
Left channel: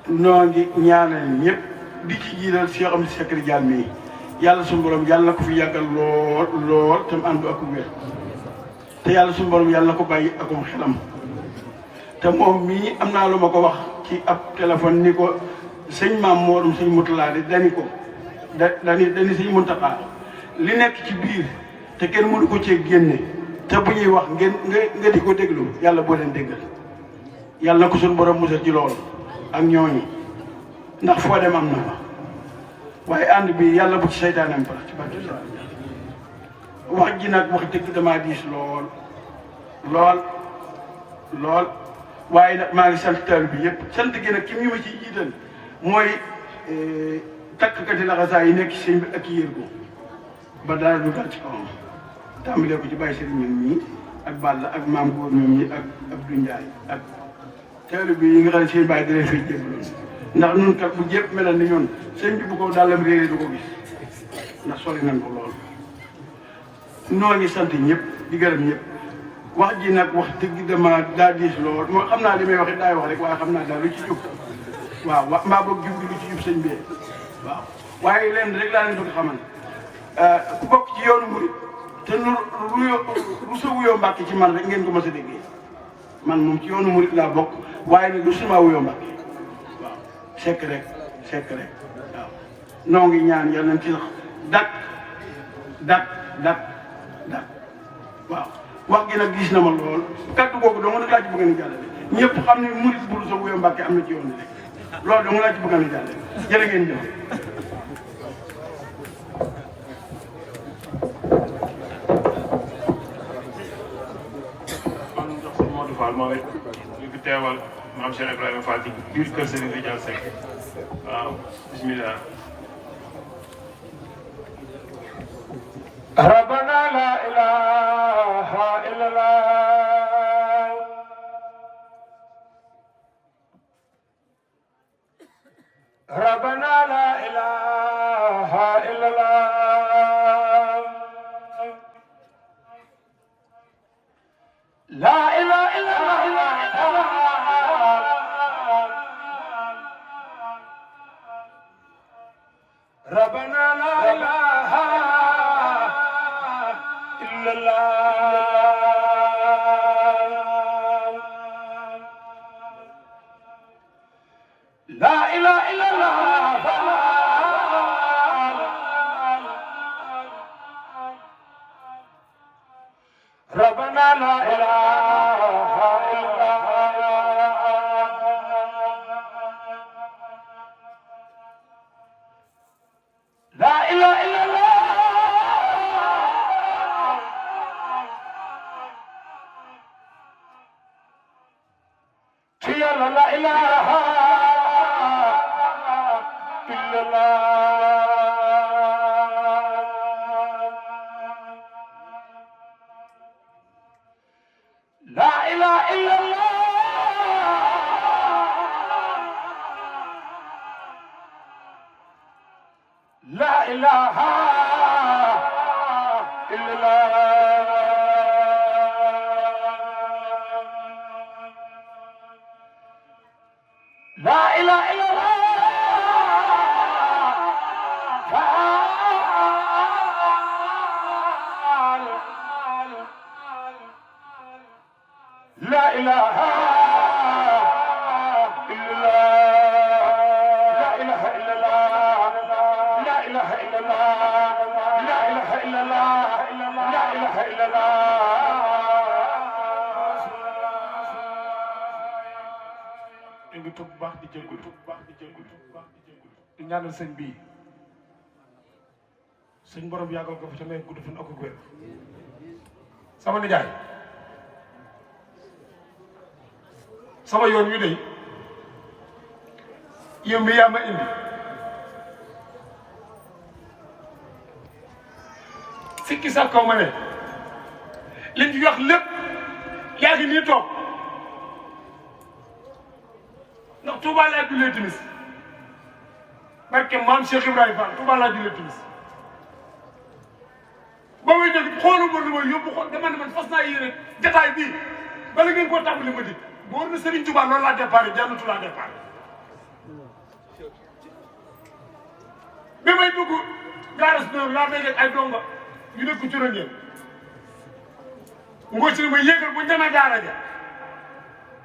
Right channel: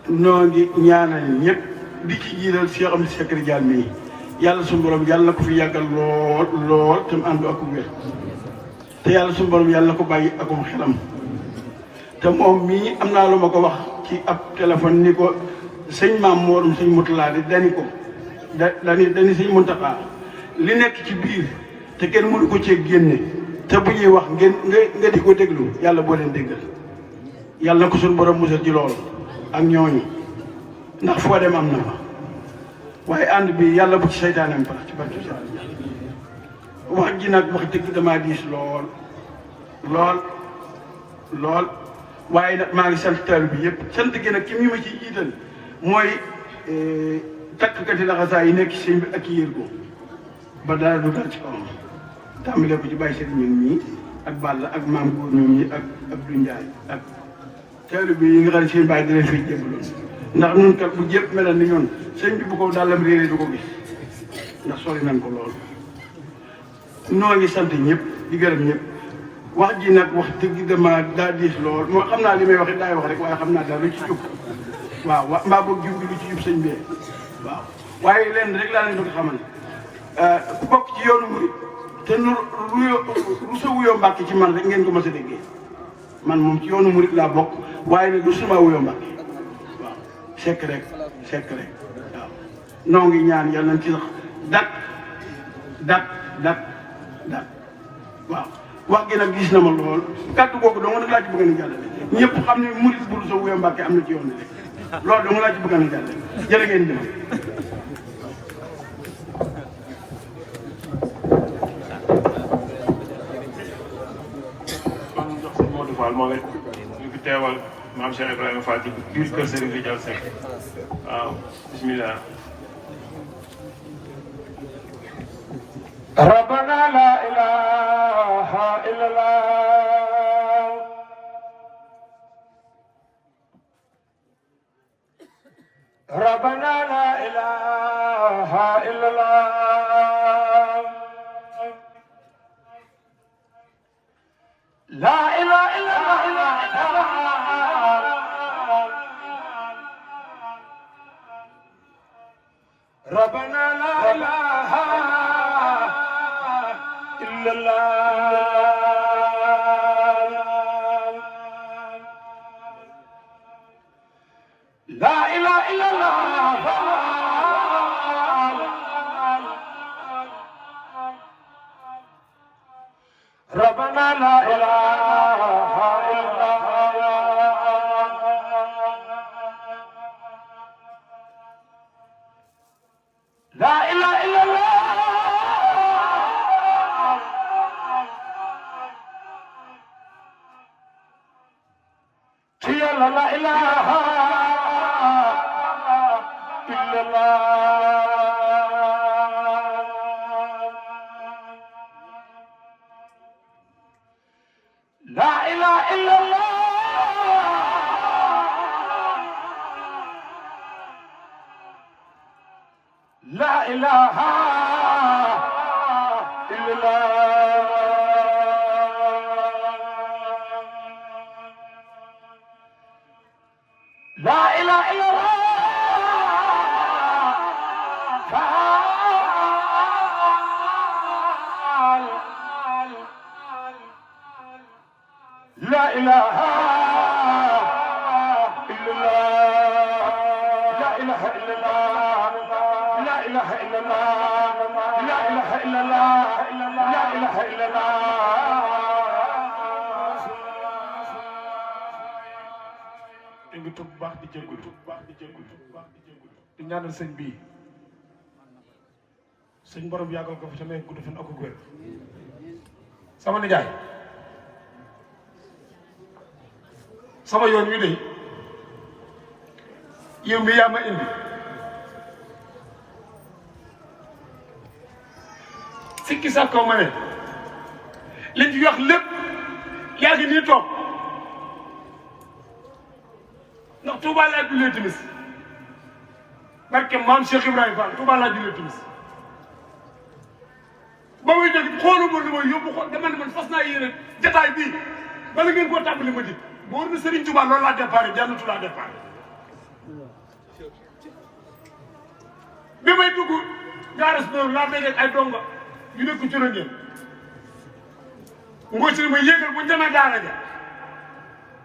noo ngi ñaanal ñëpp di ci jiital Cheikh Amady Seck Ridial mii yàlla suñu borom yàlla na ko fi yàggal lool te mu ànd ak wér te yàlla suñu borom yàlla na ko bàyyi akum xelam te moom mii am naa lu ma ko wax ci ab téléphone ni ko sëñ maam Moorum sëñ Moutala de dani ko dani sëñ Mountakha li nekk ci biir te kenn mënu ko cee génne te bu ñuy wax nga di ko déglu yàlla boo leen déggal yàlla na ko suñu borom musal ci loolu ak ñooñu ndax foo dem am na fa waaye ànd bi yàlla bu ci seytaanam tax ci barke wax ji nag wax dëgg damaa diis lool waaye nag maa ngi sant taal bi yëpp sant gi nag ki mi ma ci jiital mooy takkati laxasaa yi nekk ci sëñ bi ak yéer ko ba dara du dal ci kawam tàmbalee ko ci bàyyi sëriñ ñun mii ak Balla ak maam góor ñoom ñi ak Abdou Ndiaye ak taal bi yi nga xam ne sëñ bàyyi di leen fiy jéglu ndax ñun kat bu jëpp melal ni ñun sëñ bi bu ko dàllam réeré du ko gis ndax sori nañ ko lool noo ngi sant ñëpp di gërëm ñëpp wax ji nag wax dëgg dama daa diis lool moo xam naa li may wax it daay wax rek waaye xam naa daal lu ci jub waaw mbaa boog jub lu ci jub sëñ bi waaw waaye lenn rek laa leen bëgg xamal ku bokk ci yoonu murid te nu lu sa wuyoo Mbàkke ci man rek ngeen ko mës a déggee man moom ci yoonu murid laa bokk waaye nag lu sama wuyoo Mbàkke waaw sekk rek waaw noo ngi ñaan yàlla nañ ci sax dak waaw wax gi nag gis na ma lool kàddu googu dong nag laa ci bëgg a jàllale ñëpp xam ne murid bu sa wuyoo Mbàkke am na ci yoon bi rek loolu dong laa ci bëgg a jàllale jërë ngeen jëf. Modou Fall moom it ñu fi teewal maam Cheikh Ibrahima Fall ci biir kër Serigne Ridial Seck waaw bismillah. ربنا لا إله إلا الله ربنا لا إله إلا الله لا إله إلا الله ربنا لا إله إلا الله لا إله إلا الله ربنا لا إله إلا الله لا إله إلا الله لا إله إلا الله لا إله إلا الله لا إله إلا الله لا إله إلا الله لا إله إلا الله لا إله إلا الله لا إله إلا الله لا إله إلا الله لا إله إلا الله ngi tub baax di jéggul di ñaanal sëñ bii suñ borom yàggal ko fi te may gudd fan ak wér sama nijaay sama yoon wi day yow mi yaa ma indi sikki sa kaw ma ne liñ fi wax lépp yaa ngi nii toog ndax Tuubaa laa jullee timis barke maam Cheikh Ibrahima Fall Touba laa jullee timis ba muy def xooluma lu ma yóbbu xool dama ne man fas naa yéene jataay bii bala ngeen koo tàmbali ma dikk boo na Serigne Touba loolu laa déparé jànnatu laa déparé bi may dugg gaaras noonu laa déggee ay donga yu nekk ci ngeen ngoo si ne ma yéegal bu demee daara ja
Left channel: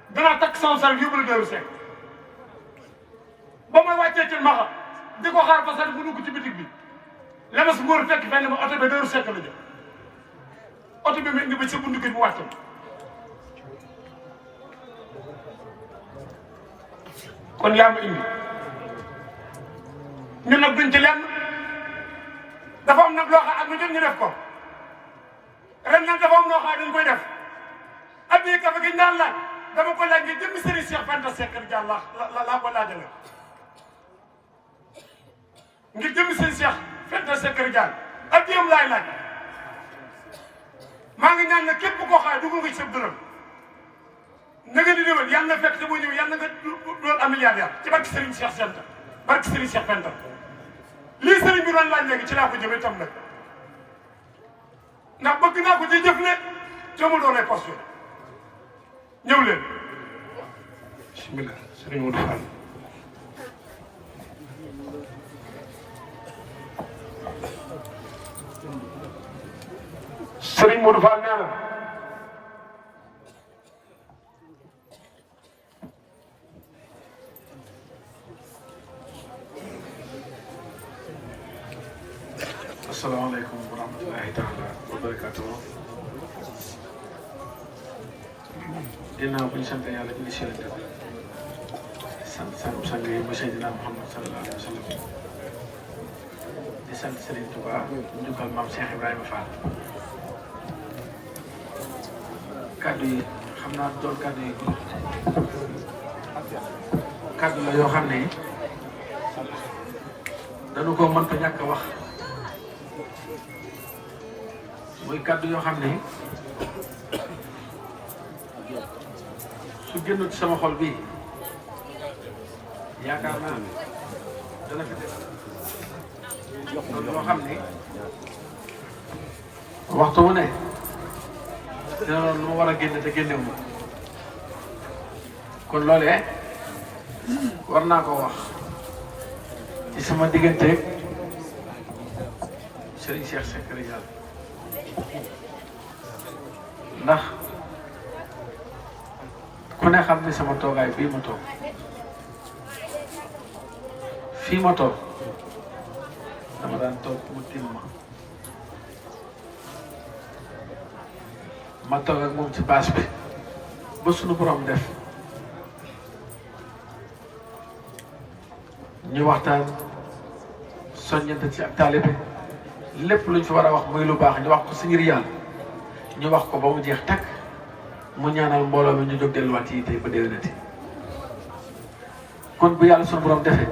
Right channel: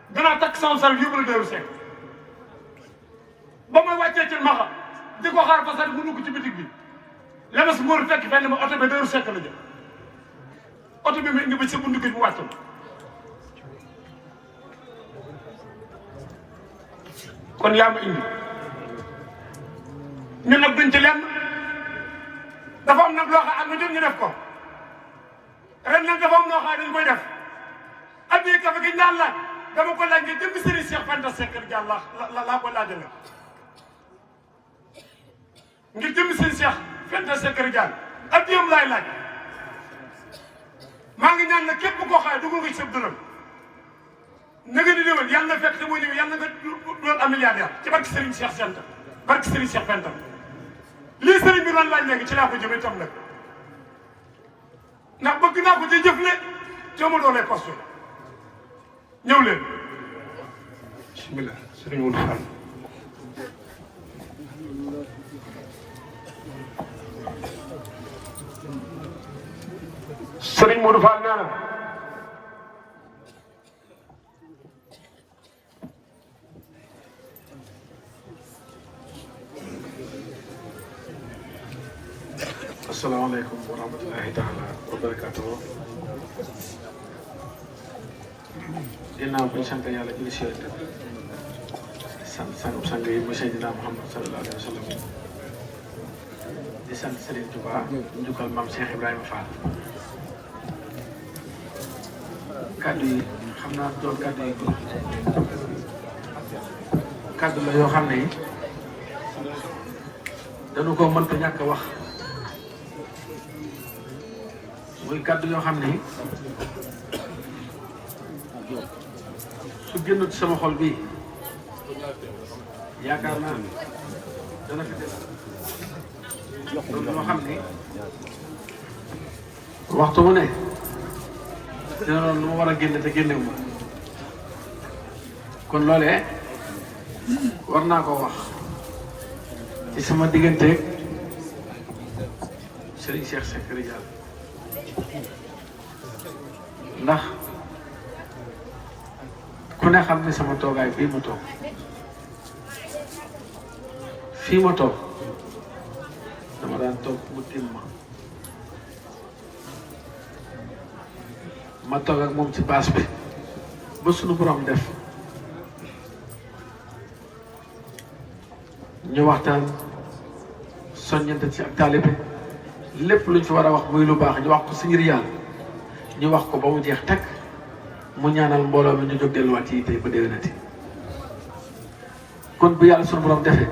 danaa takk sama sal yóbbu la Darou Seck ba may wàccee ci maxa di ko xaar parce que mu dugg ci bitig bi lemes ngóor fekk fenn ma oto bi Darou Seck la jëm oto bi ma indi ba sa bundu kër mu wàcc ma kon yaa ma indi ñun nag duñ ci lenn dafa am nag loo xam ak ñu jot ñu def ko ren nag dafa am loo xam dañ koy def ak ñi kafe gi naan la dama ko laaj nga jëmmi Serigne Cheikh Fanta Seck Diagne laa ko laajale ngir jëmmi Serigne Cheikh Fanta Seck Diagne ak yéen laay laaj maa ngi ñaan ne képp koo xaay dugg nga ci sa dërëm na nga di déwén yàlla na fekk te muy ñëw yàlla nga doon am milliardaire ci barke Serigne Cheikh Fanta barke Serigne Cheikh Fanta lii Serigne bi doon laaj léegi ci laa ko jëmee tam nag ndax bëgg naa ko ci jëfle te mu doon lay posté ñëw leen bismillah Serigne Modou Fall Serigne Modou Fall nee na asalaamaaleykum wa rahmatulahi taala wa barakatuhu ginnaaw bi ñu sant yàlla ci Cheikh sant sang yi mu Seydina Muhammad sallallahu alayhi wa sallam di sant Serigne Touba njukkal maam Cheikh Ibrahima Fall kaddu yi xam naa loolu kaddu yi kaddu la yoo xam ne yi dañu ko mënta ñàkk a wax muy kaddu yoo xam ne su génn ci sama xol bii yaakaar naa dana fi yoo xam ne waxtu wu ne dina lu war a génne te génnewu kon loolee war naa koo wax ci sama diggante Serigne Cheikh Seck Diagne ndax ku ne xam ne sama toogaay bii mu toog fii ma toog dama daan toog mu tiim ma toog ak moom ci baas bi ba suñu borom def ñu waxtaan soññante ci ak taalibe lépp luñ fi war a wax muy lu baax ñu wax ko si ngir yàlla ñu wax ko ba mu jeex takk mu ñaanal mbooloo mi ñu jóg delluwaat yi tey ba déwénati kon bu yàlla suñu borom defee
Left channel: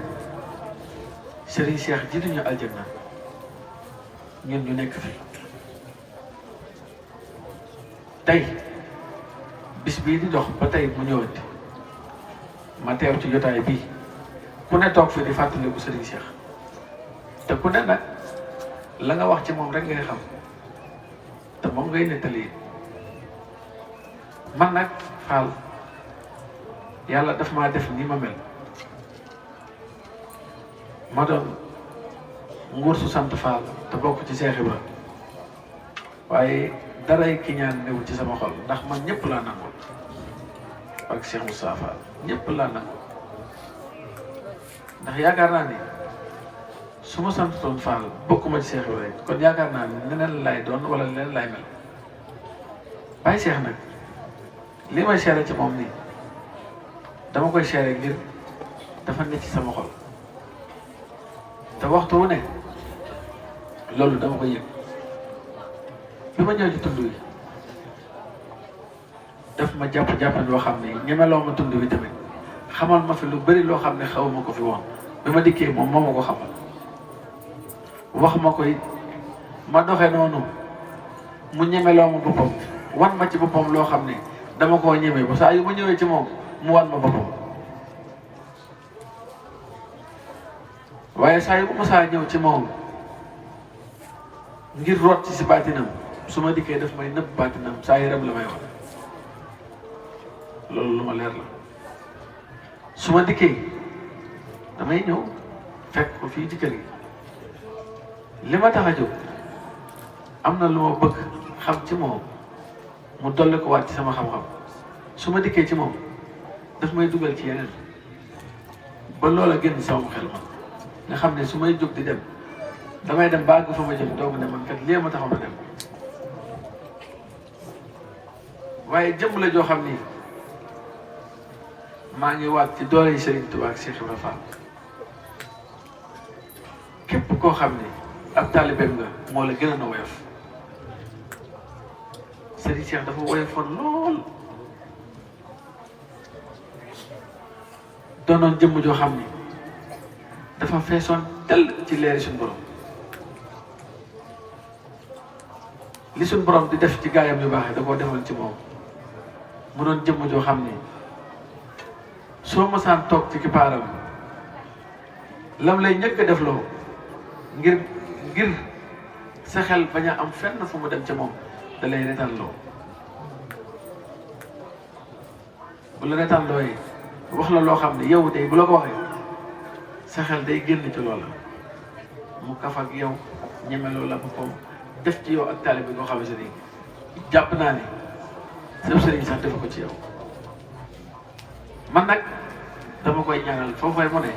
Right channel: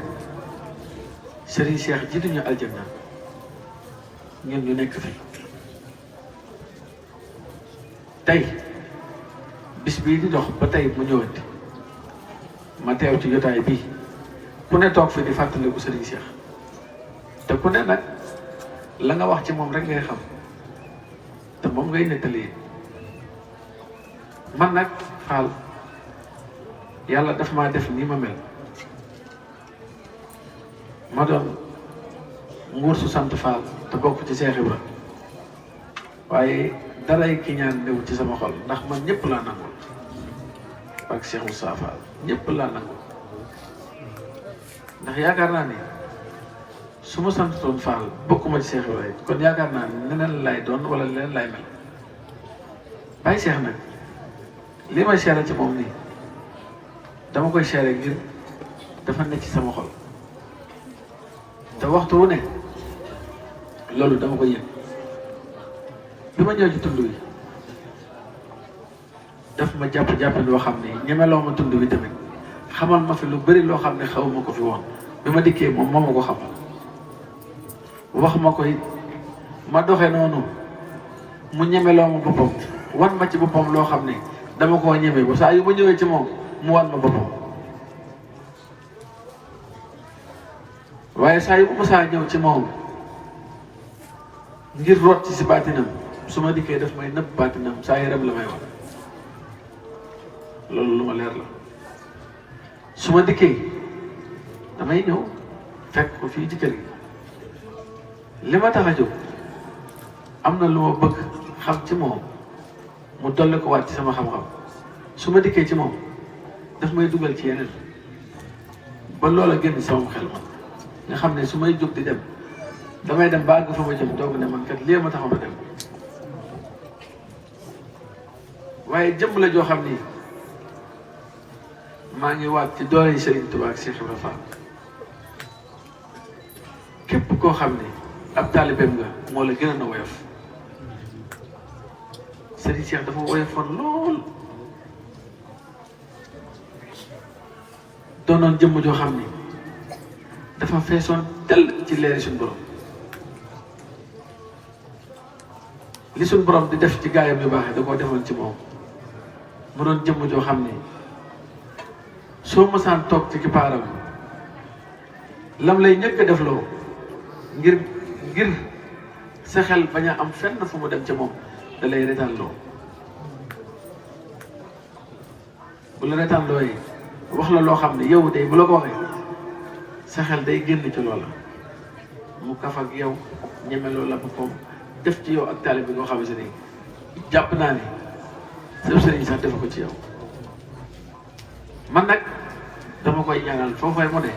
Serigne Cheikh jiitu ñu aljanna ñun ñu nekk fi tey bis bii di dox ba tey mu ñëwati ma teew ci jotaay bii ku ne toog fi di fàttaliku Serigne Cheikh te ku ne nag la nga wax ci moom rek ngay xam te moom ngay nettali man nag Fall yàlla daf maa def ni ma mel ma doon nguur su sant Fall te bokk ci Cheikh Ibra waaye dalay ki ñaan néew ci sama xol ndax man ñëpp laa nangu ak Cheikh Moussa Fall ñëpp laa nangu ndax yaakaar naa ni su ma sant doon Fall bokkuma ci Cheikh Ibra kon yaakaar naa ni neneen laay doon wala leneen laay mel bàyyi Cheikh nag li may seere ci moom nii dama koy seere ngir dafa nekk ci sama xol te waxtu wu ne loolu dama koy yëg bi ma ñëw ci tund wi daf ma jàpp loo xam ne ñemeloo ma tund wi tamit xamal ma fi lu bëri loo xam ne xaw ma ko fi woon bi ma dikkee moom moo ma ko xamal wax ma koy ma doxee noonu mu ñemeloo ma boppam wan ma ci boppam loo xam ne dama koo ñeme ba saa yu ma ñëwee ci moom mu wan ma boppam waaye saa yu musaa ñëw ci moom ngir root ci si baatinam su ma dikkee daf may nëbb baatinam saa yaram la may wax loolu lu ma leer la su ma dikkee damay ñëw fekk ko fii ci kër gi li ma tax a jóg am na lu ma bëgg xam ci moom mu dolli ko waat ci sama xam-xam su ma dikkee ci moom daf may dugal ci yeneen ba loola génn sama xel ma nga xam ne su may jóg di dem damay dem ba àgg fa ma jëm doog ne man kat lii ma tax ma dem waaye jëmm la joo xam ni maa ngi waat ci doole Serigne Touba ak Cheikh Ibrahima Fall képp koo xam ne ab taalibeem nga moo la gën a na woyof Serigne Cheikh dafa woyofoon lool doonoon jëmm joo xam ni dafa feesoon tel ci leeri suñu borom li suñu borom di def ci gaayam lu baaxee da koo defoon ci moom mu doon jëmm joo xam ni soo mosaan toog ci kipaaram lam lay njëkk a def loo ngir sa xel bañ a am fenn fu mu dem ca moom da lay retaan loo bu la retaan looyee wax la loo xam ne yow day bu la ko waxee sa xel day génn ci loola mu kaf ak yow ñeme loola bu ko def ci yow ak taalibe bi boo xam ne ni jàpp naa ni sëb sëriñ sax def ko ci yow man nag dama koy ñaanal foofee mu ne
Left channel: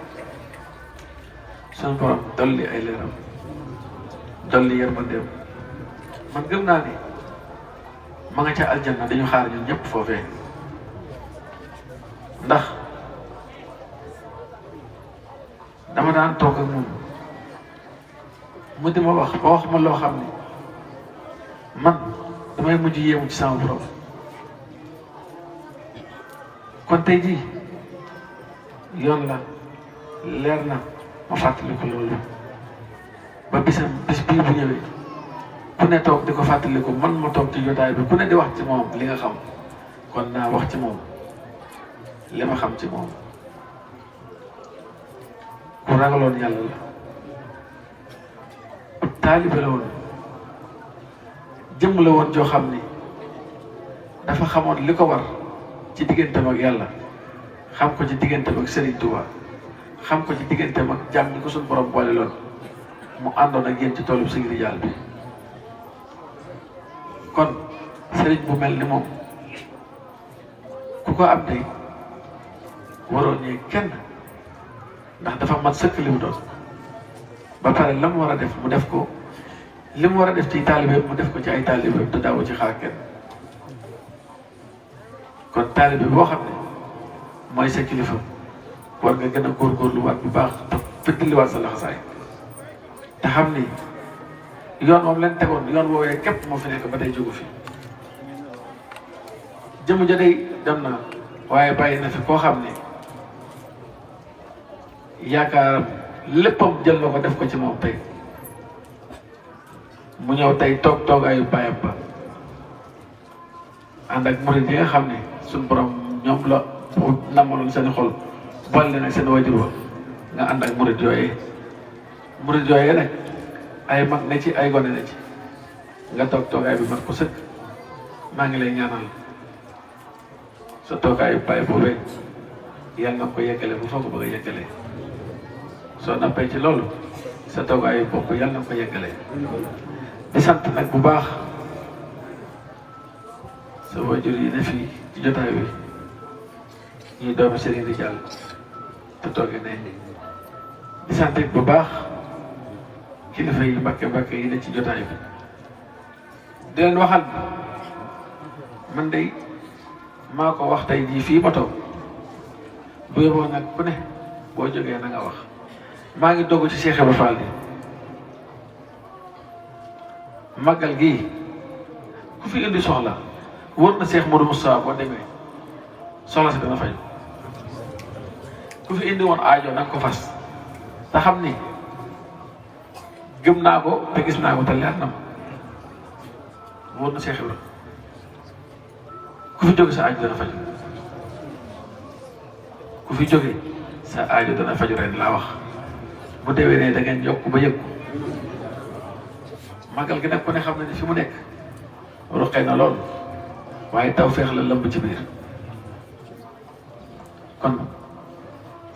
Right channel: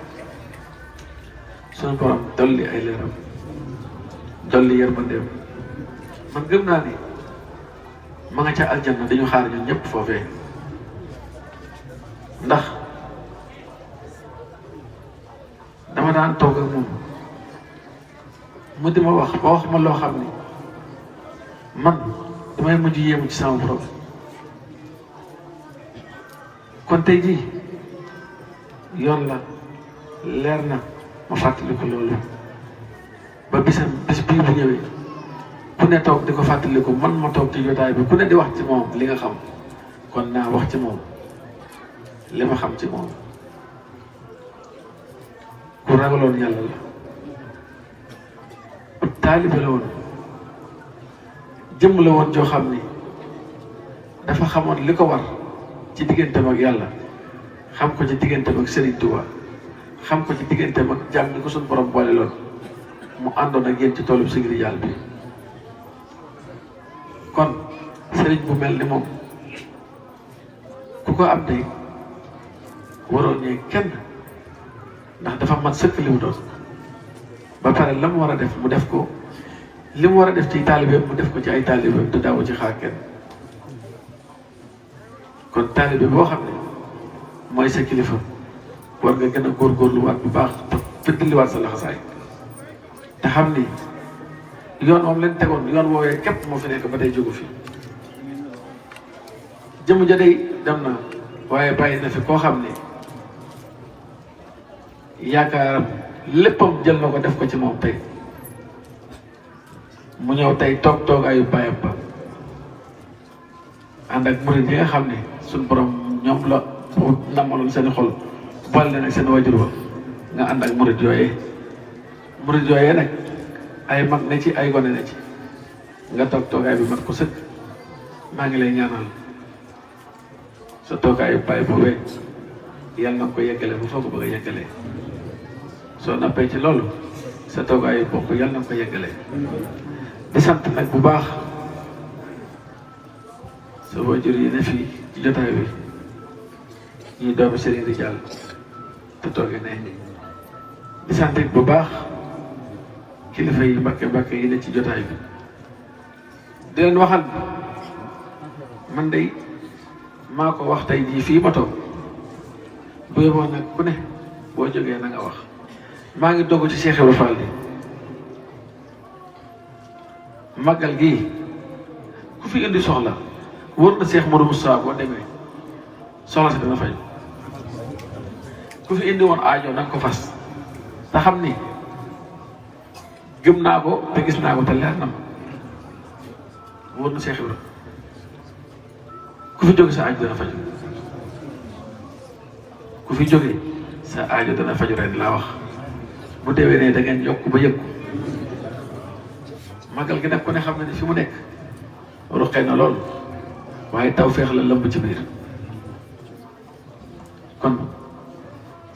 sunu borom dolli ay leeram dolli yërmandeem man gëm naa ni ma nga ca aljanna dañu xaar ñun ñëpp foofee ndax dama daan toog ak moom mu di ma wax ba wax ma loo xam ne man damay mujj yéemu ci sama borom kon tey jii yoon la leer na mu fàttaliku loolu ba bis bii bu ñëwee ku ne toog di ko fàttaliku man ma toog ci jotaay bi ku ne di wax ci moom li nga xam kon naa wax ci moom li ma xam ci moom ku ragaloon yàlla la taalibe la woon jëmm la woon joo xam ni dafa xamoon li ko war ci digganteem ak yàlla xam ko ci digganteem ak Serigne Touba xam ko ci digganteem ak jàmm ñi ko suñu borom boole loon mu àndoon ak yéen ci toolu Sëriñ Jaal bi kon Serigne bu mel ni moom ku ko am de waroon ñee kenn ndax dafa mat sëkk li mu doon ba pare la mu war a def mu def ko li mu war a def ci taalibeem mu def ko ci ay taalibeem te daawu ci xaar kenn kon taalibe boo xam ne mooy sa kilifa war nga gën a góorgóorluwaat bu baax fëddaliwaat sa laxasaay te xam ni yoon moom leen tegoon yoon woowee képp moo fi nekk ba tey jógu fi jëmu ja day dem na waaye bàyyi na fi koo xam ne yaakaaram léppam jël na ko def ko ci moom tey mu ñëw tey toogaayu bàyyam ba ànd ak murid yi nga xam ne suñu borom ñoom la namaloon seen xol boole leen ak seen wajur ba nga ànd ak murid yooyee nag ay mag na ci ay gone na ci nga toogaay bi mat ko sëkk maa ngi lay ñaanal sa toogaayu bàyyi boobee yàlla na ko yeggale bu foog bëgg a yeggale soo nappee ci loolu sa toogaayu bopp yàlla na ko yeggale di sant nag bu baax sa wajur yi ne fii ci jotaay bi ñuy doomu Serigne di Jàll te toogee nañ ni di sant bu baax kilifa yi mbàkke yi ne ci jotaay bi di leen waxal man day maa ko wax tey jii fii ma toog bu yóbboon nag ku ne boo jógee na nga wax maa ngi dogg ci Cheikh Ibrahima Fall bi màggal gii ku fi indi soxla war na Cheikh Modou Moustapha boo demee soxla si dana fay ku fi indi woon aajo na nga ko fas te xam ni gëm naa ko te gis naa ko te leer na ma war na Cheikh Ibrahima ku fi jóge sa aajo dana faj ku fi jóge sa aajo dana faj ren laa wax bu déwénee da ngeen yokk ba yëg magal gi nag ku ne xam ne fi mu nekk ruqee na lool waaye tawfeex la lëmb ci biir kon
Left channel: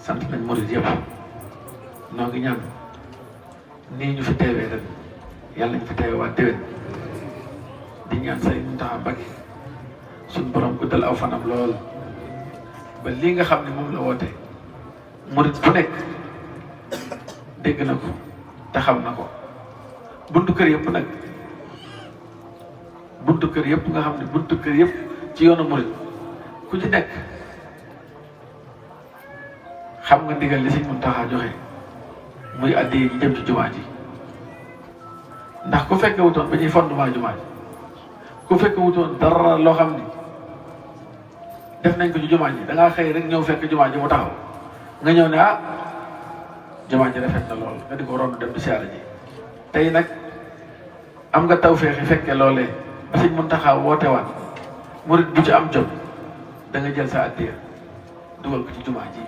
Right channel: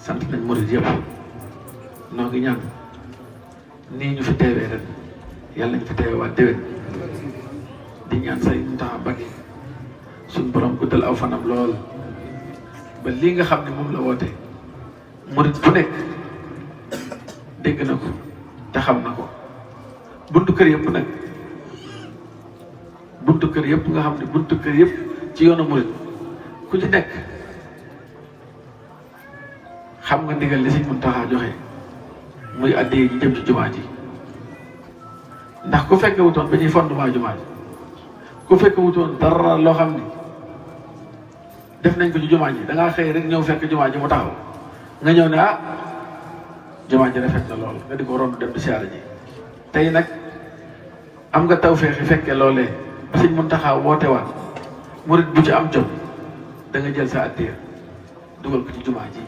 sant nañ murid yëpp noo ngi ñaan nii ñu fi teewee ren yàlla nañ fi teewaat déwén di ñaan Sëriñ Mountakha Mbacké suñu borom guddal aw fanam lool ba lii nga xam ne moom la woote murid bu nekk dégg na ko te xam na ko buntu kër yëpp nag buntu kër yëpp nga xam ne buntu kër yëpp ci yoonu murid ku ci nekk xam nga ndigal li Sëriñ Mountakha joxe muy addiyee ji jëm ci jumaa ji ndax ku fekke wutoon ba ñuy fondement jumaa ji ku fekke wutoon dara loo xam ni def nañ ko ci jumaa ji da ngaa xëy rek ñëw fekk jumaa ji mu taxaw nga ñëw ne ah jumaa ji rafet na lool nga di ko rond dem di siyaare ji tey nag am nga tawfeex yi fekkee loolee ba Sëriñ Mountakha woote waat murid bu ci am jot da nga jël sa addiya dugal ko ci jumaa ji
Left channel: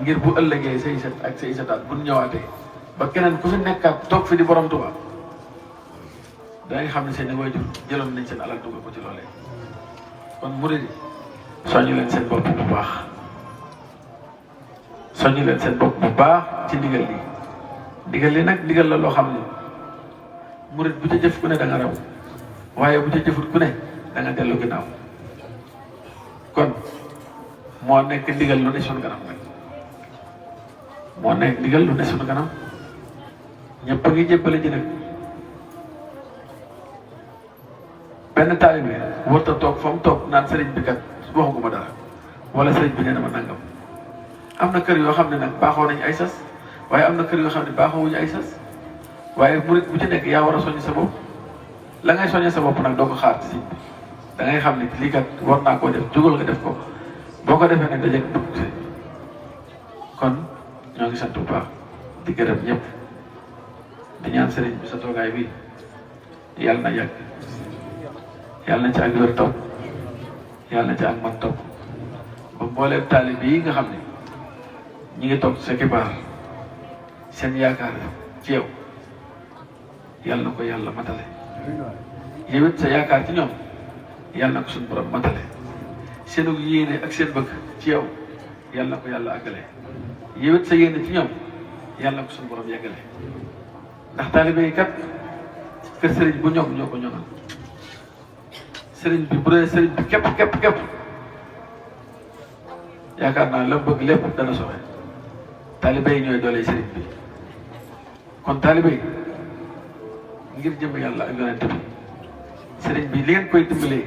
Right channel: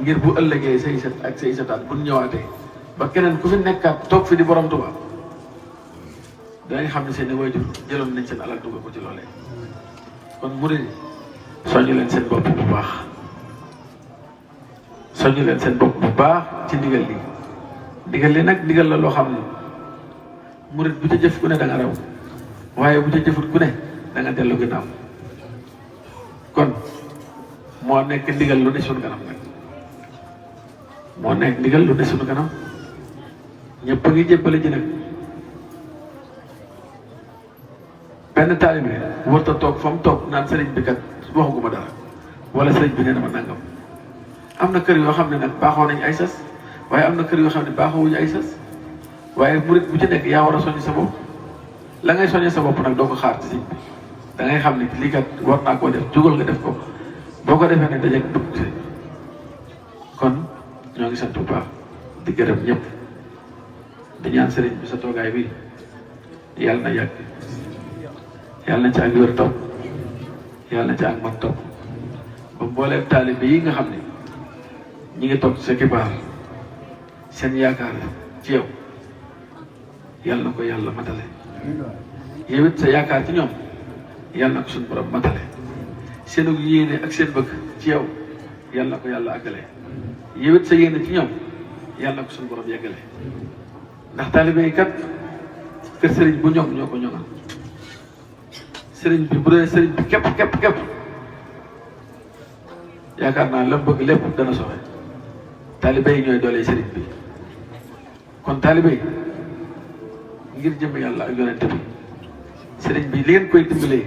ngir bu ëllëgee say set ak say setaat bu ñëwaatee ba keneen ku fi nekkaat toog fi di borom Tuubaa dangay xam ne seen i waajur jëloon nañ seen alal dugal ko ci loolee kon murid soññu leen seen bopp bu baax soññu leen seen bopp bu baax ci ndigal li ndigal li nag ndigal la loo xam ne murid bu ca jëf ku ne da nga raw waaye bu ca jëfut ku ne da nga dellu ginnaaw kon moo nekk ndigal lu ne suñu kanam nag moo nekk ndigal lu ne suñu kanam ñëpp a ngi jébbale ji nag benn taalibe warut a toog fa mu toog naan sëriñ bi kat waxagu ma dara wala sëriñ bi nee na ma nangam am na kër yoo xam ne nag baaxoo nañ ay sas waaye am na kër yoo xam ne baaxoowuñu ay sas waaye murid bu ci nekk yaa war a soññ sa bopp la ngay soññee sa bopp nag doo ko xaar ci sëriñ bi da ngay xam ni lii kat war naa koo def jugal nga def ko boo ko defee nag daje dugg sëriñ bi kon ñoo ngi sant bu baax di gërëm ñëpp di ñaan sëriñ bi sa toogaay bi yàlla na yàgg yàlla na ci ak wér topp yàlla na ci ak mag topp ba mbooleem taalibe yi nga xam ne ñi ngi toog sa kibaar seen yaakaar ci yow yàlla na ko yàlla matale yow it sa yaakaar ci ñoom yàlla na ko suñu borom matale seenu yéene ak seen bëgg ci yow yàlla na ko yàlla àggale yow it sa yéene ci ñoom yàlla na ko suñu borom yeggale ndax taalibe yi kat kër sëriñ bu ñoom ñoo ko ñoom sëriñ bi bu dee sëriñ bi képp yaakaar naa la bëgg lépp dana soxe taalibe yi ñooy doole sëriñ bi kon taalibe yi ngir jëm yàlla ak yonent bi sëriñ bi li ngeen koy dimbalee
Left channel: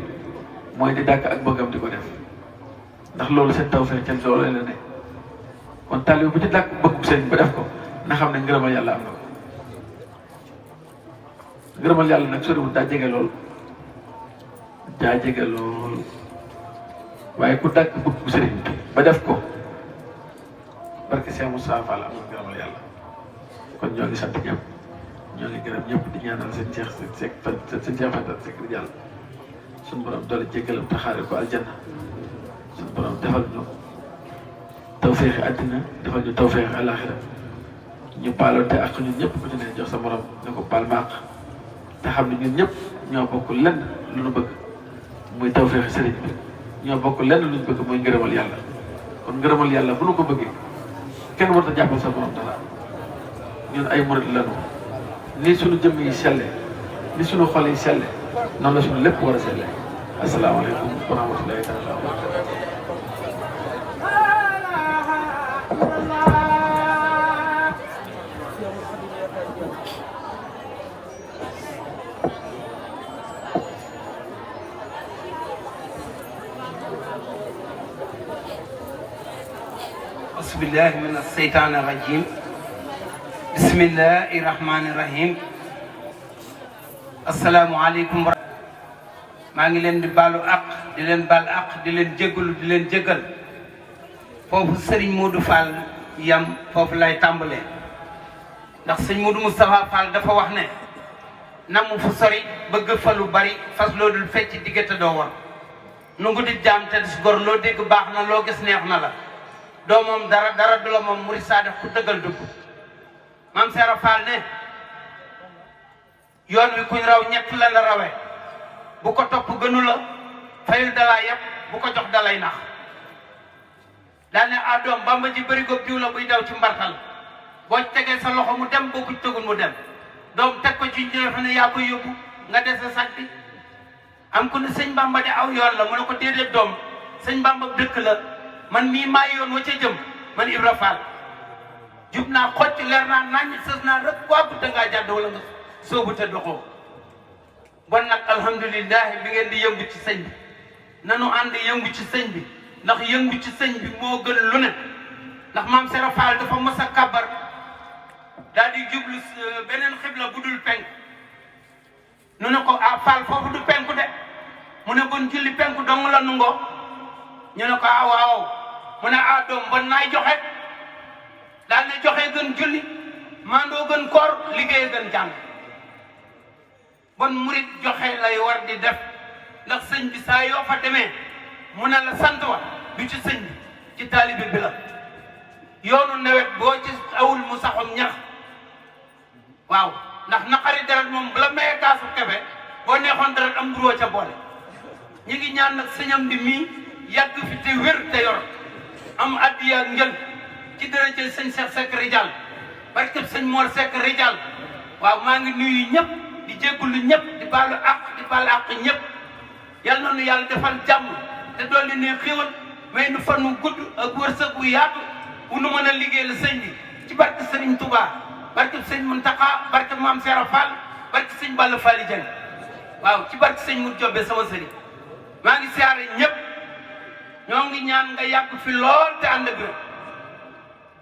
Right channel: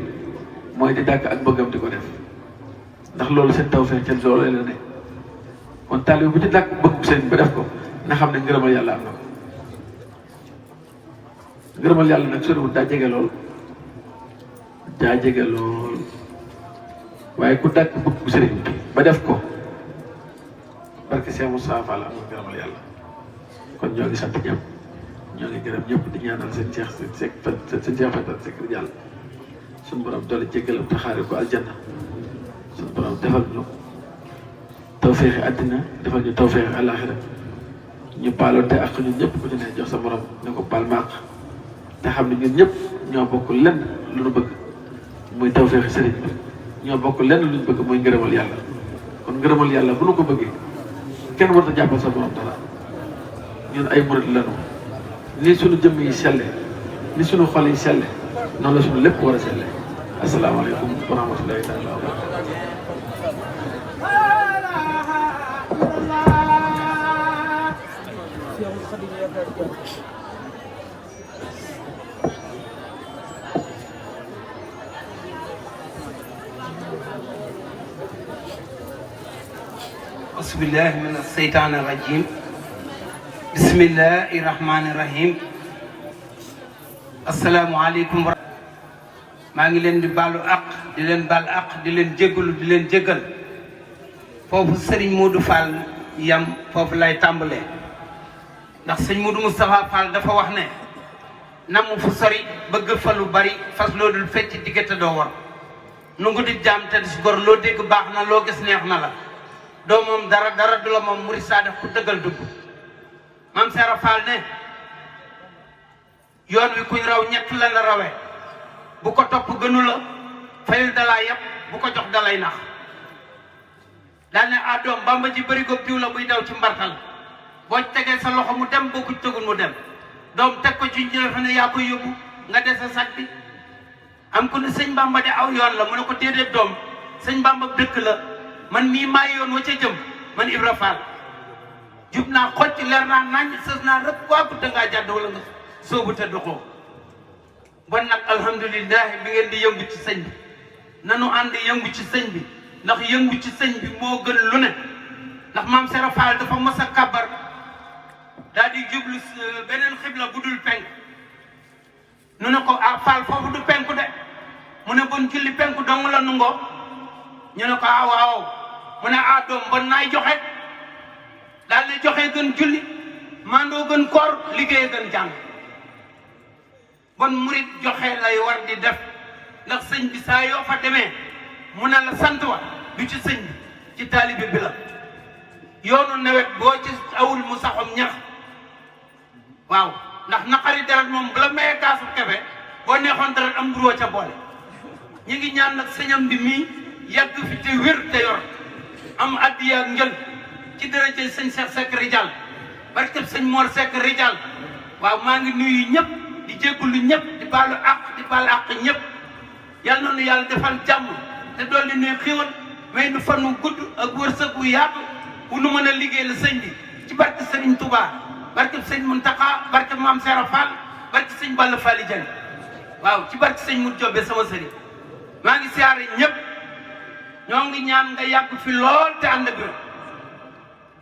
mooy di dàkk ak bëggam di ko def ndax loolu seen tawfeex seen loolu la ne kon taalibe bu ci dàkk bëggu sëriñ ba def ko na xam ne ngërëmal yàlla am na ko ngërëmal yàlla nag soriwul daa jege lool waaye ku dàkk bëggu sëriñ bi ba def ko barke Seex Mustafaa Fall am na ngërëmal yàlla kon ñoo ngi sant ñëpp ñoo ngi gërëm ñëpp di ñaanal seen Seex Fatal Seck yàlla suñu borom doole jéggalam taxaare ko aljanna suñu borom defal ñu tawfeexi àddina defal ñu tawfeexi àllaaxira ñu baaloonte ak ñun ñëpp ku ci ne jox sa borom ne ko baal maaq te xam ne ñun ñëpp ñoo bokk lenn lu ñu bëgg muy tawfeexi sëriñ bi ñoo bokk lenn lu ñu bëgg muy ngërëmal yàlla kon ngërëmal yàlla bu nu ko bëggee kenn warut a jàppale sa borom dara ñun ay murid lañu ni suñu jëmm yi selle ni suñu xol yi selle noonu la suñu lépp war a selle asalaamaaleykum wa rahmatullahi taala bismillahi min asheytaan irrajim bismillahi irrahmani irrahim asalaamualeykum maa ngi leen di baalu àq di leen baal àq di leen jéggalu di leen jéggal foofu Serigne Modou Fall yam foofu lay tàmbalee ndax Serigne Modou Moustapha Fall dafa wax ne namu fu sori bëgg fa lu bari fas loo dul fecc diggante doo war nu ngu di jaam te dis gor loo dégg baax na loo gis neex na la doo moom dara du la moom murid saa def ku dëggal dugg maam Seera Fall ne yoon wi kuñ raw ñett la la rawee bu ko topp gënu la fayu dalaa yëpp bu ko jox dalay nax daal ne ah doom Bamba ji bëri góob diw la buy daw ci mbartal boo tegee sa loxo mu dem boo ko tegul mu dem doom teg ko ci njëriñ fa ne yaa ko yóbbu nga des sa sàkki am ku ne sëñ Bamba de aw yoon la mu ne ko déedéet doom sëñ Bamba dëkk la man mii maa yoon wa ca jëm man Ibra Fall jub naa xotti leer naa nañ sës naa rek waa bu dangaa jàdd wala nga soobu te doxoo bon nag alhamdulilah bi ngeen di yëngu ci sëñ bi nanu ànd yëngu ci sëñ bi ndax yëngu ci sëñ bi moo gën lu ne ndax maam Seera Fall dafa mos a kàbbar daal di jublu beneen xibla bu dul penk nu ne ko ah Fall foofu du penku de mu ne bon julli penku dong la nangoo ñu ne ko ah waaw mu ne ah doom bon naay joxe daal di joxe gën julli maandoo gën koor liggéey gën jàng bon murit joxe lay war di def ndax sëñ bi saa yoo fa demee mu ne la sant wa du ci sëñ bi ci taalibe bi la yoonu nawet boo ci awul mu saxom ñax waaw ndax naqari dara moom bala mayee kaasu kafe boo neexoon dara am duroo ca boole ñu ngi ñaan nag sëñam bi mii yàgg fi te wér te yor am addiya njël ci daraje sëñ Cheikh Seck Rijal barke sëñ Mor Seck Rijal waaw maa ngi nuyu ñëpp di jégalu ñëpp di baalu àq ñëpp yal na nu yàlla defal jàmm te dolli nuy xiwal may nu fan mu gudd ak wërsëg bu yaatu bu nu mën a liggéey la sëñ bi ci barke Serigne Touba barke sëñ Mountakha barke Mame Seera Fall barke sëñ Balla Fall Dieng waaw ci barke sëñ Mour Diop sama sëriñ maa ngi siyaare ñëpp ñoo ngi ñaan nga yàgg fi lool te ànd ak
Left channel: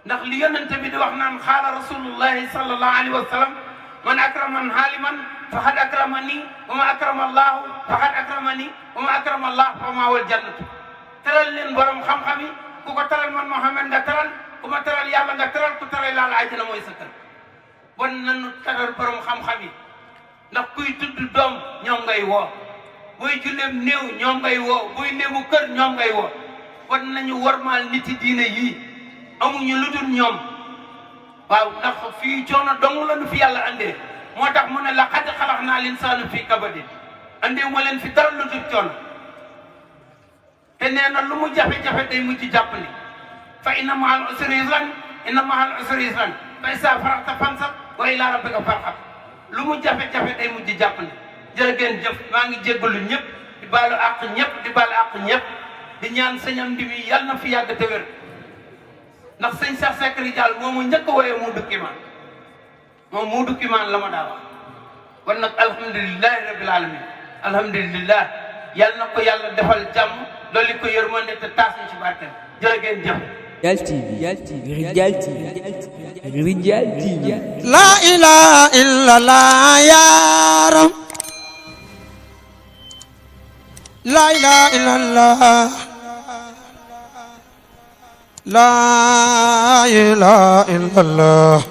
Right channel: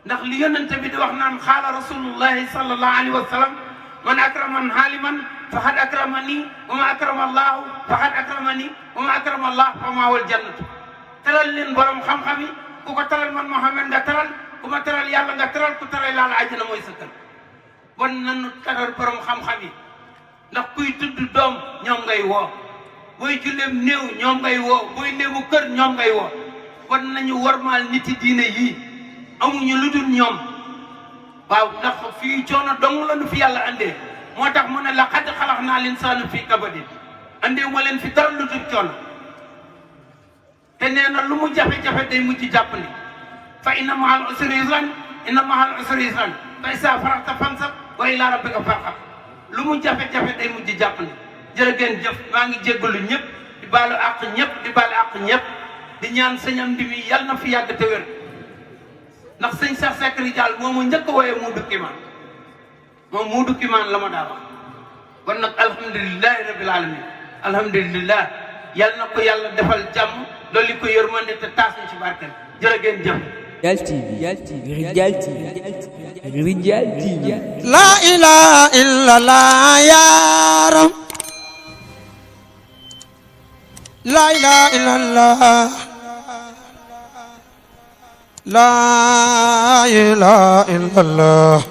ndax li yonente bi di wax naan xaala rasulullahi sallallahu alayhi wa sallam man akraman haaliman faqad akramani wa ma akrama allahu faqad akramani wa ma akrama allah fa ma wal jannatu teral leen borom xam-xam yi ku ko teral man Muhammad nga teral ku ma teral yàlla nga teral ku teral yàlla àjjana mooy sa kër bon nanu teral borom xam-xam yi ndax kuy tudd doom ñoom ngay woo booy julleem néew ñoom ngay woo booy néewu kër ñoom ngay woo bon nañu warmaal niti diine yii amuñu lu dul ñoom waaw ndax fii coono dong la nu fi yàlla andee moo tax mu ne la xad xalaqnaa linsaana fii kabadin andee moo leen fi dara lu dul coono te nee na lu mu jafe-jafe day mujj jàppale fa inna ma'al usri yusran inna ma'al usri yusran fa izaa faragta fansab wa ilaa rabbika farghab lu mu jafe-jafe day mujj jàppale jërë ngeen jëf maa ngi jéggalu ñëpp di baalu àq ñëpp di baalu àq ñëpp di ñaan sëñ Amdi mi yàlla na fi yàgg te wér ndax sëñ Cheikh Seck Rijal moom mu njëkk a wooyee Muudu Kimaan moom Muudu Kimaan la ma daa wax kon nag alhamdulilahi rabbil alamin alhamdulilah yàlla na ko yàlla defal jàmm loolu ko yërmande te taas ci barkeel jërë ngeen jëf Rijal TV Rijal TV la ilaha illallah yaram la ilaha illallah la ilaha illallah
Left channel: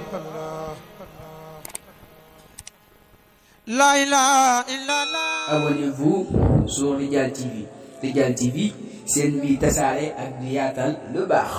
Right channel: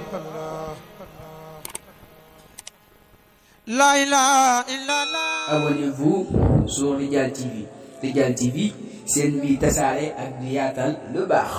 la ilaha illallah. Abonnez-vous sur Rijal TV. Rijal TV, seen bi tasaare ak di yaatal lu baax.